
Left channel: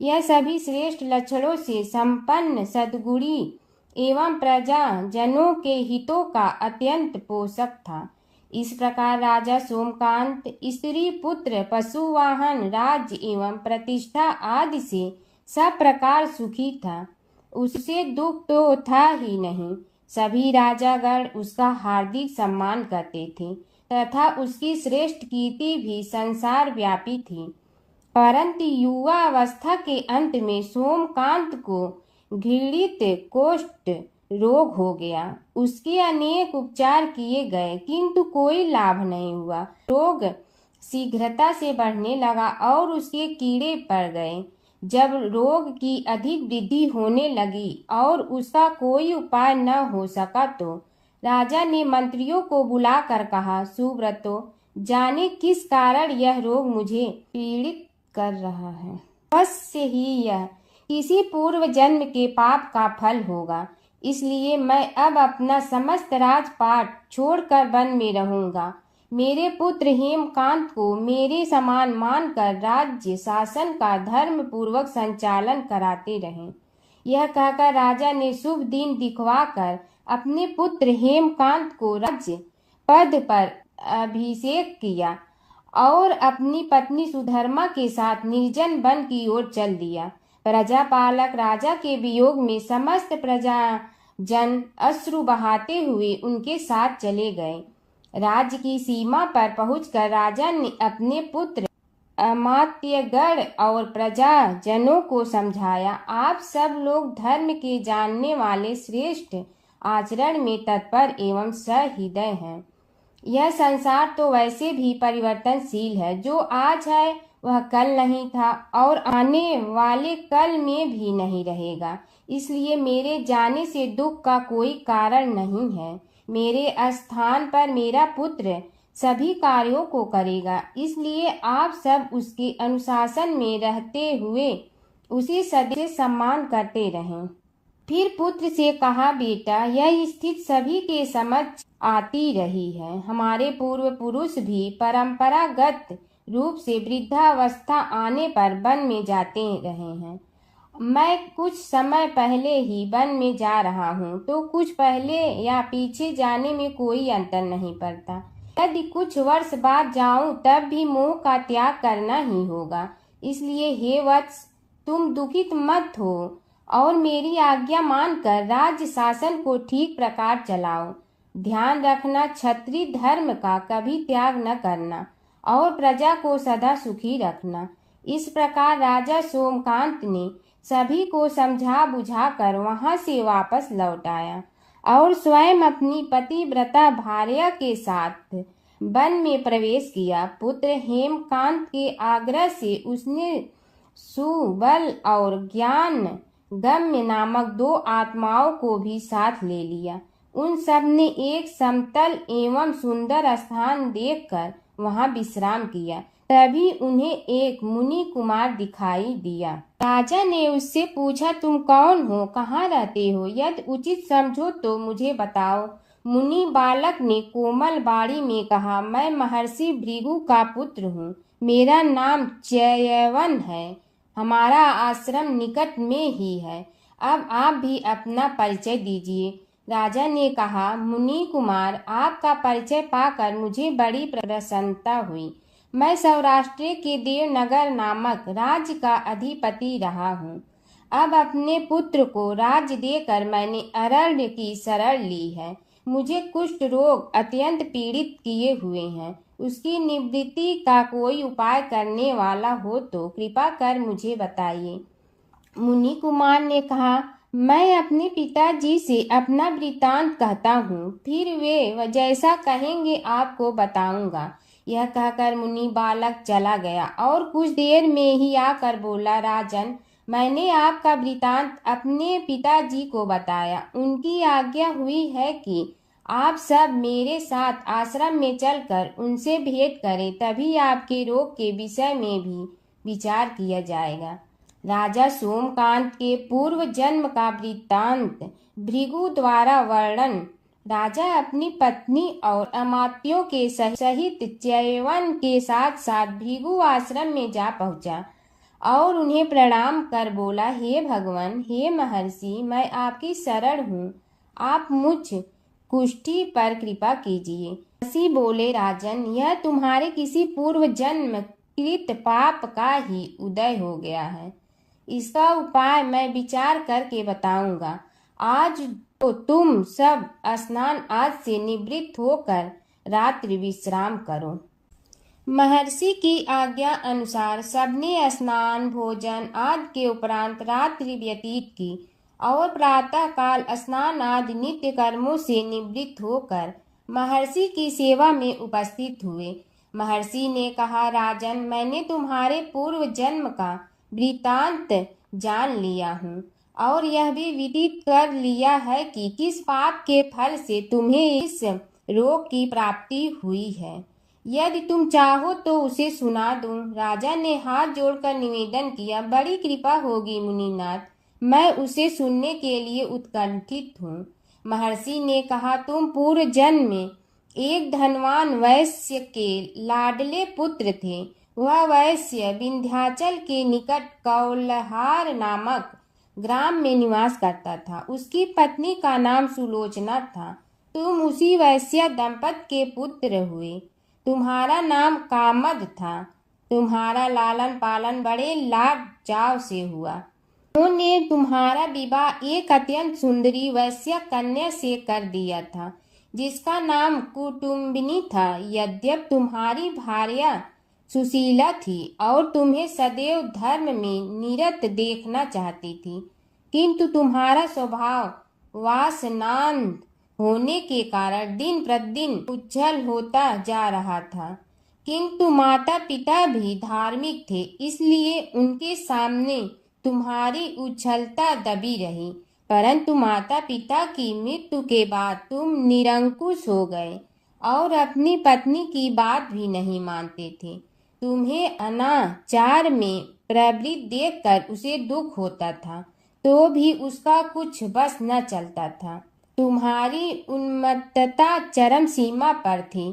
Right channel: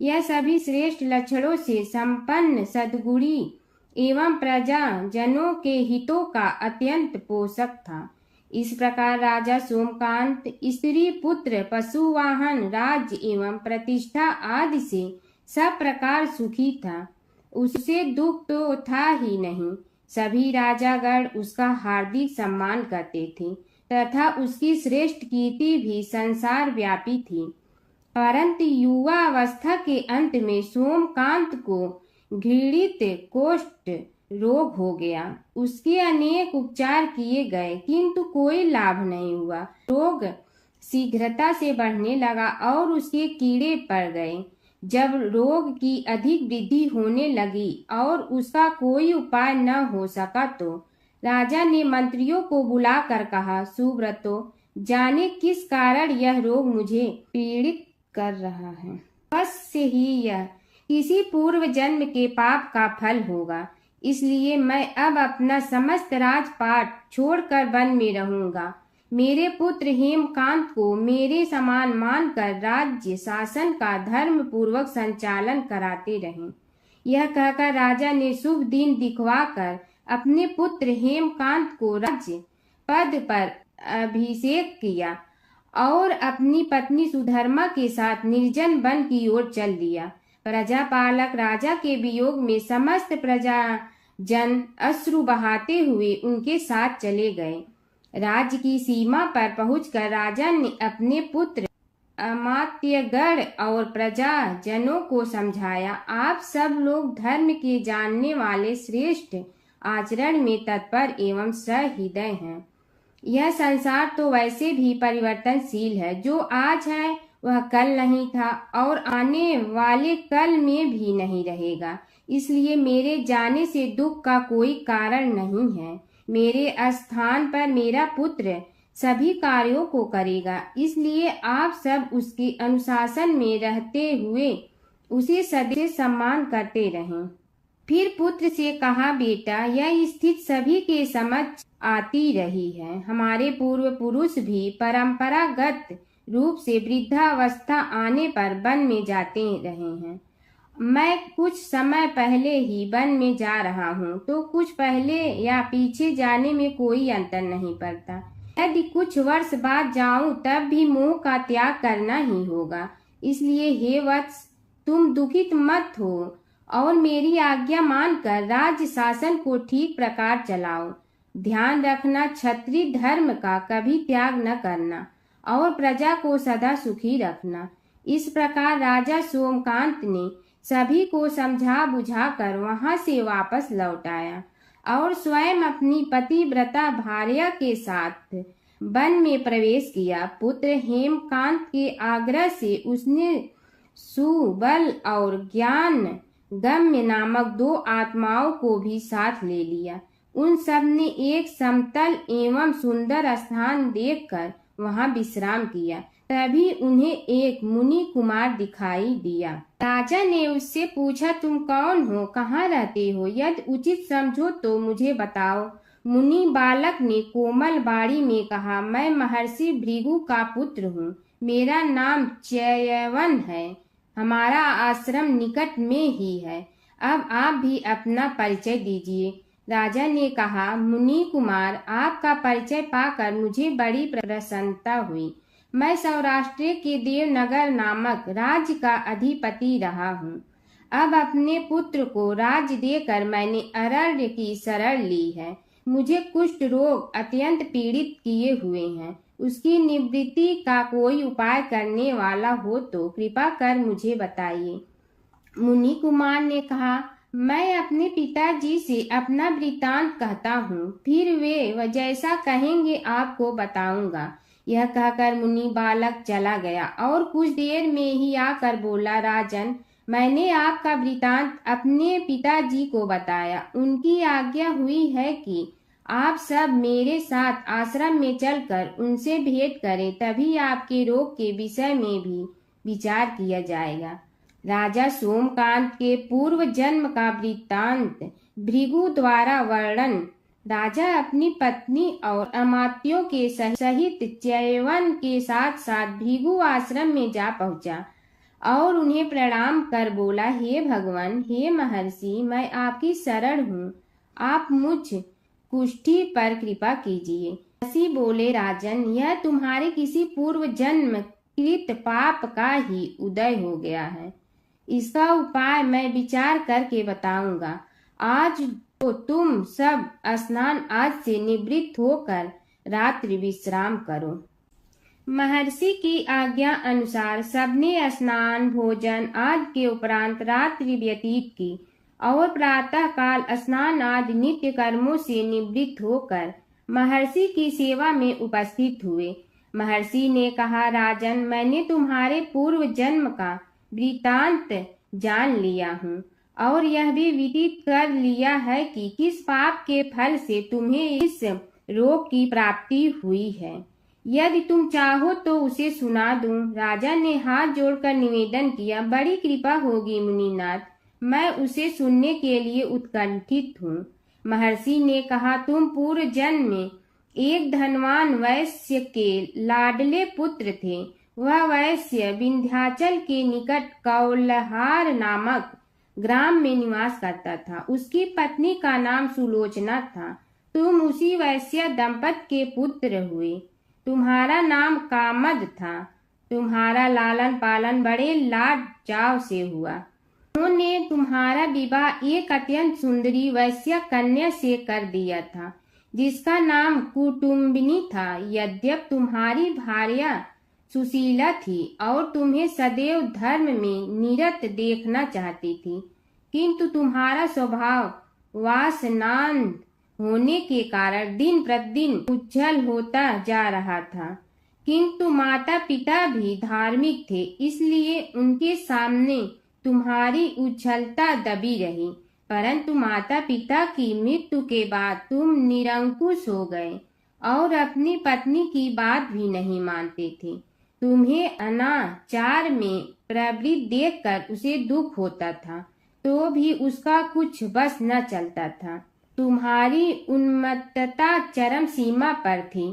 यह सभी श्रेष्ठ लक्षणों से संपन्न, सद्गुणी एवं प्रजा जनों के हितों का अत्यंत पोषक था। इस प्रकार राजा सोमकांत स्त्री पुत्र, पशु वाहन, राज्य एवं प्रतिष्ठा आदि से सब प्रकार सुखी था। उससे दुख तो था ही नहीं। सभी राजागण उसका हार्दिक सम्मान करते थे तथा उसकी श्रेष्ठ कीर्ति भी संसार व्यापी थी। परंतु युवा अवस्था के अंत में सोमकांत को घृणित कोष्ठ रोग हो गया। उसके अनेक उपचार किए गए किंतु कोई लाभ नहीं हुआ। रोग शीघ्रता से बढ़ने लगा और उसके कीड़े पड़ गए। जब रोग की अधिक वृद्धि होने लगी और उसका कोई उपाय न हो सका तो राजा ने मंत्रियों को बुलाकर कहा, सुव्रतो, जाने किस कारण यह रोग मुझे पीड़ित कर रहा है। अवश्य ही यह किसी पूर्व जन्म के पाप का फल होगा। इसलिए मैं अब अपना समस्त राजपाट छोड़कर वन में रहूंगा। मेरे पुत्र हेमकांत को मेरे समान मानकर राज्य शासन का धर्म पूर्वक संचालन कराते रहें। यह कहकर राजा ने शुभ दिन दिखवाकर अपने पुत्र हेमकांत को राज्य पद पर अभिषेक किया और अपनी पत्नी सुधर्मा के साथ निर्जन वन की ओर चल दिया। प्रजापालक राजा के वियोग में समस्त प्रजा जन अश्रु बहाते हुए उनके साथ चले गए। राज्य की सीमा पर पहुंचकर राजा ने अपने पुत्र अमात्यगण और प्रजा जनों को समझाया, आप सब लोग धर्म के जानने वाले, श्रेष्ठ आचरण में तत्पर एवं सहृदय हैं। यह संसार तो वैसे भी परिवर्तनशील है। जो आज है वह कल नहीं था और आने वाले कल में भी नहीं रहेगा। इसलिए मेरे जाने से दुख का कोई कारण नहीं है। मेरे स्थान पर मेरा पुत्र सभी कार्यों को करेगा। इसलिए आप सब उसके अनुशासन में रहते हुए उसे सदैव सम्मान करते रहें। फिर पुत्र से कहा, बेटा, यह स्थिति सभी के समझ आती रही है। हमारे पूर्व पुरुष भी परंपरागत रूप से वृद्धावस्था आने पर वन में जाते रहे हैं। मैं कुछ समय पहले ही वन में जा रहा हूँ, तो कुछ पहले या पीछे जाने में कोई अंतर नहीं पड़ता। यदि कुछ वर्ष बाद जाऊं तब भी मोह का त्याग करना ही होगा। इसलिए हे वत्स, तुम दुखित मत हो और मेरी आज्ञा मानकर राज्य शासन को ठीक प्रकार चलाओ। ध्यान रखना, क्षत्रिय धर्म का कभी त्याग न करना और प्रजा को सदा सुखी रखना। इस प्रकार राजा सोमकांत ने सभी को समझा बुझाकर वहां से वापस लौट आया और स्वयं अपनी पतिव्रता भार्या के साथ वन में प्रवेश किया। पुत्र हेमकांत के आग्रह से उसने सुबल और ज्ञान गम्य नामक 2 आत्माओं को भी साथ ले लिया। उन सब ने एक समतल एवं सुंदर स्थान देखकर वहां विश्राम किया। तभी उन्हें एक मुनि कुमार दिखाई दिया। राजा ने उससे पूछा, तुम कौन हो, कहाँ रहते हो, यदि उचित समझो तो मुझे बताओ। मुनि बालक ने कोमल बाणी में कहा, मैं महर्षि भृगु का पुत्र हूँ। मेरा नाम च्यवन है। हमारा आश्रम निकट में ही है। अब आप भी अपना परिचय दीजिए। राजा ने कहा, मुनि कुमार, आपका परिचय पाकर मुझे बड़ी प्रसन्नता हुई। मैं सौराष्ट्र के देवनगर नामक राज्य का अधिपति रहा हूँ। अब अपने पुत्र को राज्य देकर मैंने अरण्य की शरण ली है। मुझे कुष्ठ रोग अत्यंत पीड़ित किए हुए हैं। उसकी निवृत्ति का कोई उपाय करने वाला हो तो कृपा कर मुझे बताइए। मुनि कुमार ने कहा, मैं अपने पिताजी से अपना वृतांत कहता हूँ, फिर वे जैसा कहेंगे आपको बताऊंगा। यह कहकर मुनि बालक चला गया और कुछ देर में ही आकर बोला, राजन, मैंने आपका वृतांत अपने पिताजी को बताया। उनकी आज्ञा हुई है कि आप सब मेरे साथ आश्रम में चलकर उनसे भेंट करें, तभी आपके रोग के विषय में भी विचार किया जाएगा। राजा सोमकांत के पूर्व जन्म का वृत्तांत भृगु द्वारा वर्णन। राजा अपनी पत्नी और अमात्यों के सहित च्यवन के साथ साथ भृगु आश्रम में जा पहुंचा और उन्हें प्रणाम कर बोला, हे भगवान, हे महर्षि, मैं आपकी शरण हूँ। आप मुझ कुष्ठी पर कृपा कीजिए। महर्षि बोले, राजन, यह तुम्हारे किसी पूर्व जन्म कृत पाप का ही उदय हो गया है। इसका उपाय मैं विचार करके बताऊंगा। आज तो तुम सब स्नान आज से निवृत्त होकर रात्रि विश्राम करो। महर्षि की आज्ञा अनुसार सबने स्नान भोजन आदि के उपरांत रात्रि व्यतीत की और प्रातः काल स्नान आदि नित्य कर्मों से निवृत्त होकर महर्षि की सेवा में उपस्थित हुए। महर्षि ने कहा, राजन, मैंने तुम्हारे पूर्व जन्म का वृतांत जान लिया हूँ और यह भी विदित कर लिया है कि किस पाप के फल से तुम्हें इस रोग की प्राप्ति हुई है। यदि तुम चाहो तो उसे सुना दूं। राजा ने हाथ जोड़कर निवेदन किया, बड़ी कृपा होगी मुनिनाथ, मैं उसे सुनने के लिए उत्कंठित हूँ। महर्षि ने कहा, तुम पूर्व जन्म में एक धनवान वैश्य के लाडले पुत्र थे। वह वैश्य विंध्याचल के निकट कौलहार नामक ग्राम में निवास करता था। उसकी पत्नी का नाम सुलोचना था। तुम उसी वैश्य दंपत के पुत्र हुए। तुम्हारा नाम कामद था। तुम्हारा लालन पालन बड़े लाड चाव से हुआ। उन्होंने तुम्हारा विवाह एक अत्यंत सुंदरी वैश्य कन्या से कर दिया था, जिसका नाम कुटुम्बिनी था। यद्यप तुम्हारी भार्या सुशीला थी और तुम्हें सदैव धर्म में निरत देखना चाहती थी, किंतु तुम्हारा स्वभाव वासनांध होने के कारण दिन प्रतिदिन उज्जवल होता जा रहा था। किंतु माता पिता भी धार्मिक थे, इसलिए उनके सामने तुम्हारी उज्ज्वलता दबी रही। परंतु माता पिता की मृत्यु के बाद तुम निरंकुश हो गए और अपनी पत्नी की बात भी नहीं मानते थे। तुम्हें अनाचार में प्रवृत्त देखकर उसे दुख होता था, तो भी उसका कुछ बस न चलता था। तुम्हारी उन्मत्तता चरम सीमा पर थी।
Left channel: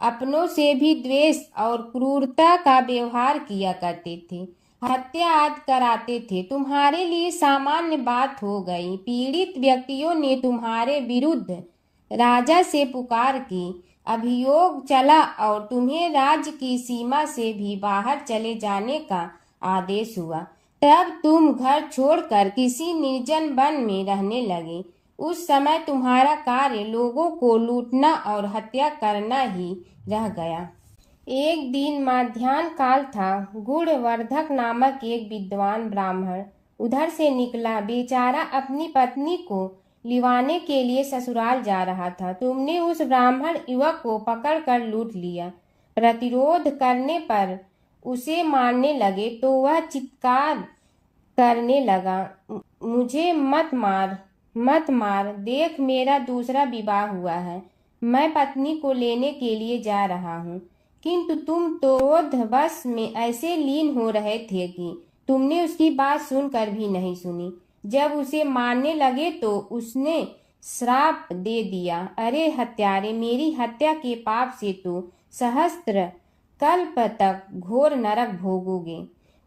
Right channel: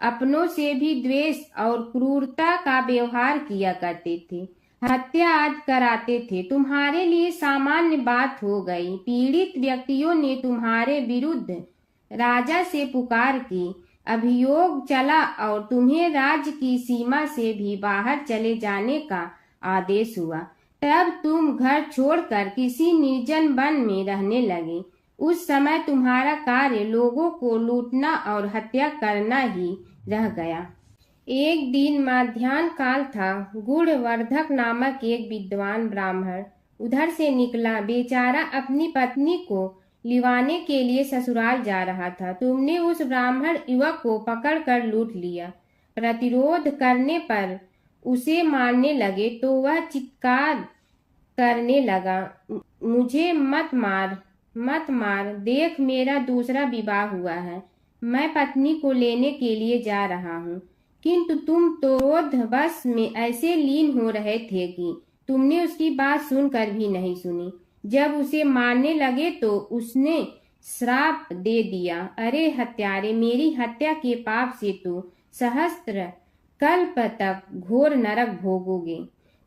अपनों से भी द्वेष और क्रूरता का व्यवहार किया करते थे। हत्या आदि कराते थे। तुम्हारे लिए सामान्य बात हो गई। पीड़ित व्यक्तियों ने तुम्हारे विरुद्ध राजा से पुकार की। अभियोग चला और तुम्हें राज्य की सीमा से भी बाहर चले जाने का आदेश हुआ। तब तुम घर छोड़कर किसी निर्जन वन में रहने लगे। उस समय तुम्हारा कार्य लोगों को लूटना और हत्या करना ही रह गया। एक दिन माध्याह्न काल था। गुणवर्धक नामक एक विद्वान ब्राह्मण उधर से निकला। बेचारा अपनी पत्नी को लिवाने के लिए ससुराल जा रहा था। तुमने उस ब्राह्मण युवक को पकड़कर लूट लिया। प्रतिरोध करने पर उसे मारने लगे तो वह चित्कार करने लगा, मुझे मत मार, मत मार, देख मेरा दूसरा विवाह हुआ है। मैं पत्नी को लेने के लिए जा रहा हूँ। किंतु तुम तो क्रोधवश में ऐसे लीन हो रहे थे कि तुमने उसकी बात सुनकर भी नहीं सुनी। जब उसे मारने लगे तो उसने श्राप दे दिया, अरे हत्यारे, मेरी हत्या के पाप से तो सहस्त्र कल्प तक घोर नरक भोगोगे।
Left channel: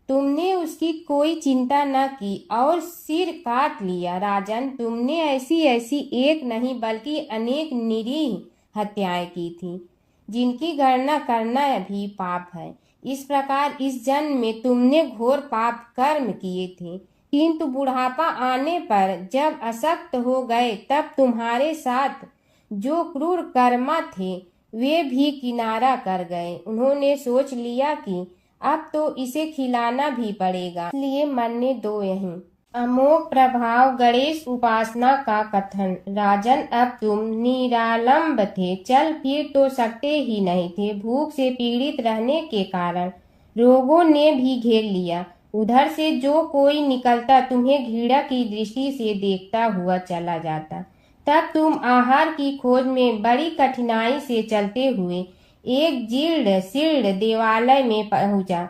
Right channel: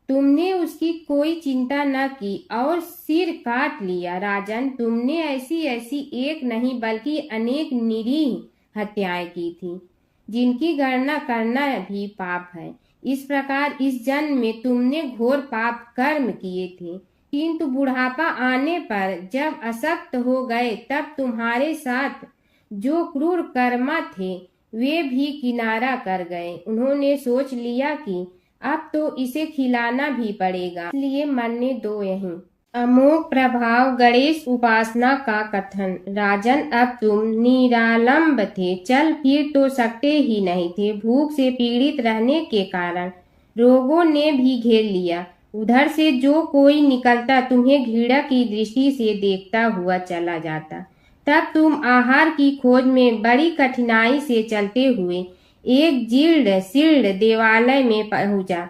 तुमने उसकी कोई चिंता न की और सिर काट लिया। राजन, तुमने ऐसी ऐसी एक नहीं बल्कि अनेक निरीह हत्याएं की थी, जिनकी गणना करना भी पाप है। इस प्रकार इस जन्म में तुमने घोर पाप कर्म किए थे, किंतु बुढ़ापा आने पर जब अशक्त हो गए तब तुम्हारे साथ जो क्रूर कर्मा थे वे भी किनारा कर गए। उन्होंने सोच लिया कि अब तो इसे खिलाना भी पड़ेगा, इसलिए मरने दो यहीं। अमोघ प्रभाव गणेश उपासना का कथन। राजन, अब तुम निरालंब थे, चल फिर तो सकते ही नहीं थे। भूख से पीड़ित रहने के कारण रोगों ने भी घेर लिया। उधर से जो कोई निकलता तुम्हें घृणा की दृष्टि से देखता हुआ चला जाता। तब तुम आहार की खोज में बड़ी कठिनाई से चलते हुए एक जीर्ण शीर्ण देवालय में पहुंचा।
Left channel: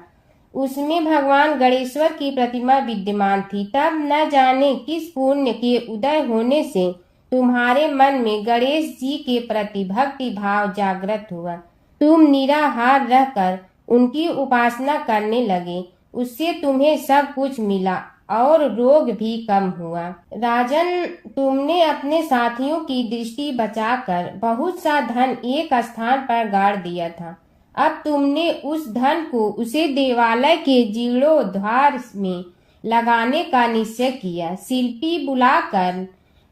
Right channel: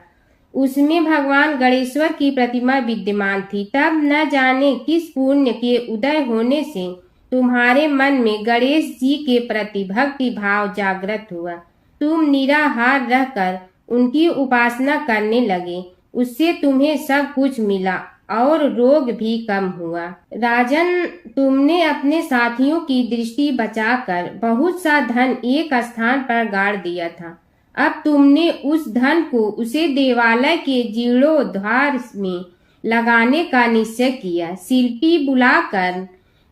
उसमें भगवान गणेश्वर की प्रतिमा विद्यमान थी। तब न जाने किस पुण्य के उदय होने से तुम्हारे मन में गणेश जी के प्रति भक्ति भाव जागृत हुआ। तुम निराहार रहकर उनकी उपासना करने लगे। उससे तुम्हें सब कुछ मिला और रोग भी कम हुआ। राजन, तुमने अपने साथियों की दृष्टि बचाकर बहुत सा धन एक स्थान पर गाड़ दिया था। अब तुमने उस धन को उसे देवालय के जीर्णोद्धार में लगाने का निश्चय किया। शिल्पी बुलाकर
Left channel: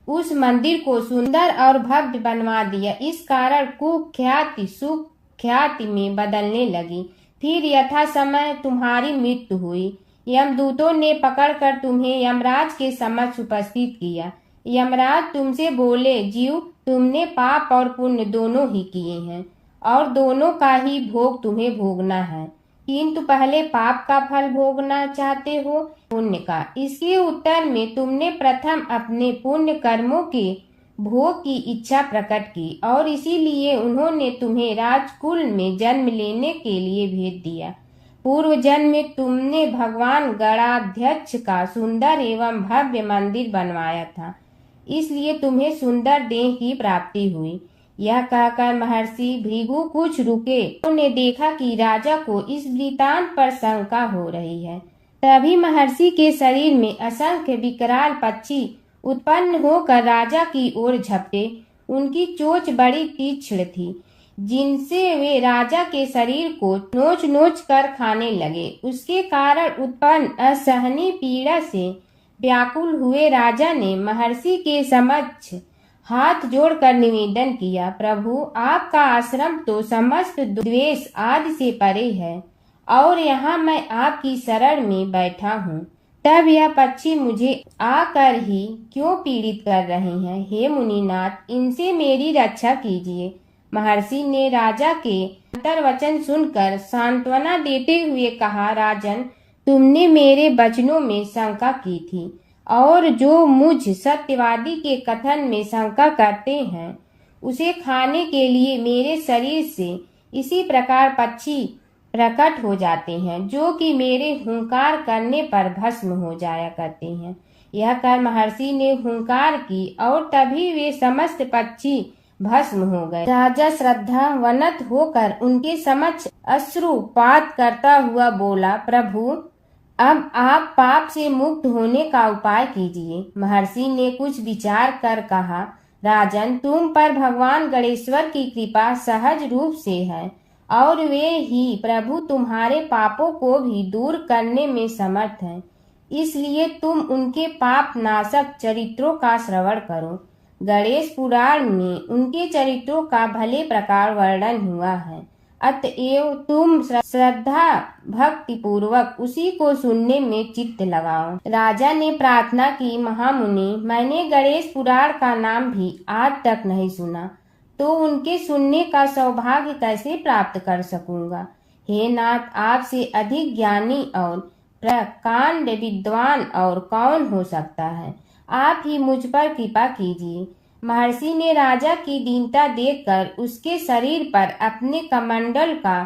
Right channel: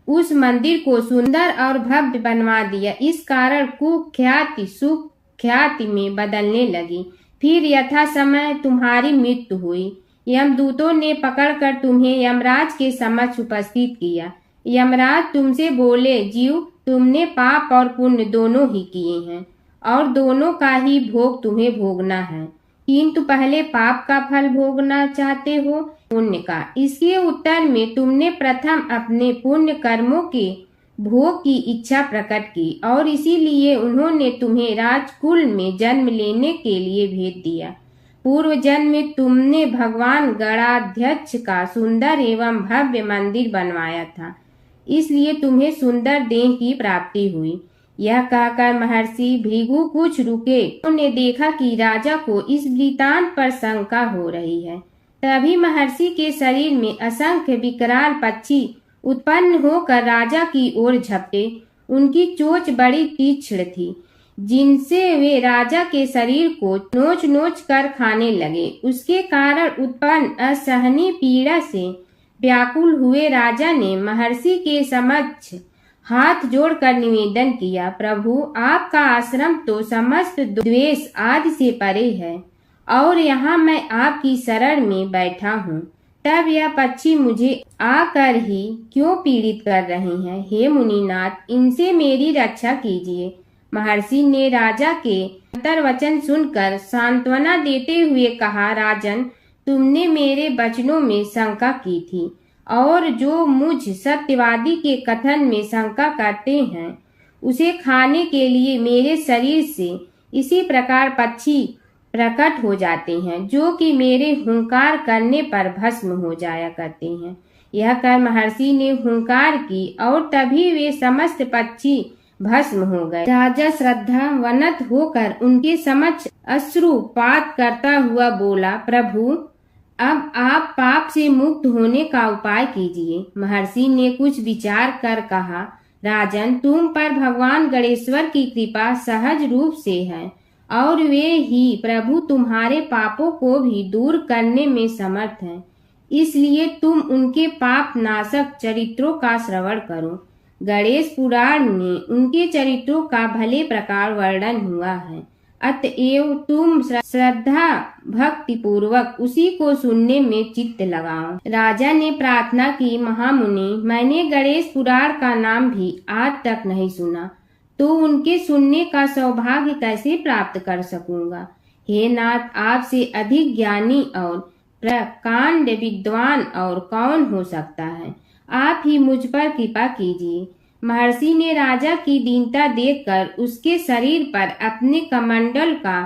उस मंदिर को सुंदर और भव्य बनवा दिया। इस कारण कुख्याति सुख्याति में बदलने लगी। फिर यथा समय तुम्हारी मृत्यु हुई। यमदूतों ने पकड़कर तुम्हें यमराज के समक्ष उपस्थित किया। यमराज तुमसे बोले, जीव, तुमने पाप और पुण्य दोनों ही किए हैं और दोनों का ही भोग तुम्हें भोगना है, किंतु पहले पाप का फल भोगना चाहते हो पुण्य का। इसके उत्तर में तुमने प्रथम अपने पुण्य कर्मों के भोग की इच्छा प्रकट की और इसीलिए उन्होंने तुम्हें राजकुल में जन्म लेने के लिए भेज दिया। पूर्व जन्म में तुमने भगवान गणाध्यक्ष का सुंदर एवं भव्य मंदिर बनवाया था, इसलिए तुम्हें सुंदर देह की प्राप्ति हुई। यह कहकर महर्षि भृगु कुछ रुके। उन्होंने देखा कि राजा को इस वृतांत पर शंका हो रही है। तभी महर्षि के शरीर में असंख्य विकराल पक्षी उत्पन्न होकर राजा की ओर झपटे। उनकी चोंच बड़ी तीक्ष्ण थी, जिनसे वे राजा के शरीर को नोच नोच कर खाने लगे। उसके कारण उत्पन्न असहनीय पीड़ा से व्याकुल हुए राजा ने महर्षि के समक्ष हाथ जोड़कर निवेदन किया, प्रभु, आपका आश्रम तो समस्त द्वेष आदि से परे है और यहाँ मैं आपकी शरण में बैठा हूँ। तब यह पक्षी मुझे आकर ही क्यों पीड़ित कर रहे हैं? हे मुनिनाथ, इनसे मेरी रक्षा कीजिए। महर्षि ने राजा के अंतर्वचन सुनकर सांत्वना देते हुए कहा, राजन, तुमने मेरे वचनों में शंका की थी और जो मुझ सत्यवादी के कथन में शंका करते हैं उसे खाने के लिए मेरे शरीर से इसी प्रकार पक्षी प्रकट हो जाते हैं, जो कि मेरे हुंकार करने पर भस्म हो जाया करते हैं। यह कर महर्षि ने हुंकार की और तभी वे समस्त पक्षी भस्म हो गए। राजा श्रद्धावनत होकर उनके समक्ष अश्रुपात करता हुआ बोला, प्रभु, अब आप पाप से मुक्त होने का उपाय कीजिए। महर्षि ने कुछ विचार कर कहा, राजन, तुम पर भगवान गणेश्वर की कृपा सहज रूप से है और वे ही प्रभु तुम्हारे पापों को भी दूर करने में समर्थ हैं। इसलिए तुम उनके पाप नाशक चरित्रों का श्रवण करो। गणेश पुराण में उनके चरित्रों का भले प्रकार वर्णन हुआ है, अतएव तुम श्रद्धा भक्ति पूर्वक उसी को सुनने में चित्त लगाओ। राजा ने प्रार्थना की, महामुनि, मैंने गणेश पुराण का नाम भी आज तक नहीं सुना, तो उनके सुनने का सौभाग्य कैसे प्राप्त कर सकूंगा? हे नाथ, आपसे अधिक ज्ञानी और प्रकांड विद्वान और कौन हो सकता है? आप ही मुझ पर कृपा कीजिए। महर्षि ने राजा की दीनता देखकर उसके शरीर पर अपने कमंडल का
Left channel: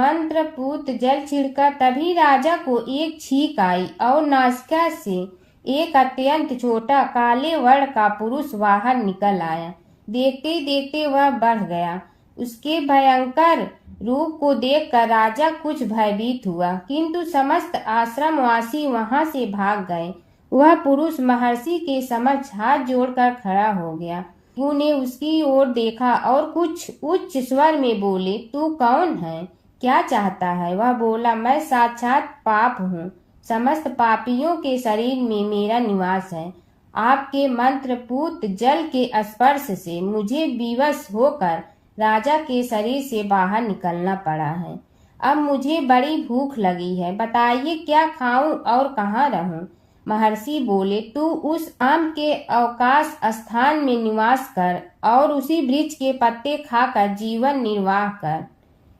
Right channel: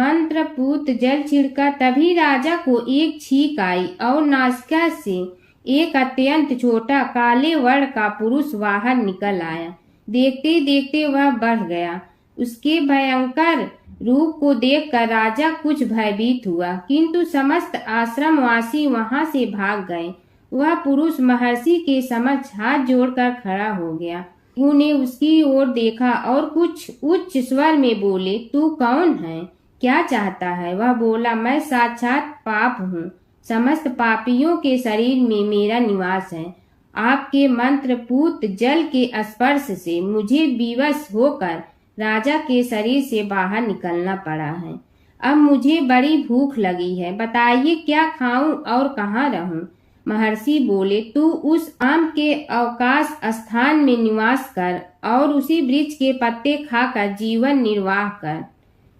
मंत्रपूत जल छिड़का। तभी राजा को एक छींक आई और नासिका से एक अत्यंत छोटा काले वर्ण का पुरुष बाहर निकल आया। देखते देखते वह बढ़ गया। उसके भयंकर रूप को देखकर राजा कुछ भयभीत हुआ, किंतु समस्त आश्रमवासी वहां से भाग गए। वह पुरुष महर्षि के समक्ष हाथ जोड़कर खड़ा हो गया। उन्हें उसकी ओर देखा और कुछ उच्च स्वर में बोले, तू कौन है, क्या चाहता है? वह बोला, मैं साक्षात पाप हूँ। समस्त पापियों के शरीर में मेरा निवास है। आपके मंत्रपूत जल के स्पर्श से मुझे विवश होकर राजा के शरीर से बाहर निकलना पड़ा है। अब मुझे बड़ी भूख लगी है, बताइए क्या खाऊं और कहाँ रहूं? महर्षि बोले, तू उस आम के अवकाश स्थान में निवास कर और उसी वृक्ष के पत्ते खाकर जीवन निर्वाह कर।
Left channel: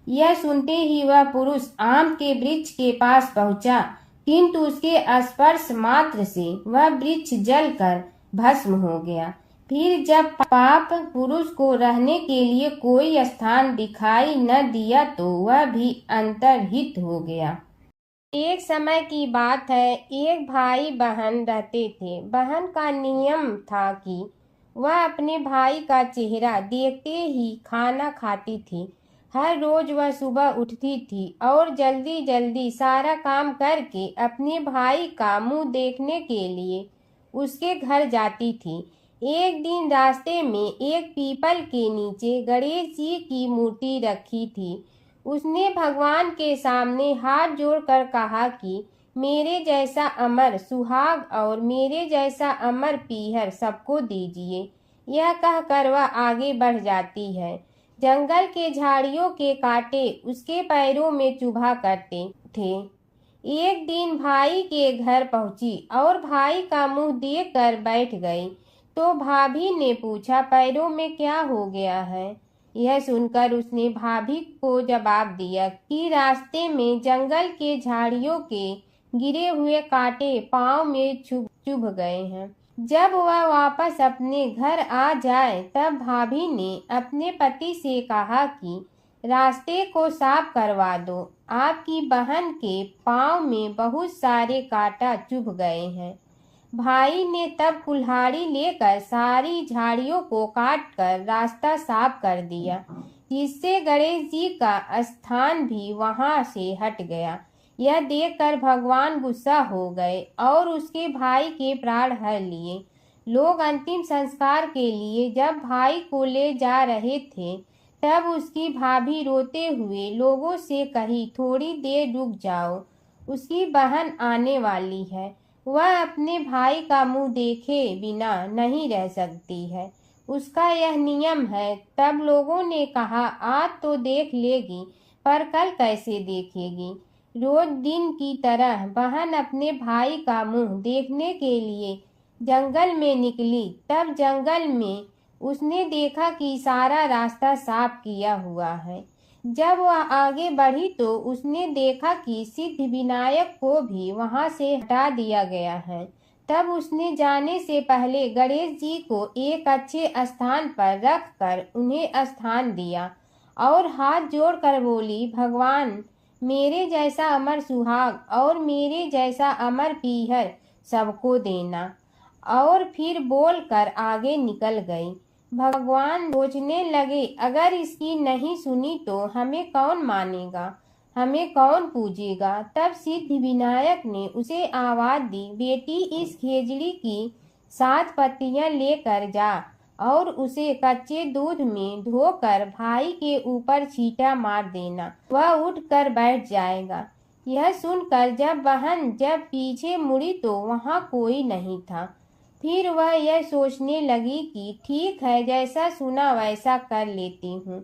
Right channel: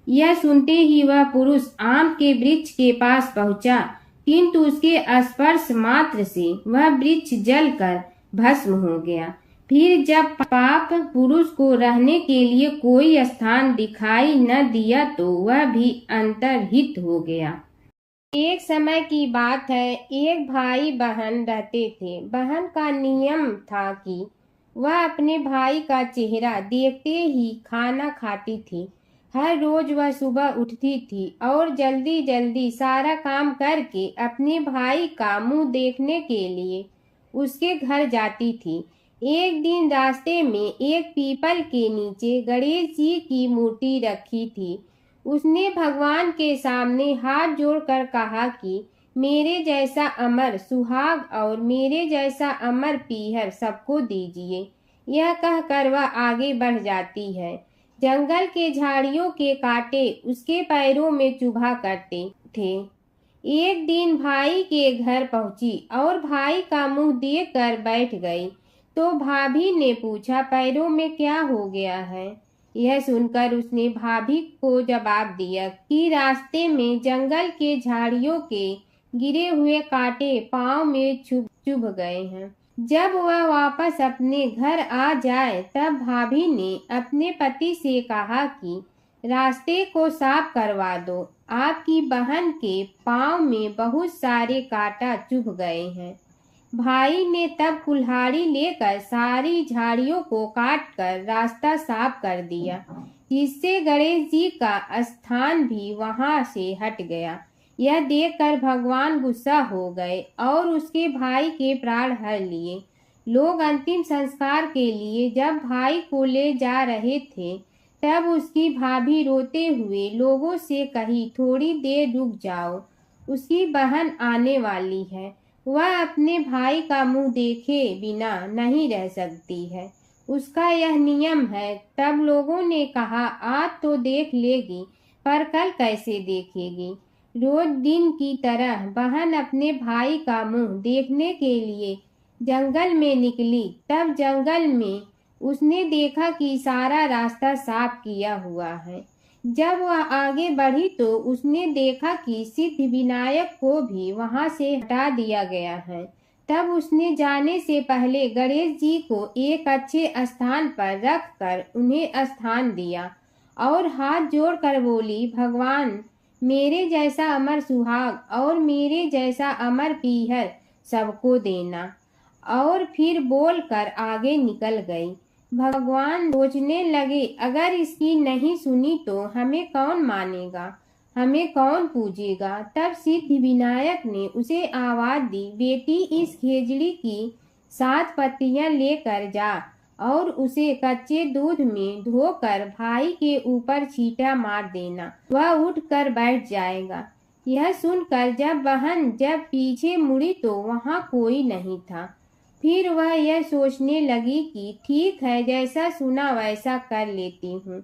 यह सुनते ही वह पुरुष आम के वृक्ष के पास पहुंचा, किंतु उसके स्पर्श मात्र से वह वृक्ष जलकर भस्म हो गया। फिर जब पाप पुरुष को रहने के लिए कोई स्थान दिखाई न दिया तो वह भी अंतर्हित हो गया। एक समय की बात है, एक भाई बहन रहते थे। बहन का नियम था कि वह अपने भाई का चेहरा देखते ही खाना खाती थी। हर रोज वह सुबह उठती थी और जल्दी जल्दी सारा काम करके अपने भाई का मुंह देखने के लिए उसके घर जाती थी। एक दिन रास्ते में एक पीपल के नीचे गणेश जी की मूर्ति रखी थी। उसने भगवान के सामने हाथ जोड़कर कहा कि मेरे जैसा अमर सुहाग और मेरे जैसा अमर पीहर सबको दीजिए। यह कहकर वह आगे बढ़ जाती है। जंगल के झाड़ियों के कांटे उसके पैरों में चुभा करते थे। एक दिन भाई के घर पहुंची और भाई का मुंह देखकर बैठ गई तो भाभी ने पूछा, पैरों में क्या हो गया है? यह सुनकर उसने भाभी को जवाब दिया कि रास्ते में जंगल के झाड़ियों के गिरे हुए कांटे पांव में चुभ गए हैं। जब वह वापस अपने घर आ जाए तब भाभी ने अपने पति से कहा कि रास्ते को साफ करवा दो, आपकी बहन के पांव में बहुत सारे कांटा चुभ गए हैं। भाई ने तब कुल्हाड़ी लेकर सारी झाड़ियों को काटकर रास्ता साफ कर दिया, जिससे गणेश जी का स्थान भी वहां से हट गया। यह देखकर भगवान गुस्सा हो गए और उसके भाई के प्राण हर लिए। लोग अंतिम संस्कार के लिए जब भाई को ले जा रहे थे तब उसकी भाभी रोते हुए लोगों से कही, थोड़ी देर रुक जाओ, उसकी बहन आने वाली है। वह अपने भाई का मुंह देखे बिना नहीं रह सकती है, उसका यह नियम है। तब लोगों ने कहा, आज तो देख लेगी पर कल कैसे देखेगी? रोज दिन की तरह बहन अपने भाई का मुंह देखने के लिए जंगल में निकली। तब जंगल में उसने देखा कि सारा रास्ता साफ किया हुआ है। जब वह आगे बढ़ी तो उसने देखा कि सिद्ध विनायक को भी वहां से हटा दिया गया है। तब उसने जाने से पहले गणेश जी को एक अच्छे स्थान पर रखकर उन्हें स्थान दिया और हाथ जोड़कर बोली, भगवान मेरे जैसा अमर सुहाग और मेरे जैसा अमर पीहर सबको देना। और फिर बोलकर आगे निकल गई। भगवान सोचने लगे, अगर इसकी नहीं सुनी तो हमें कौन मानेगा, हमें कौन पूजेगा? तब सिद्ध विनायक ने उसे आवाज दी, बेटी इस खेजड़ी की 7 पत्तियां लेकर जा और उसे कच्चे दूध में धोकर भाई के ऊपर छींटा मार देना, वह उठकर बैठ जाएगा। यह सुनकर जब पीछे मुड़ी तो वहां कोई नहीं था। फिर वह यह सोचने लगी कि ठीक है, जैसा सुना वैसा कर लेती हूँ।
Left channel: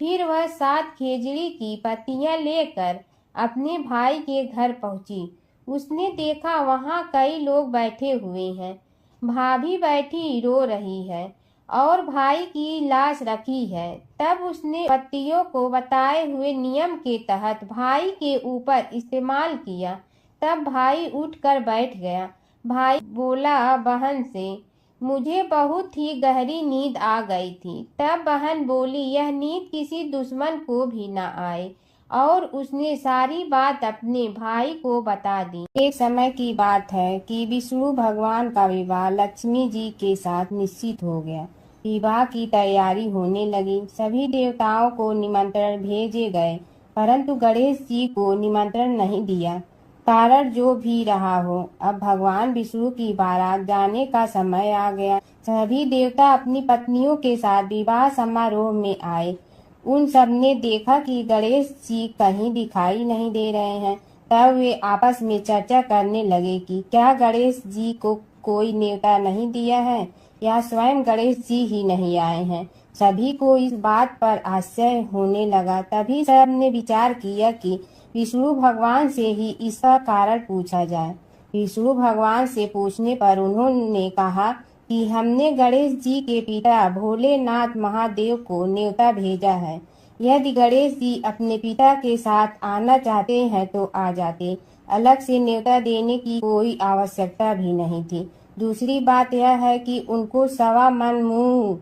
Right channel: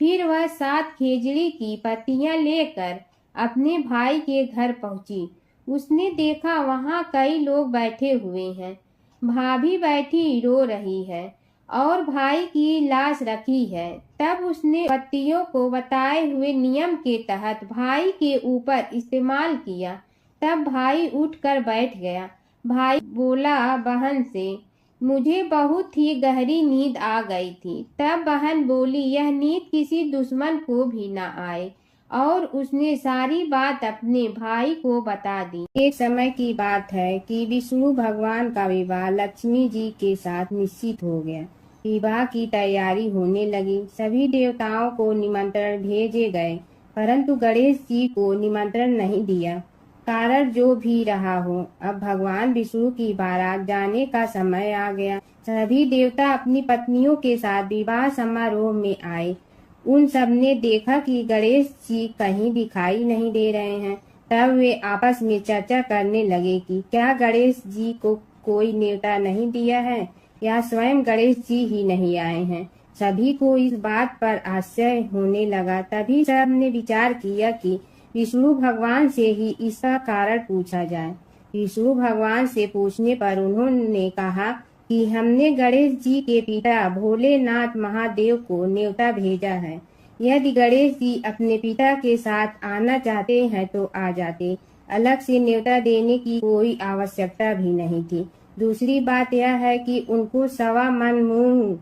फिर वह 7 खेजड़ी की पत्तियां लेकर अपने भाई के घर पहुंची। उसने देखा वहां कई लोग बैठे हुए हैं। भाभी बैठी रो रही है और भाई की लाश रखी है। तब उसने पत्तियों को बताए हुए नियम के तहत भाई के ऊपर इस्तेमाल किया। तब भाई उठकर बैठ गया। भाई बोला बहन से, मुझे बहुत ही गहरी नींद आ गई थी। तब बहन बोली, यह नींद किसी दुश्मन को भी न आए और उसने सारी बात अपने भाई को बता दी। एक समय की बात है कि विष्णु भगवान का विवाह लक्ष्मी जी के साथ निश्चित हो गया। विवाह की तैयारी होने लगी। सभी देवताओं को निमंत्रण भेजे गए, परंतु गणेश जी को निमंत्रण नहीं दिया। कारण जो भी रहा हो, अब भगवान विष्णु की बारात जाने का समय आ गया। सभी देवता अपनी पत्नियों के साथ विवाह समारोह में आए। उन सब ने देखा कि गणेश जी कहीं दिखाई नहीं दे रहे हैं। तब वे आपस में चर्चा करने लगे कि क्या गणेश जी को कोई न्योता नहीं दिया है या स्वयं गणेश जी ही नहीं आए हैं। सभी को इस बात पर आश्चर्य होने लगा। तभी सब ने विचार किया कि विष्णु भगवान से ही इसका कारण पूछा जाए। विष्णु भगवान से पूछने पर उन्होंने कहा कि हमने गणेश जी के पिता भोलेनाथ महादेव को न्योता भेजा है। यदि गणेश जी अपने पिता के साथ आना चाहते हैं तो आ जाते। अलग से न्योता देने की कोई आवश्यकता भी नहीं थी। दूसरी बात यह है कि उनको 1.25 मन मूंग,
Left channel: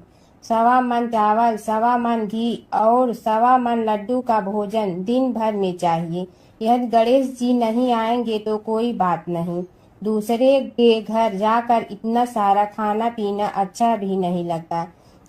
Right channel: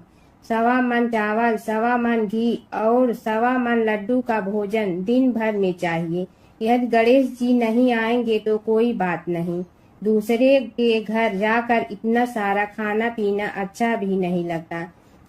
1.25 मन चावल, 1.25 मन घी और 1.25 मन लड्डू का भोजन दिन भर में चाहिए। यदि गणेश जी नहीं आएंगे तो कोई बात नहीं। दूसरे के घर जाकर इतना सारा खाना पीना अच्छा भी नहीं लगता।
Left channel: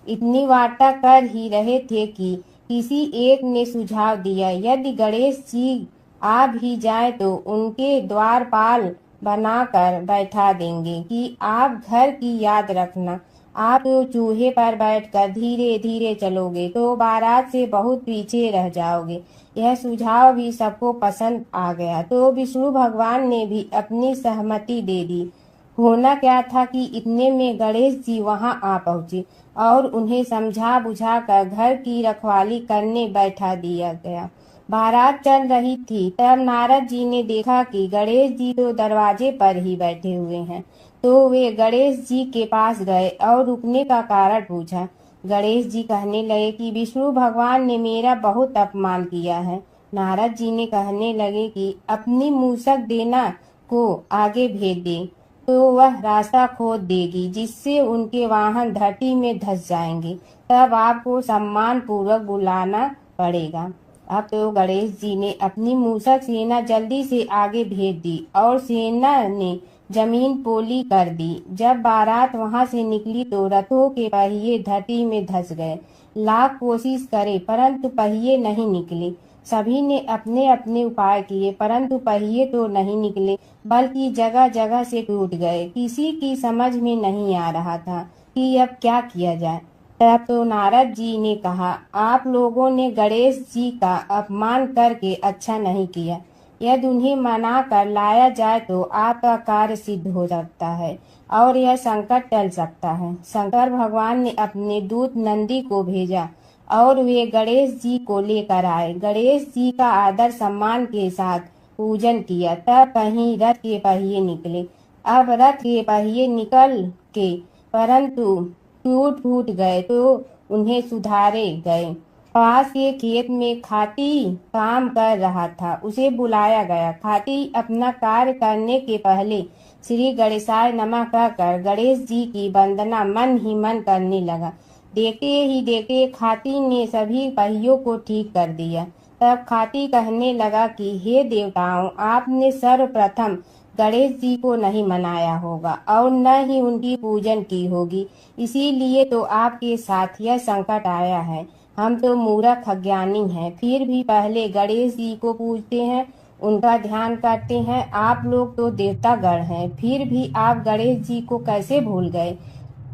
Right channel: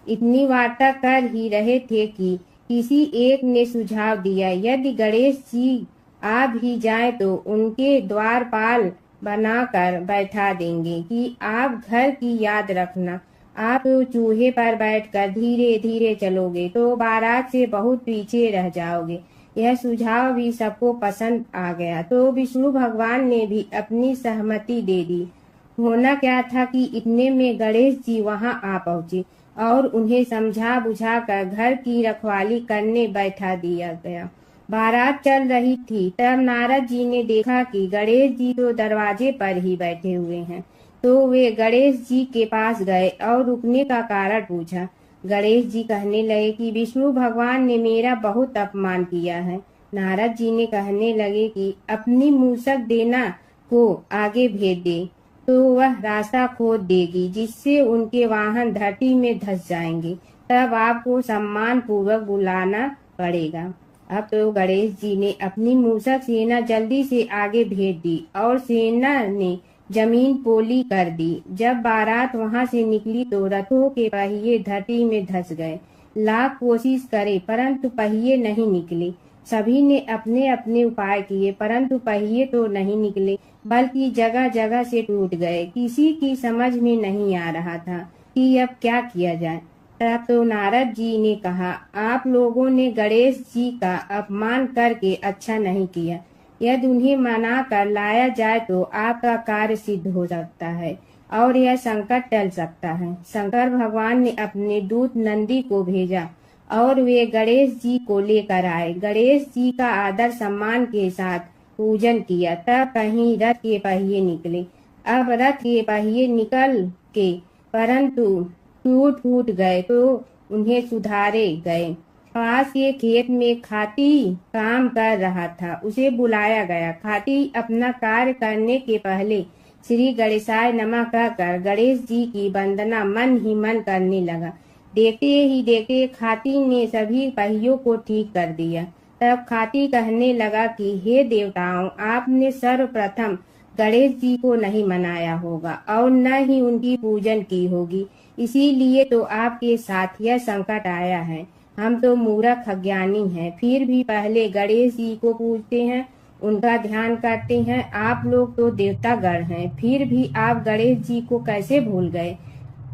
इतनी वार्ता कर ही रहे थे कि किसी एक ने सुझाव दिया, यदि गणेश जी आ भी जाए तो उनके द्वारपाल बनाकर बैठा देंगे कि आप घर की याद रखना। आप तो चूहे पर बैठकर धीरे धीरे चलोगे तो बारात से बहुत पीछे रह जाओगे। यह सुझाव भी सबको पसंद आ गया तो विष्णु भगवान ने भी अपनी सहमति दे दी। होना क्या था कि इतने में गणेश जी वहां आ पहुंचे और उन्हें समझा बुझा कर घर की रखवाली करने बैठा दिया गया। बारात चल रही थी, तब नारद जी ने देखा कि गणेश जी तो दरवाजे पर ही बैठे हुए हैं। तो वे गणेश जी के पास गए और रुकने का कारण पूछा। गणेश जी कहने लगे कि विष्णु भगवान ने मेरा बहुत अपमान किया है। नारद जी ने कहने लगे कि अपनी मूसक देना को आगे भेज दे तो वह रास्ता खोद देगी, जिससे उनके वाहन धरती में धंस जाएंगे। तब आपको सम्मान पूर्वक बुलाना पड़ेगा। अब तो गणेश जी ने अपनी मूसक सेना जल्दी से आगे भेज दी और सेना ने जमीन पोली कर दी। जब बारात वहां से निकली तो रथों के पहिए धरती में धंस गए। लाख कोशिश करे परंतु पहिए नहीं निकले। सभी ने अपने अपने उपाय किए परंतु पहिए तो नहीं निकले, बल्कि जगह जगह से टूट गए। किसी की समझ में नहीं आ रहा था कि अब क्या किया जाए। तब तो नारद जी ने कहा, आप लोगों ने गणेश जी का अपमान करके अच्छा नहीं किया। यदि उन्हें मना कर लाया जाए तो आपका कार्य सिद्ध हो सकता है और यह संकट टल सकता है। शंकर भगवान ने अपने दूत नंदी को भेजा और वे गणेश जी को लेकर आए। गणेश जी का आदर सम्मान के साथ पूजन किया। तब कहीं रथ के पहिए निकले। अब रथ के पहिए निकल के परंतु टूट फूट गए तो उन्हें सुधारे गए। पास के खेत में खाती काम कर रहा था, उसे बुलाया गया। खाती अपना कार्य करने के पहले श्री गणेशाय नमः कहकर गणेश जी की वंदना मन ही मन करने लगा। देखते ही देखते खाती ने सभी पहियों को ठीक कर दिया। तब खाती कहने लगा कि हे देवताओं, आपने सर्वप्रथम गणेश जी को नहीं मनाया होगा और न ही उनकी पूजन की होगी, इसीलिए तो आपके साथ यह संकट आया है। हम तो मूर्ख अज्ञानी हैं, फिर भी पहले गणेश जी को पूजते हैं, उनका ध्यान करते हैं। आप लोग तो देवतागण हैं, फिर भी आप गणेश जी को कैसे भूल गए।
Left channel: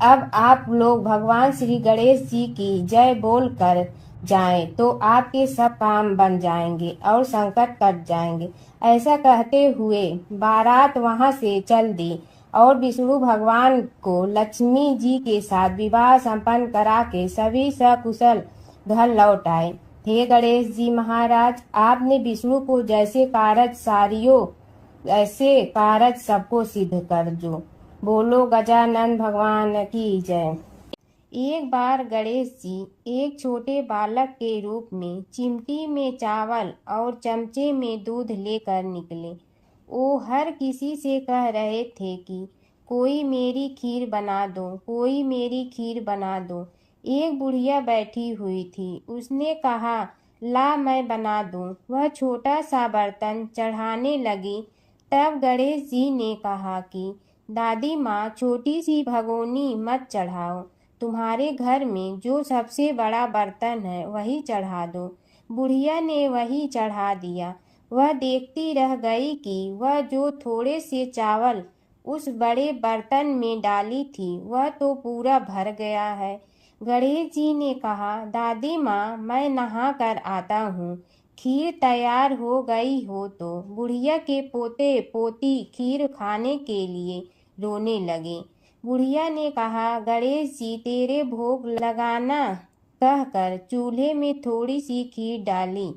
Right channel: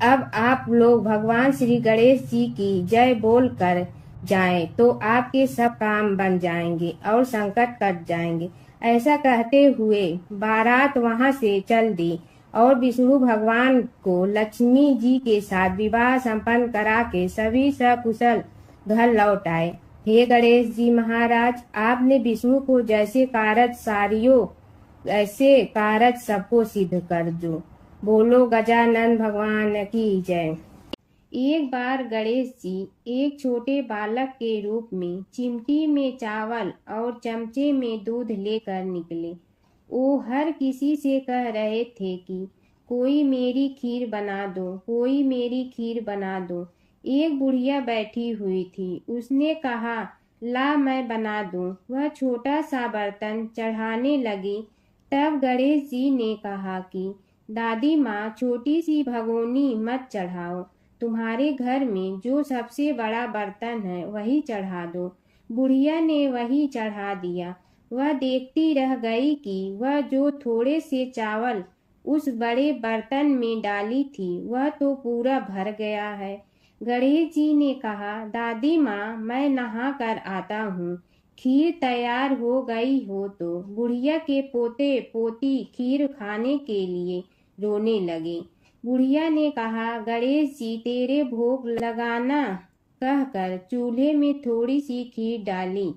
अब आप लोग भगवान श्री गणेश जी की जय बोल कर जाएं तो आपके सब काम बन जाएंगे और संकट कट जाएंगे। ऐसा कहते हुए बारात वहां से चल दी और विष्णु भगवान को लक्ष्मी जी के साथ विवाह संपन्न करा के सभी सकुशल घर लौट आए। हे गणेश जी महाराज, आपने विष्णु को जैसे कारज सारियो ऐसे कारज सबको सिद्ध कर दो। बोलो गजानन भगवान की जय। एक बार गणेश जी एक छोटे बालक के रूप में चिमटी में चावल और चमचे में दूध लेकर निकले। वो हर किसी से कह रहे थे कि कोई मेरी खीर बना दो, कोई मेरी खीर बना दो। एक बुढ़िया बैठी हुई थी, उसने कहा, ला मैं बना दूं। वह छोटा सा बर्तन चढ़ाने लगी। तब गणेश जी ने कहा कि दादी माँ, छोटी सी भगोनी मत चढ़ाओ, तुम्हारे घर में जो सबसे बड़ा बर्तन है वही चढ़ा दो। बुढ़िया ने वही चढ़ा दिया। वह देखती रह गई कि वह जो थोड़े से चावल उस बड़े बर्तन में डाली थी वह तो पूरा भर गया है। गणेश जी ने कहा, दादी माँ, मैं नहा कर आता हूँ। खीर तैयार हो गई हो तो बुढ़िया के पोते पोती खीर खाने के लिए रोने लगे। बुढ़िया ने कहा, गणेश जी, तेरे भोग लगाना कहकर चूल्हे में थोड़ी सी खीर डाली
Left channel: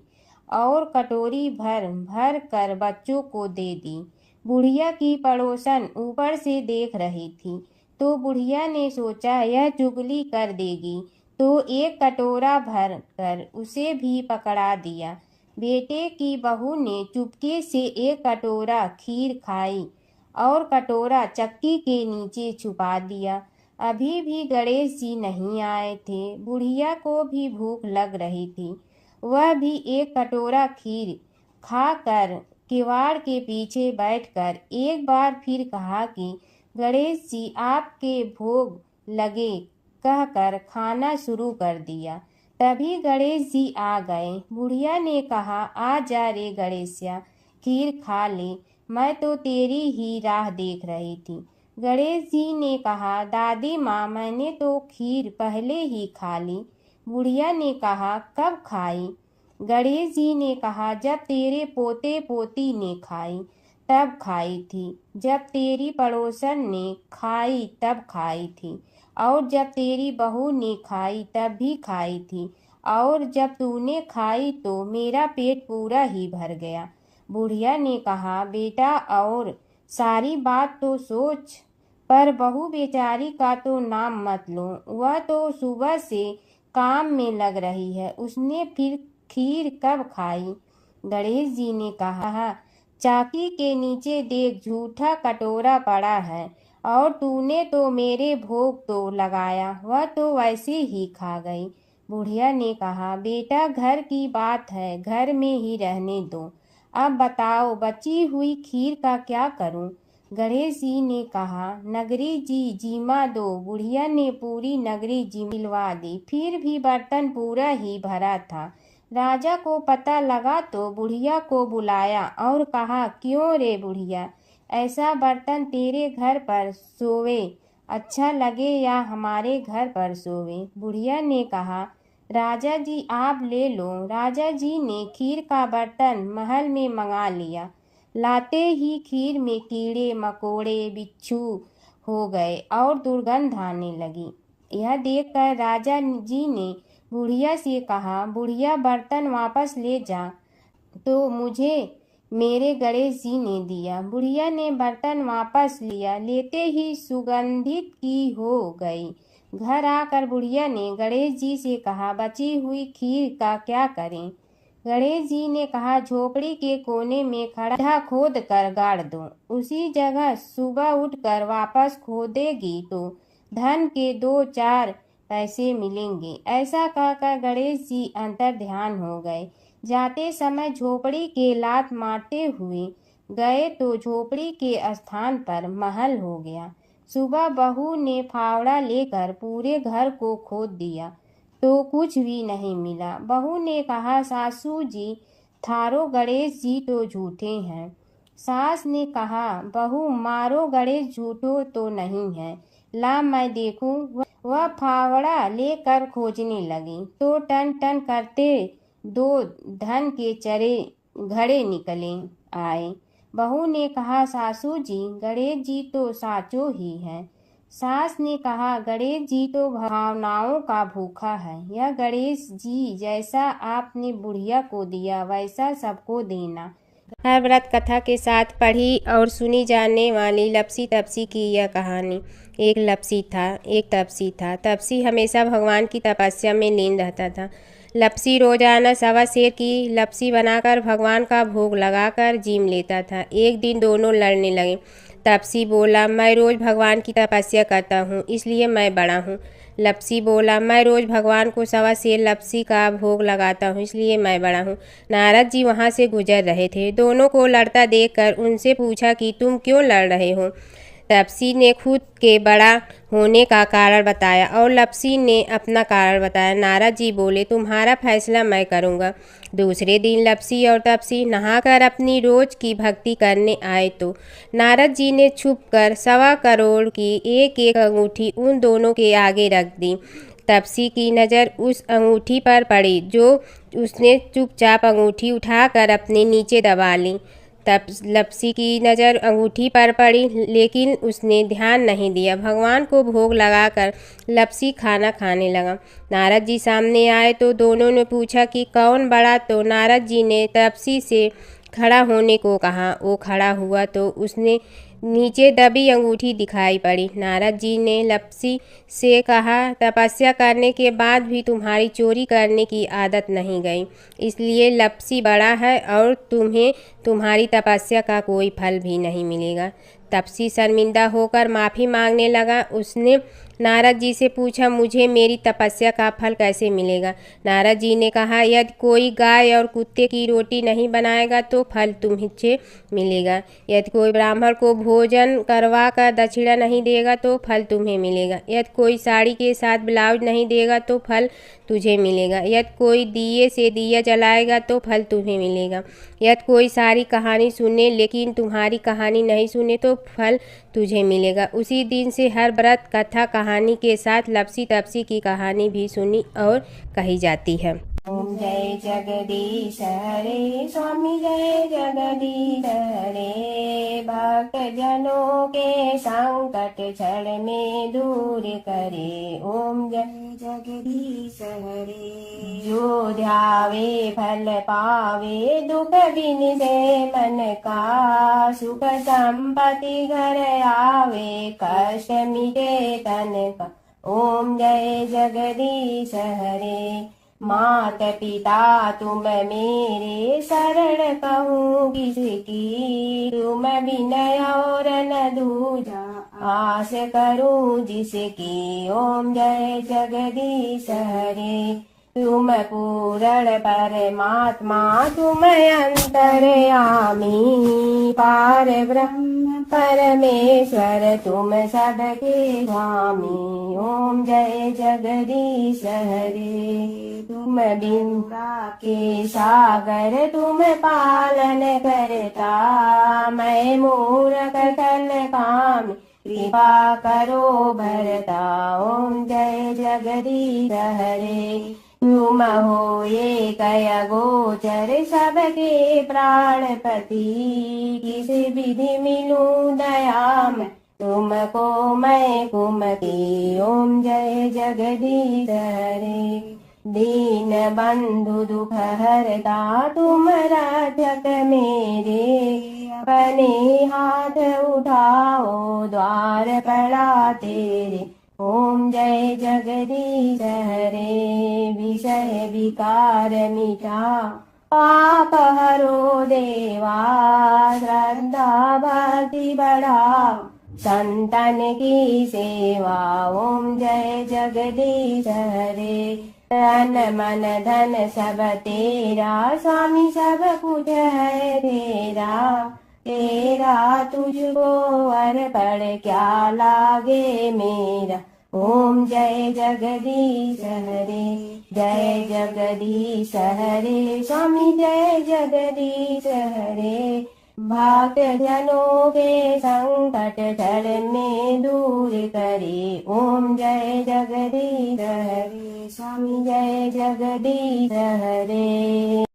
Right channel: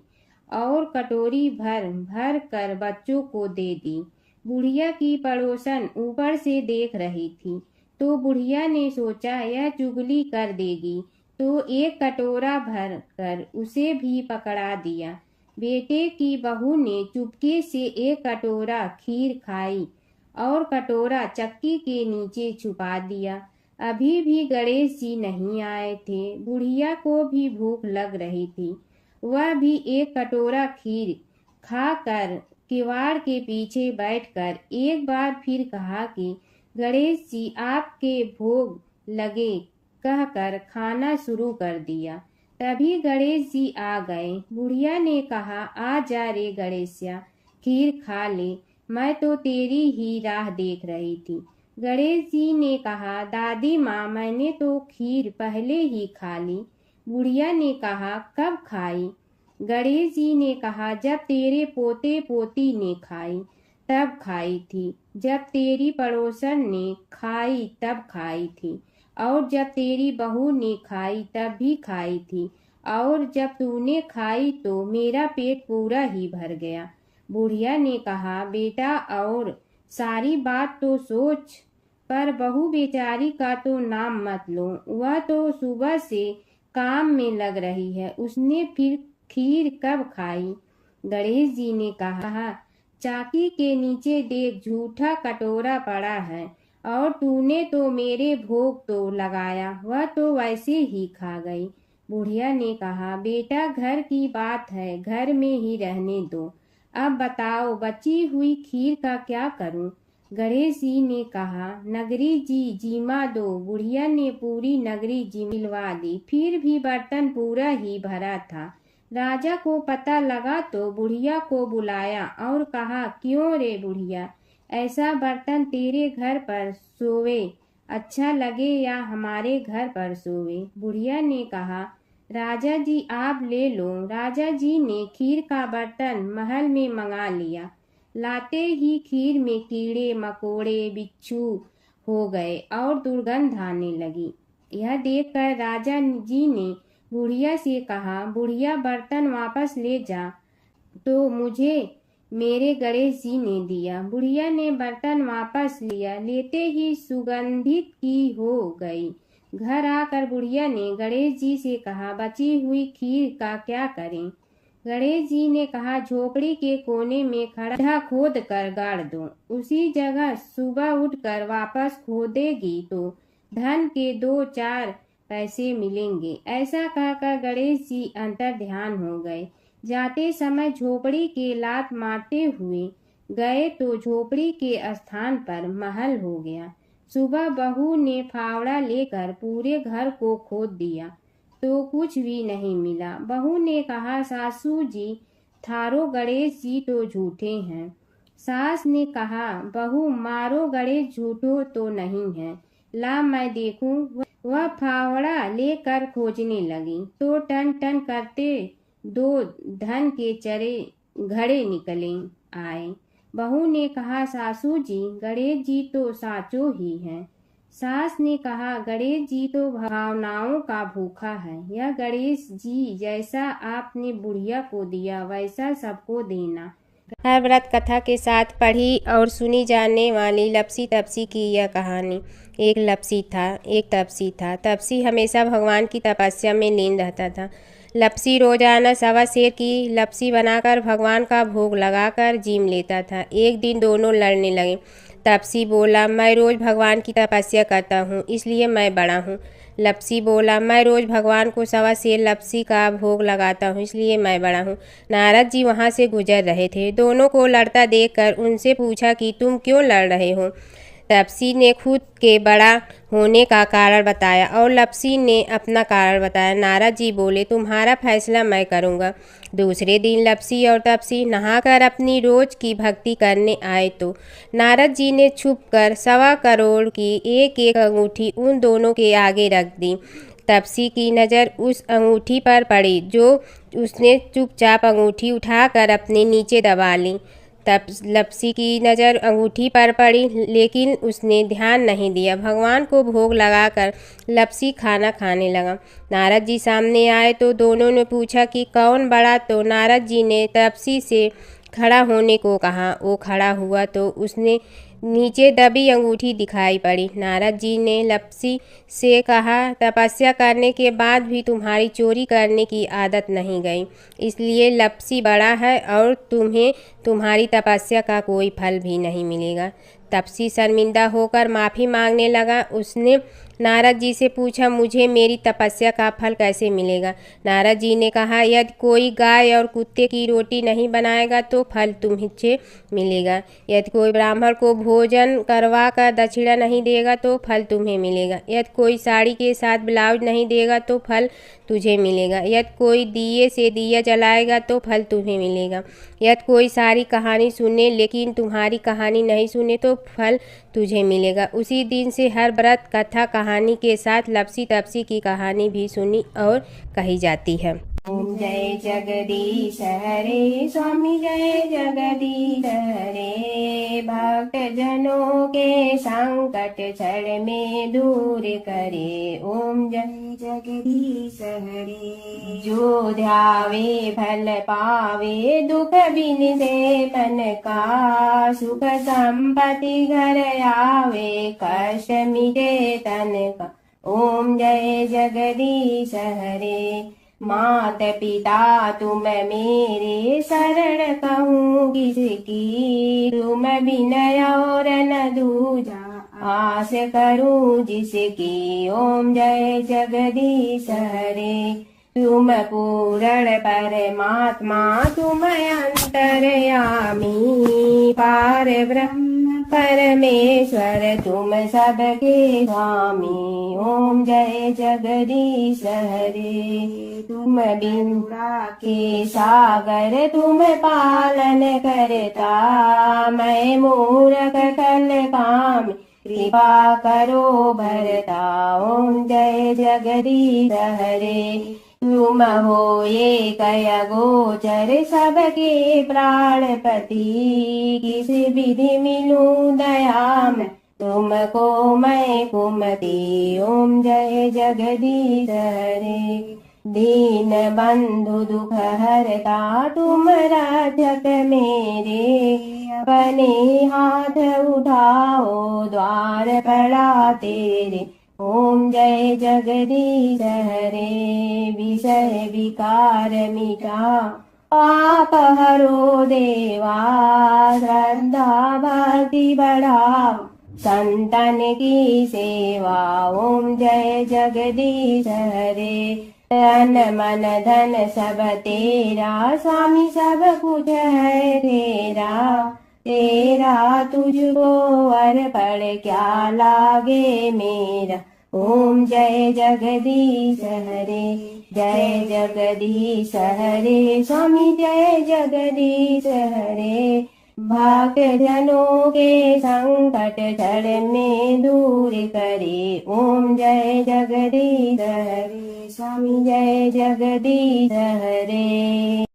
और कटोरी भर भर कर बच्चों को दे दी। बुढ़िया की पड़ोसन ऊपर से देख रही थी तो बुढ़िया ने सोचा यह चुगली कर देगी, तो एक कटोरा भर कर उसे भी पकड़ा दिया। बेटे की बहू ने चुपके से एक कटोरा खीर खाई और कटोरा चक्की के नीचे छुपा दिया। अभी भी गणेश जी नहीं आए थे। बुढ़िया को भी भूख लग रही थी। वह भी एक कटोरा खीर खाकर किवाड़ के पीछे बैठकर एक बार फिर कहा कि गणेश जी, आपके भोग लगे कहकर खाना शुरू कर दिया। तभी गणेश जी आ गए। बुढ़िया ने कहा, आ जा रे गणेशिया, खीर खा ले, मैं तो तेरी ही राह देख रही थी। गणेश जी ने कहा, दादी माँ, मैंने तो खीर पहले ही खा ली। बुढ़िया ने कहा, कब खाई? गणेश जी ने कहा, जब तेरे पोते पोती ने खाई तब खाई थी, जब तेरी पड़ोसन ने खाई तब खाई थी, और जब तेरी बहू ने खाई तब भी खाई थी, और जब तूने खाई तो मेरा पेट पूरा ही भर गया। बुढ़िया ने कहा, बेटा, और सारी बात तो सोच, पर बहू बेचारी का तो नाम मत लो। वह तो सुबह से काम में लग रही है, उसने फिर खीर कब खाई? गणेश जी ने कहा, चाकी के नीचे देख, झूठा कटोरा पड़ा है, और तूने तो मेरे भोग तो लगाया, वह तो वैसे ही खा गई। बुढ़िया ने कहा, बेटा, घर की बात है, घर में ही रहने दो। अब बताओ, बची हुई खीर का क्या करूं? गणेश जी ने कहा, नगरी जी जिमा दो। बुढ़िया ने पूरी नगरी जिलवा दी। फिर भी बर्तन पूरा ही भरा था। राजा को पता लगा तो बुढ़िया को बुलाया और कहा, क्यों रे बुढ़िया, ऐसा बर्तन तेरे घर पर सोवे अच्छा लगे या हमारे घर पर सोवे? बुढ़िया ने कहा, राजा जी, आप ले लो। राजा जी ने खीर का बर्तन महल में मंगा लिया। लाते ही खीर में कीड़े मकोड़े बिच्छू हो गए और दुर्गंध आने लगी। यह देखकर राजा जी ने बुढ़िया से कहा, बुढ़िया, बर्तन वापस ले जा, तो मुझे मेरे गणेश जी ने दिया। बुढ़िया ने बर्तन वापस लिया। लेते ही सुगंधित की हो गई। घर आकर बुढ़िया ने गणेश जी से कहा, बची हुई खीर का क्या करें? गणेश जी ने कहा, झोपड़ी के कोने में खड्डा खोद कर गाड़ दो। उसी जगह सुबह उठकर वापस खोदेगी तो धन के 2-4 पैसे मिलेंगे। ऐसा कहकर गणेश जी अंतर ध्यान हो गए। जाते समय झोपड़ी के लात मारते हुए गए तो झोपड़ी के स्थान पर महल हो गया। सुबह बहू ने फावड़ा लेकर पूरे घर को खोद दिया तो कुछ भी नहीं मिला। बहू ने कहा, सासू जी, थारो गणेश जी तो झूठे हैं। सास ने कहा, बहू, मारो गणेश झूठो तो नहीं है, ला मैं देखूं। वह फावड़ा लेकर खोजने लगी तो टन टन करते 2 धन के चरे घड़े निकले आए। बहू ने कहा, सासू जी, गणेश जी तो साचो ही हैं। सास ने कहा, गणेश जी तो भावनाओं का भूखा है। यह गणेश जी जैसा आपने बुढ़िया को दिया वैसा सबको देना। हर व्रत कथा के साथ पढ़ी और सुनी जाने वाली लपसी तपसी की यह कहानी। एक लपसी था, एक तपसी था। तपसी हमेशा भगवान की तपस्या में लीन रहता था। लपसी रोजाना 1.25 सेर की लपसी बनाकर भगवान का भोग लगाकर जीम लेता था। एक दिन दोनों लड़ने लगे। तपसी बोला, मैं रोज भगवान की तपस्या करता हूँ, इसलिए मैं बड़ा हूँ। लपसी बोला, मैं रोज़ भगवान को 1.25 सेर लपसी का भोग लगाता हूँ, इसलिए मैं बड़ा हूँ। नारद जी वहाँ से गुजर रहे थे। दोनों को लड़ता देखकर उनसे पूछा कि तुम क्यों लड़ रहे हो। तपसी ने खुद के बड़ा होने का कारण बताया और लपसी ने अपना कारण बताया। नारद जी बोले, तुम्हारा फैसला मैं करूँगा। दूसरे दिन लपसी और तपसी नहाकर अपनी रोज की भक्ति करने आए तो नारद जी ने छुपकर 1.25 करोड़ की एक एक अंगूठी उन दोनों के आगे रख दी। तपसी की नज़र उस अंगूठी पर पड़ी जो उसने चुपचाप अंगूठी उठाकर अपने नीचे दबा ली। तब लपसी की नज़र अंगूठी पर पड़ी, लेकिन उसने ध्यान नहीं दिया। भगवान को भोग लगाकर लपसी खाना खाने लगा। नारद जी सामने आए तो दोनों ने पूछा कि कौन बड़ा, तो नारद जी ने तपसी से खड़ा होने को कहा। वो खड़ा हुआ तो उसने नीचे दबी अंगूठी दिखाई पड़ी। नारद जी ने लपसी से कहा, तपस्या करने के बाद भी तुम्हारी चोरी करने की आदत नहीं गई, इसलिए लपसी बड़ा है और तुम्हें तुम्हारी तपस्या का कोई फल भी नहीं मिलेगा। तपसी शर्मिंदा होकर माफ़ी मांगने लगा। उसने नारद जी से पूछा, मुझे मेरी तपस्या का फल कैसे मिलेगा। नारद जी ने कहा, यदि कोई गाय और कुत्ते की रोटी नहीं बनाएगा तो फल तुम्हें मिलेगा। यदि कोई ब्राह्मण को भोजन करवा कर दक्षिणा नहीं देगा तो फल तुम्हें मिलेगा। यदि कोई साड़ी के साथ ब्लाउज नहीं देगा तो फल तुझे मिलेगा। यदि कोई दिए से दिया जलाएगा तो फल तुम्हें मिलेगा। यदि कोई सारी कहानी सुने लेकिन तुम्हारी कहानी नहीं सुने तो फल तुझे मिलेगा। उसी दिन से हर व्रत कथा कहानी के साथ लपसी तपसी की कहानी भी सुनी और कही जाती है। ओम जय जगदीश हरे स्वामी जय जगदीश हरे, भक्त जनों के संकट क्षण में दूर करे। ओम जय जगदीश हरे, जो ध्यावे फल पावे, दुख बिन दे मन का, सुख संपत्ति घर आवे, कष्ट मिटे तन का। ओम जय जगदीश हरे, मात पिता तुम मेरे, शरण कहूँ किसकी, तुम विनय और न दूजा, आस करूँ जिसकी। ओम जय जगदीश हरे, तुम पूर्ण परमात्मा, तुम अंतर्यामी, पार ब्रह्म परमेश्वर, तुम सबके स्वामी। ओम जय जगदीश हरे, तुम बिंदा के सागर, तुम पालन करता, मैं मूर्ख कल काम, कृपा करो भरता। ओम जय जगदीश हरे, तुम हो ये कय गोचर, सबके प्राणपति, किस विधि मिलूं दया में, तुमको मैं कुमति। ओम जय जगदीश हरे, दीन बंधु दुख हरता, तुम रक्षक मेरे, अपने हाथ उठाओ द्वार पड़ा तेरे। ओम जय जगदीश हरे, विषय विकार मिटा, पाप हरो देवा, श्रद्धा भक्ति बढ़ाओ, संतन की सेवा। ओम जय जगदीश हरे, तन मन धन सब तेरा, स्वामी सब कुछ है तेरा, तेरा तुझको अर्पण क्या लागे मेरा। ओम जय जगदीश हरे, जय जगदीश हरे, स्वामी जय जगदीश हरे, भक्त जनों के संकट क्षण में दूर करे। ओम जय जगदीश हरे, स्वामी जय जगदीश हरे।